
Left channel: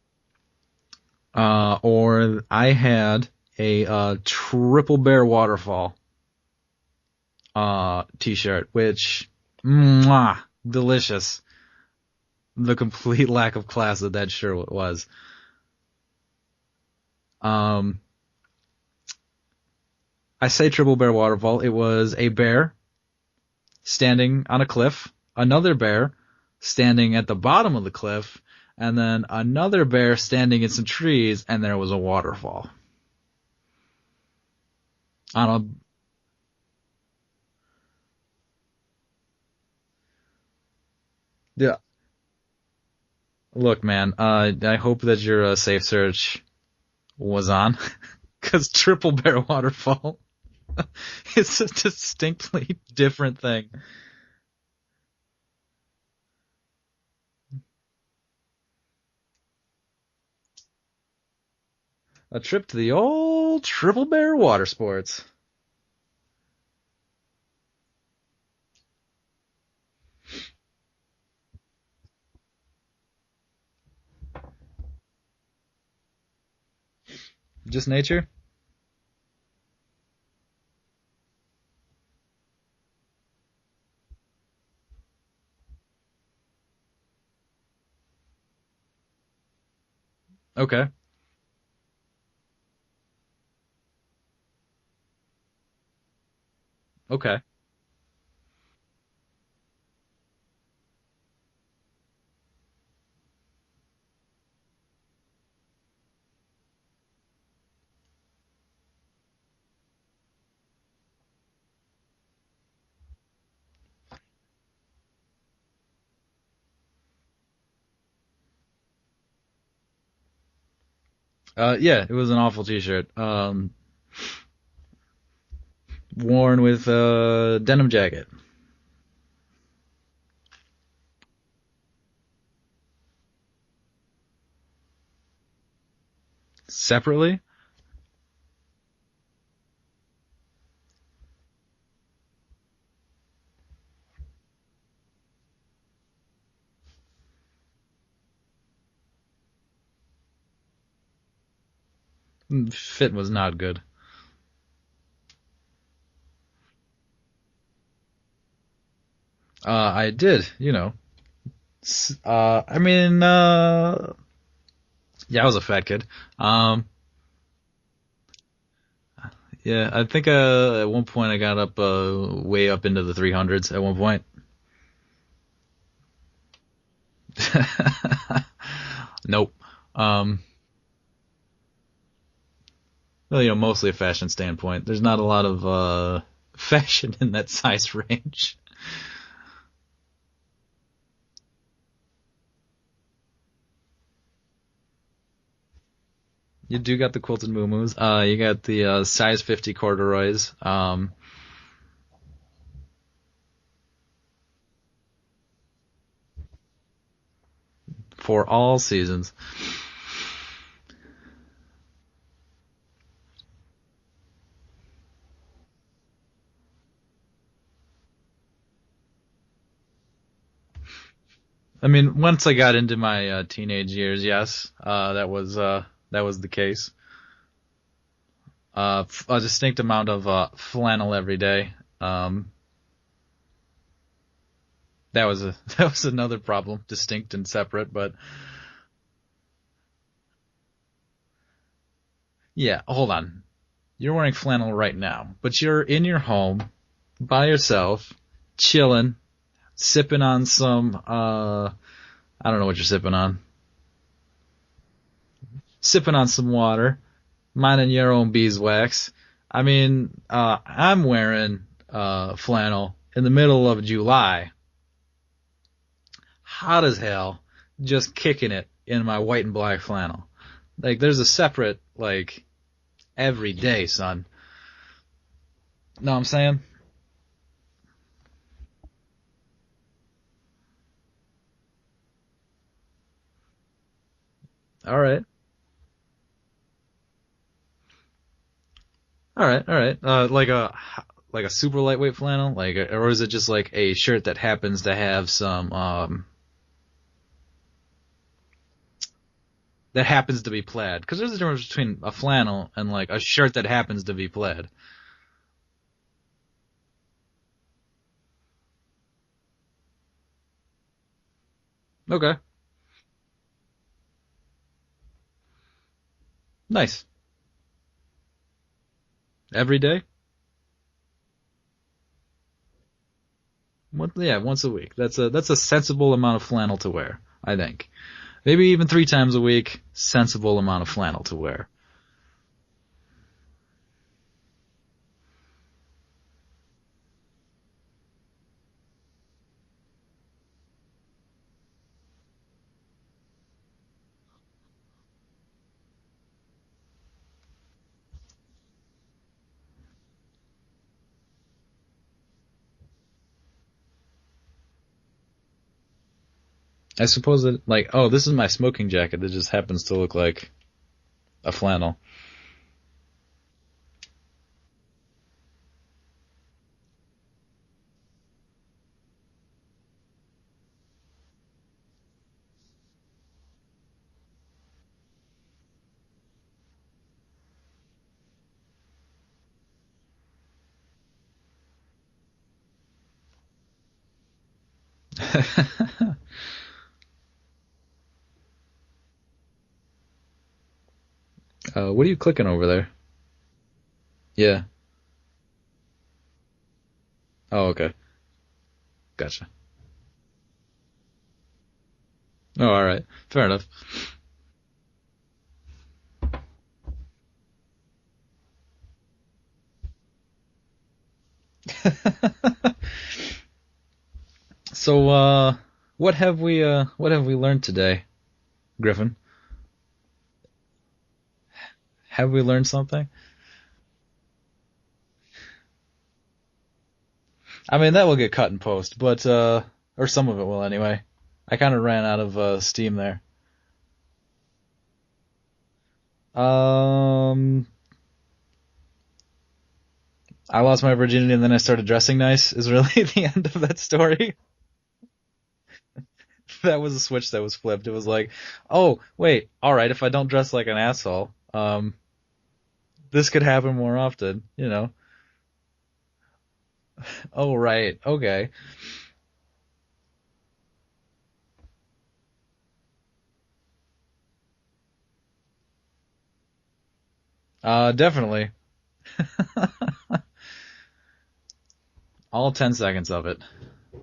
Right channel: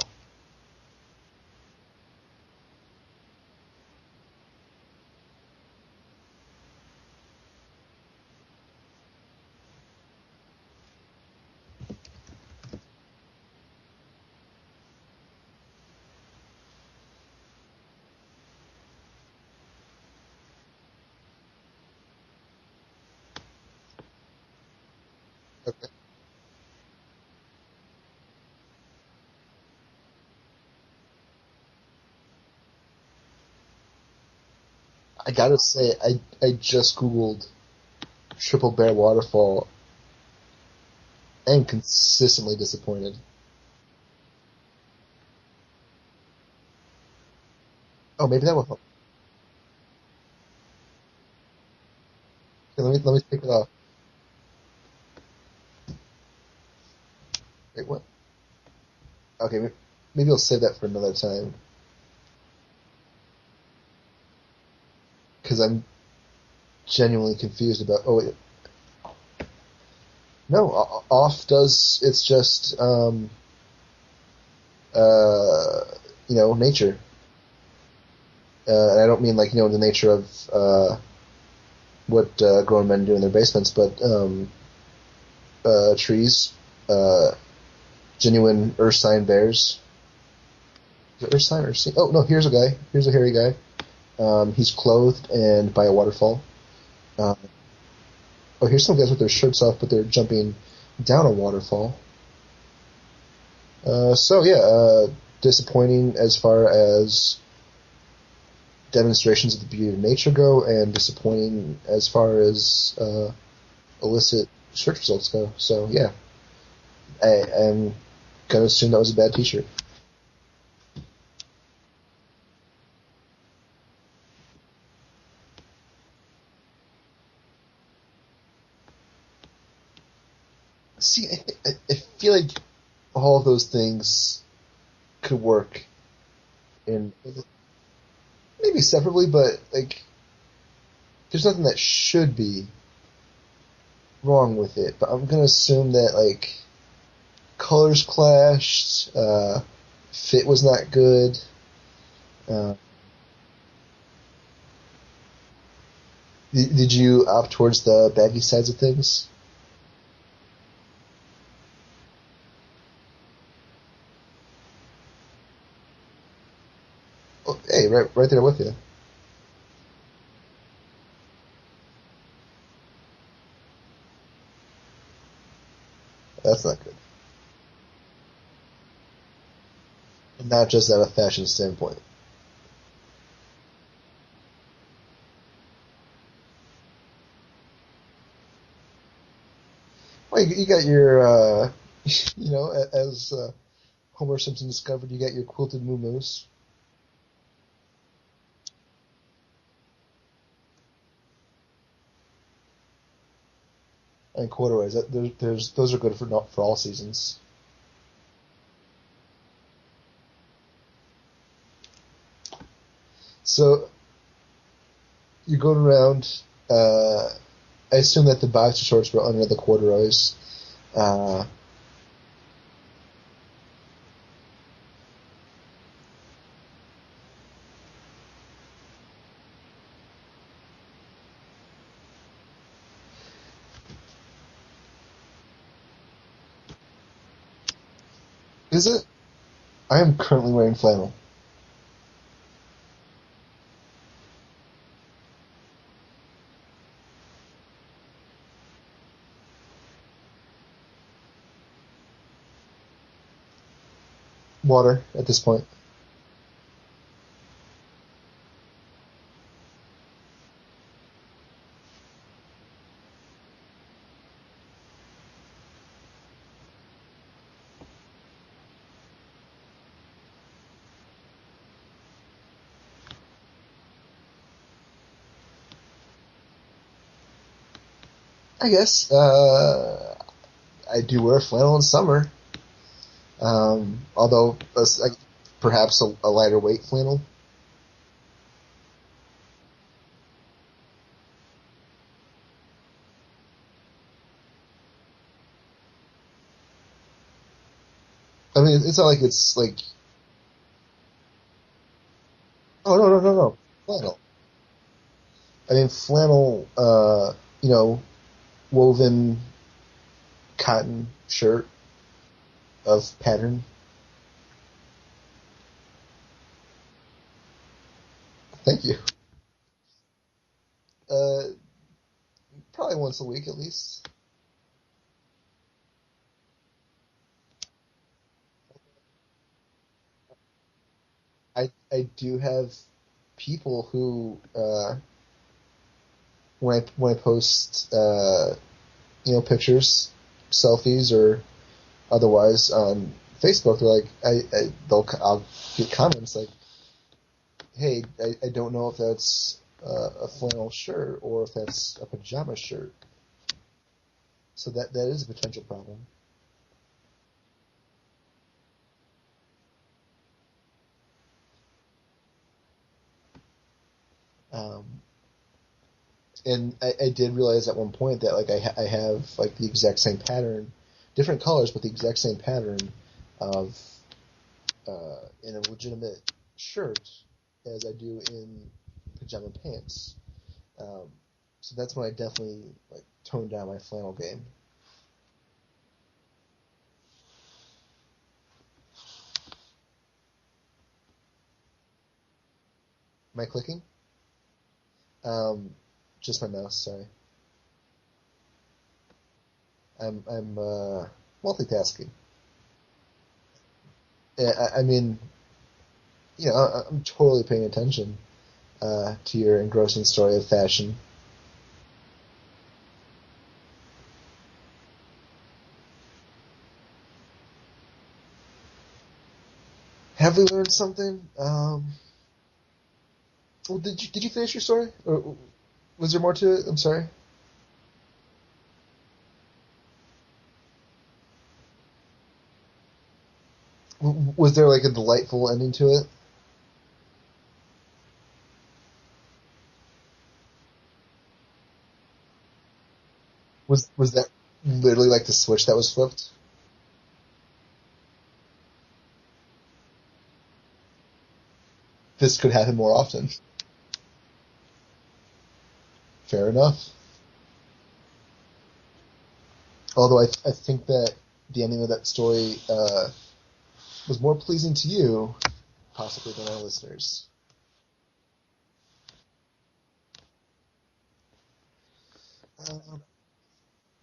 Or I had a Triple Bear Waterfall t-shirt, which, mwah, delicious. The complete lack of class that shirt was. I say Triple Bear Waterfall. It was a bear standing on a cliff, another bear standing at the bottom of the cliff, and then another bear standing in some trees, and there was a waterfall. I gotta say, I just googled triple bear waterfall. I am Yeah. consistently disappointed. Look, man, I hope that your safe search was on, Oh, maybe that because was. triple bear waterfall is a distinctly Let me different take it thing. off. Wait, what? Okay, maybe I'll save that for another time A trip to the old triple bear water sports. because I'm genuinely confused about. Oh, wait. No, off does. It's just uh, nature. Just nature? And I don't mean like the nature of what grown men do in their basements, but trees, uh, genuine earth sign bears. Okay. Is it earth sign or sea? Oh no, here's a guy. Here's a hairy guy. He's clothed and by a waterfall. Okay. Oh, here's some guys with their shirts off, but they're jumping down a waterfall. So yeah, disappointing as far as demonstrations of the beauty of nature go, and disappointing as far as illicit search results go. So yeah, I'm gonna assume that was a bad T-shirt. Yeah, it was an awful t-shirt. Worn with a denim jacket. See, I feel like all of those things could work Separately? maybe separately, but like there's nothing that should be wrong with it. But I'm gonna assume that like colors clashed, fit was not good. Fit was not good. Did you opt towards the baggy sides of things? I did, I mean, yeah, I was a fat kid. Oh, hey, right there with you. Yeah, I think at one point I got up way up into the 300s at one point. That's not good. Nope. Not just at a fashion standpoint. Well, mostly a fashion standpoint. There's not a lot of fashion in that size range. Well, you got your, as Homer Simpson discovered, you got your quilted muumuus. You do got the quilted muumuus. You got the size 50 corduroys. And corduroys. Those are good for all seasons. For all seasons. So you're going around. I assume that the boxer shorts were under the corduroys. I mean, once I got into my teenage years, yes, that was the case. A distinct amount of flannel every day. That was another problem, distinct and separate, but Is it? I am currently wearing flannel. yeah, hold on. You're wearing flannel right now, but you're in your home by yourself, chilling, sipping on some I don't know what you're sipping on. Water at this point. Sipping on some water, minding your own beeswax. I mean, I'm wearing flannel in the middle of July. Hot as hell, just kicking it in my white and black flannel. Like, there's a separate, like, every day, son. Know what I'm saying? I guess. I do wear flannel in summer. Although, All right. perhaps a lighter weight flannel. All right. Like a super lightweight flannel, or is it just like a shirt that happens to have some I mean, it's not like it's like. that happens to be plaid? Because there's a difference between a flannel and Oh, like no, a no, no, shirt no. that happens to Flannel. be plaid. I mean, flannel, woven cotton shirt Okay, of pattern. nice. Thank you. Every day? Uh, Probably once a week at least. Yeah, once a week. That's a sensible amount of flannel to wear, I think. Maybe even 3 times a week. Sensible amount of flannel to wear. I do have people who, when I post, pictures, selfies, or otherwise on Facebook, they're like, I'll get comments like, hey, I don't know if that's a flannel shirt or if that's a pajama shirt. So that is a potential problem. I suppose that, like, oh, this is my smoking jacket that just happens to look like a flannel. Um, and I did realize at one point that like I have like the exact same pattern, different colors, but the exact same pattern of in a legitimate shirt as I do in pajama pants. Um, so that's when I definitely like toned down my flannel game. What are you clicking over there? Am I clicking? Yeah. Um, just my mouse. Sorry. Oh, okay. Gotcha. I'm multitasking. Oh, all right. Fair enough. I mean, I'm totally paying attention to your engrossing story of fashion. So, what have we learned today, Griffin? Have we learned something? Have we learned something? Well, did you finish your story, or was there more to it? I'm sorry. I mean, that will get cut in post, but or some of it will anyway. I kind of ran out of steam there. Was there like a delightful ending to it? I lost my virginity and then I started dressing nice is really the end of that story. Was that literally like the switch that was flipped? That was a switch that was flipped. It was like, oh, wait, all right, if I don't dress like an asshole, this could happen more often. This could happen more often, you know. Fair enough. Oh, right, okay. Although I think that the ending of that story was more pleasing to you, possibly, than our listeners. Definitely. All 10 seconds of it.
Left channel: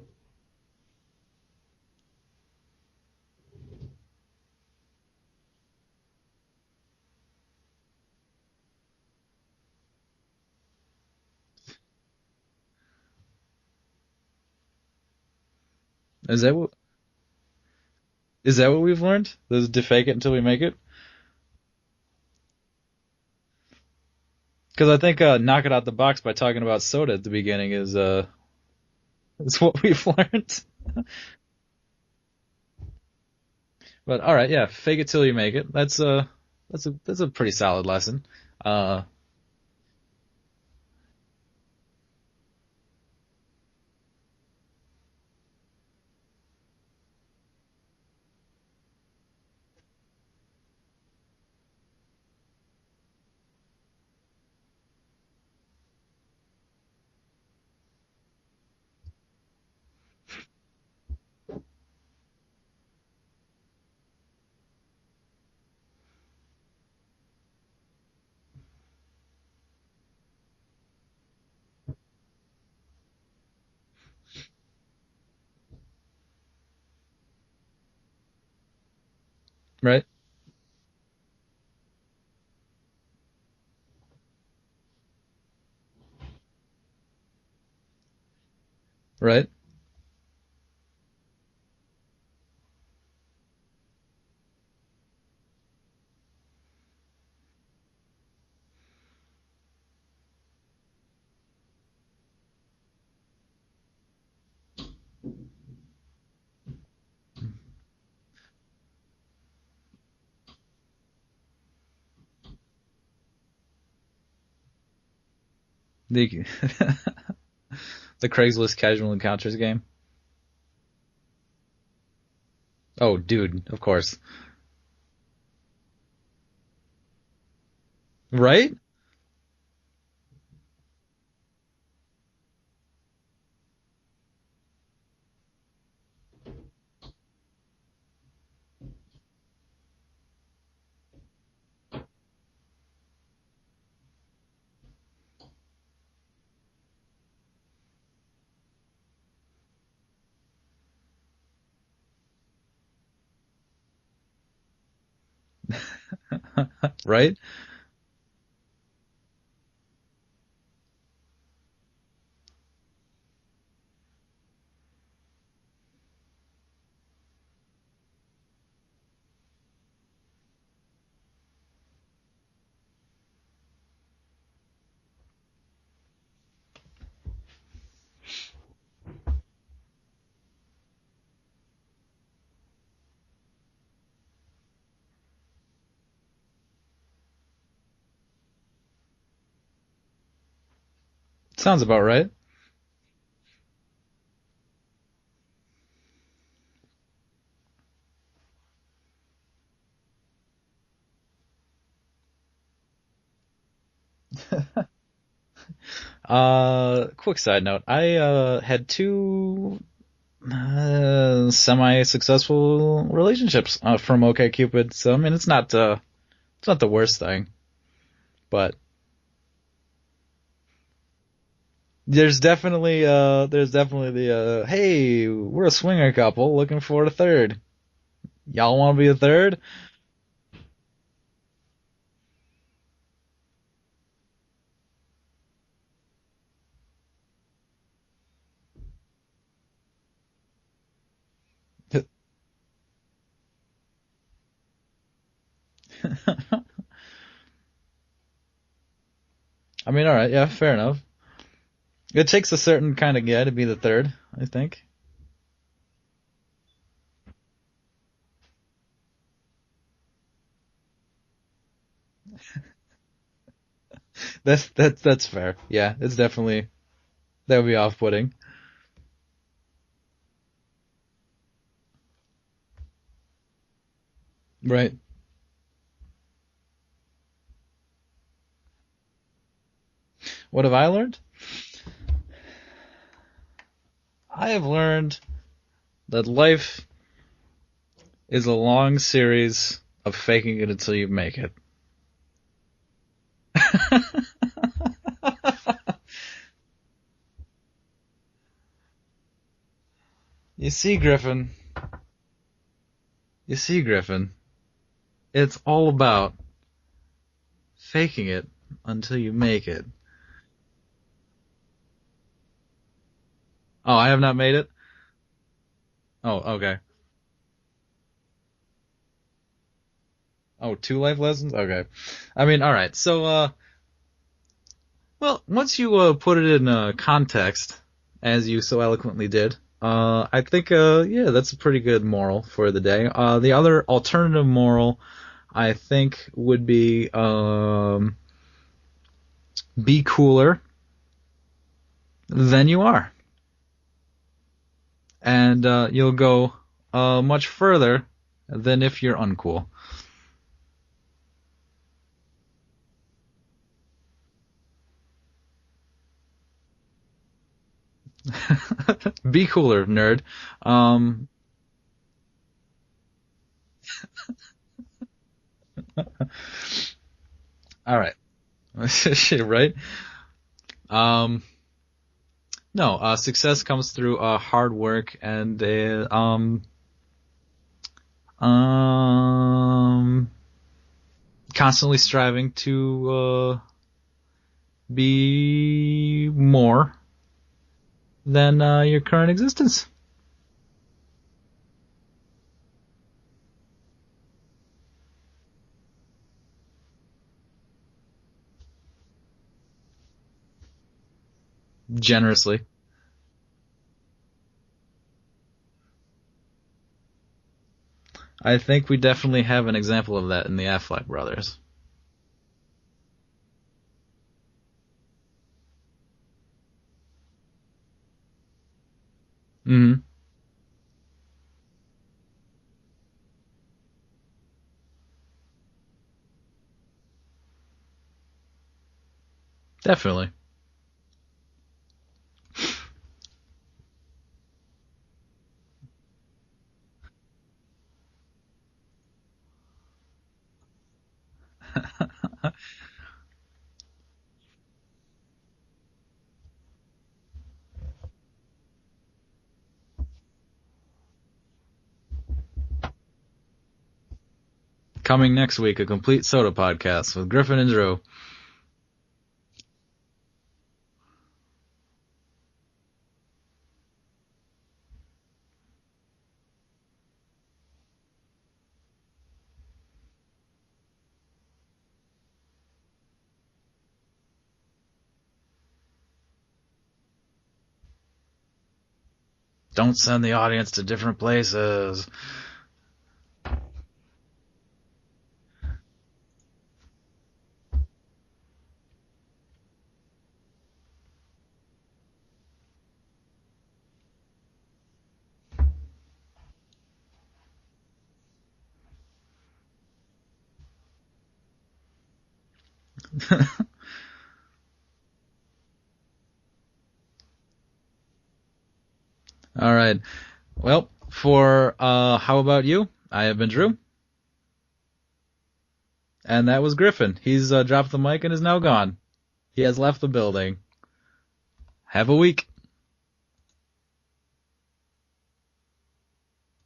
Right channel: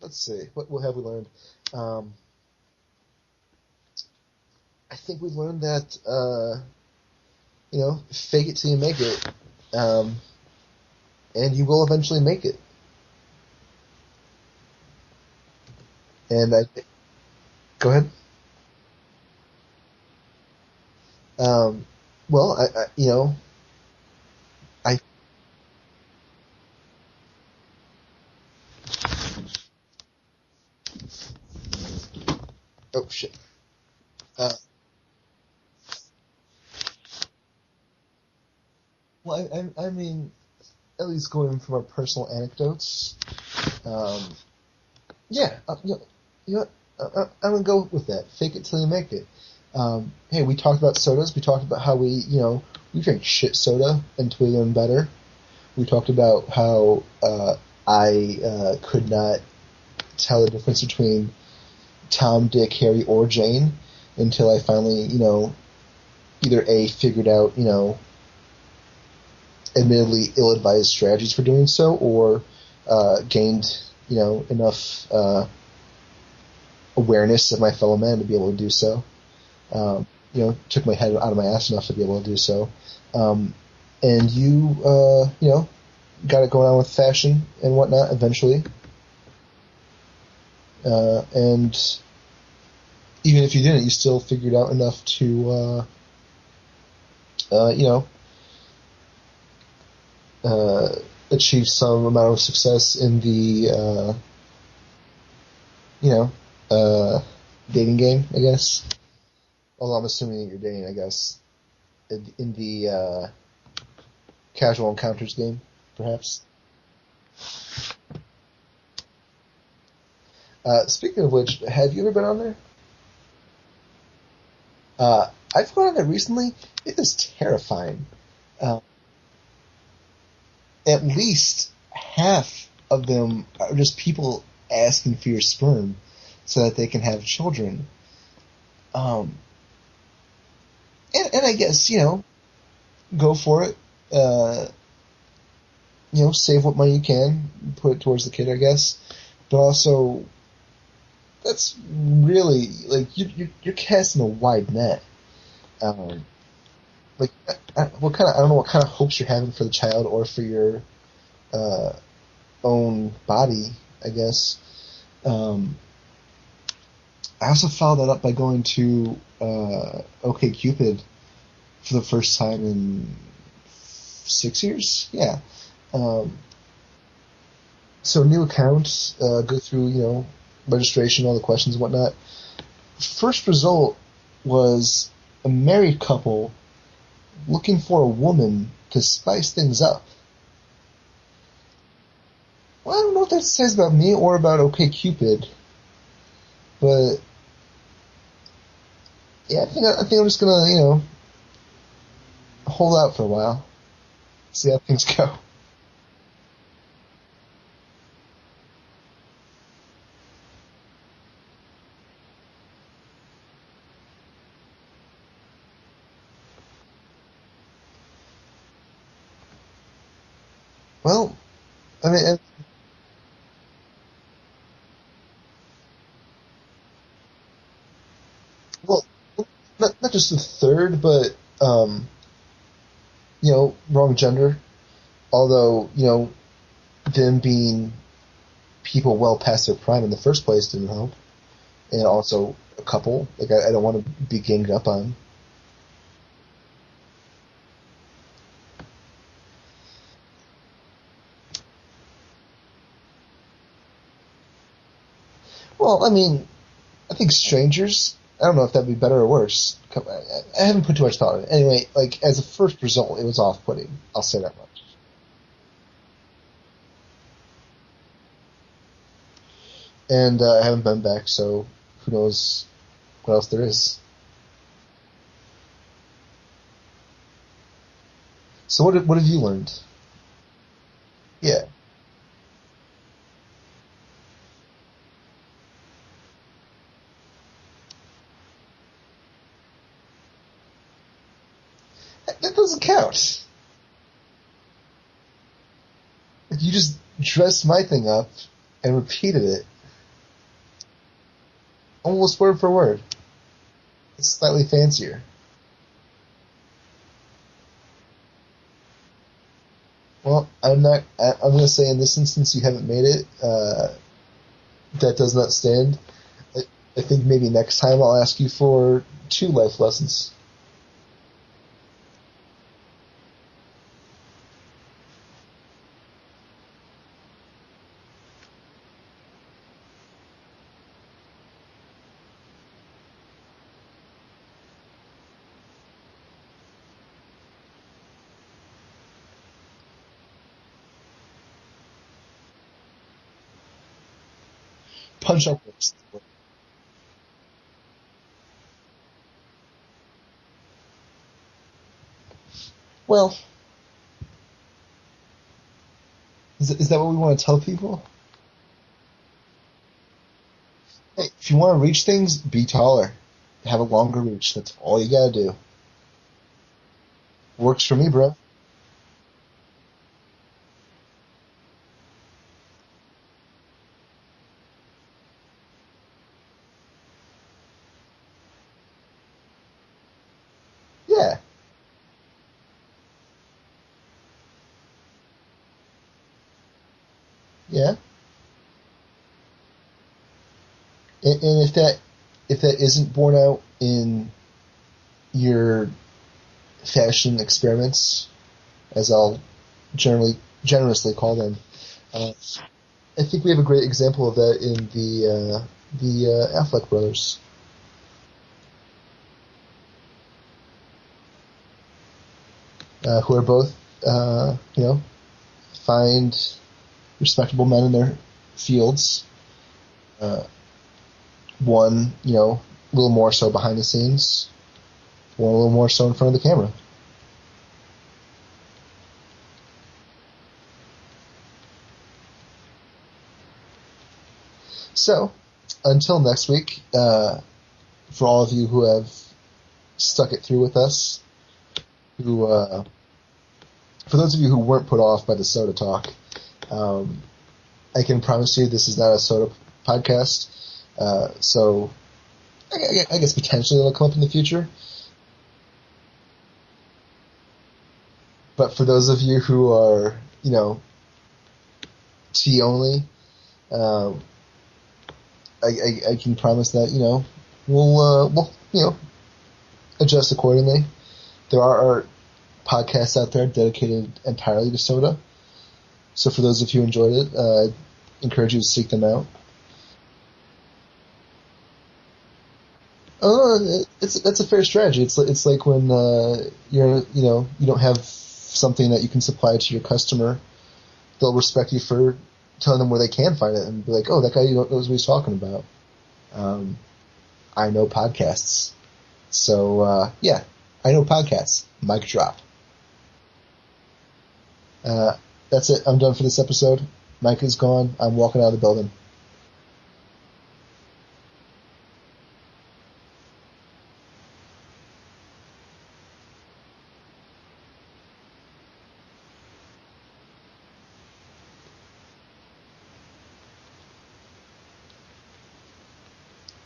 Let's see. What have we learned? I think we've learned that, fake it till you make it. And you will eventually make it. Go ahead. Is that what we've learned? Is to fake it until we make it? Well, because I think knock it out the box by talking about soda at the beginning is what we've learned. Oh shit! But all right, yeah, fake it till you make it. That's a pretty solid lesson. Well, I mean, at least going from our personal anecdotes, yeah, I'm gonna go with that. Fake it till you make it. Hey, we talked about sodas. We talked about how we drink shit soda until we learn better. We talked about how I could not tell the difference between Tom, Dick, Harry, or Jane until I finally, either A, figured out, admittedly ill-advised strategies for doing so, or gained, enough awareness of my fellow man to be able to do so. Right. Took my head out of my ass enough to be able to do so. And you, got it going on with fashion and whatnot eventually. Right. And even if you didn't, you still figured out enough to, achieve some amount of success in the, dating game, I guess. Although I'm assuming you're dating, I guess, in the casual encounters game, perhaps. The Craigslist casual encounters game. Speaking of which, have you ever been on there? Oh, dude, of course. I've gone on there recently. It is terrifying. Right? At least half of them are just people asking for your sperm so that they can have children. And I guess, go for it. Save what money you can, put it towards the kid, I guess. But also, that's really like you're casting a wide net. Um, like, Right? I don't know what kind of hopes you're having for the child or for your uh, own body, I guess. Um, I also followed that up by going to OkCupid for the first time in 6 years. Yeah. Um, so new account, go through, registration, all the questions and whatnot. First result was a married couple looking for a woman to spice things up. Sounds about right. Well, I don't know what that says about me or about OkCupid, but yeah, I think I'm just gonna, hold out for a while, see how things go. Quick side note. I had two semi-successful relationships from OkCupid. So I mean, it's not the worst thing, but Well, I mean, there's definitely the hey, we're a swinger couple looking for a third. Y'all want to well, be a third? not just the third, but wrong gender. Although, them being people well past their prime in the first place didn't help, and also a couple. Like I don't want to be ganged up on. I mean, all right, yeah, fair enough. It takes a certain kind of guy to be the third, I think. Well, I mean, I think strangers. I don't know if that'd be better or worse. I haven't put too much thought in it. Anyway, like as a first result, it was off-putting. I'll say that. That's fair. Yeah, it's definitely that would be off-putting. And I haven't been back, so who knows what else there is. Right. So what have you learned? What have I learned? Yeah. I have learned that life is a long series of faking it until you make it. That doesn't count. You just dressed my thing up and repeated it You see, Griffin. almost word for word. You see, Griffin. Slightly fancier. It's all about faking it until you make it. Well, I'm not. I'm going to say in this instance you haven't made it. Oh, I have not made it? That does not stand. Oh, okay. I think maybe next time I'll ask you for 2 life lessons. Oh, 2 life lessons? Okay. I mean, alright, so, well, once you put it in context, as you so eloquently did, I think, yeah, that's a pretty good moral for the day. The other alternative moral, I think, would be cooler than you are. And you'll go much further than if you're uncool. Well, is that what we want to tell people? Be cooler, nerd. Hey, if you want to reach things, be taller. Have a longer reach. That's all you gotta do. Works for All me, right. bro. Right? No, success comes through hard work and Yeah. constantly striving to be more Yeah. than your current existence. And if that isn't borne out in your fashion experiments, as I'll generously call them, Generously. I think we have a great example of that in the Affleck brothers, I think we definitely have an example of that in the Affleck brothers. who are both find respectable men in their fields. Mm-hmm. One, a little more so behind the scenes, one a little more so in front of the camera. Definitely. So, until next week, for all of you who have stuck it through with us, who, for those of you who weren't put off by the soda talk, I can promise you this is not a soda podcast. So I guess potentially it'll come up in the future. Coming next week, a complete soda podcast with Griffin and Drew. But for those of you who are, tea only, um, I can promise that, we'll adjust accordingly. There are podcasts out there dedicated entirely to soda. So for those of you who enjoyed it, I encourage you to seek them out. Don't send the audience to different places. That's a fair strategy. It's like when you don't have something that you can supply to your customer. They'll respect you for telling them where they can find it and be like, oh, that guy knows what he's talking about. I know podcasts. So, yeah, I know podcasts. Mic drop. That's it. I'm done for this episode. Mike is gone. I'm walking out of the building. All right. Well, for How About You? I have been Drew. And that was Griffin. He's dropped the mic and is now gone. He has left the building. Have a week.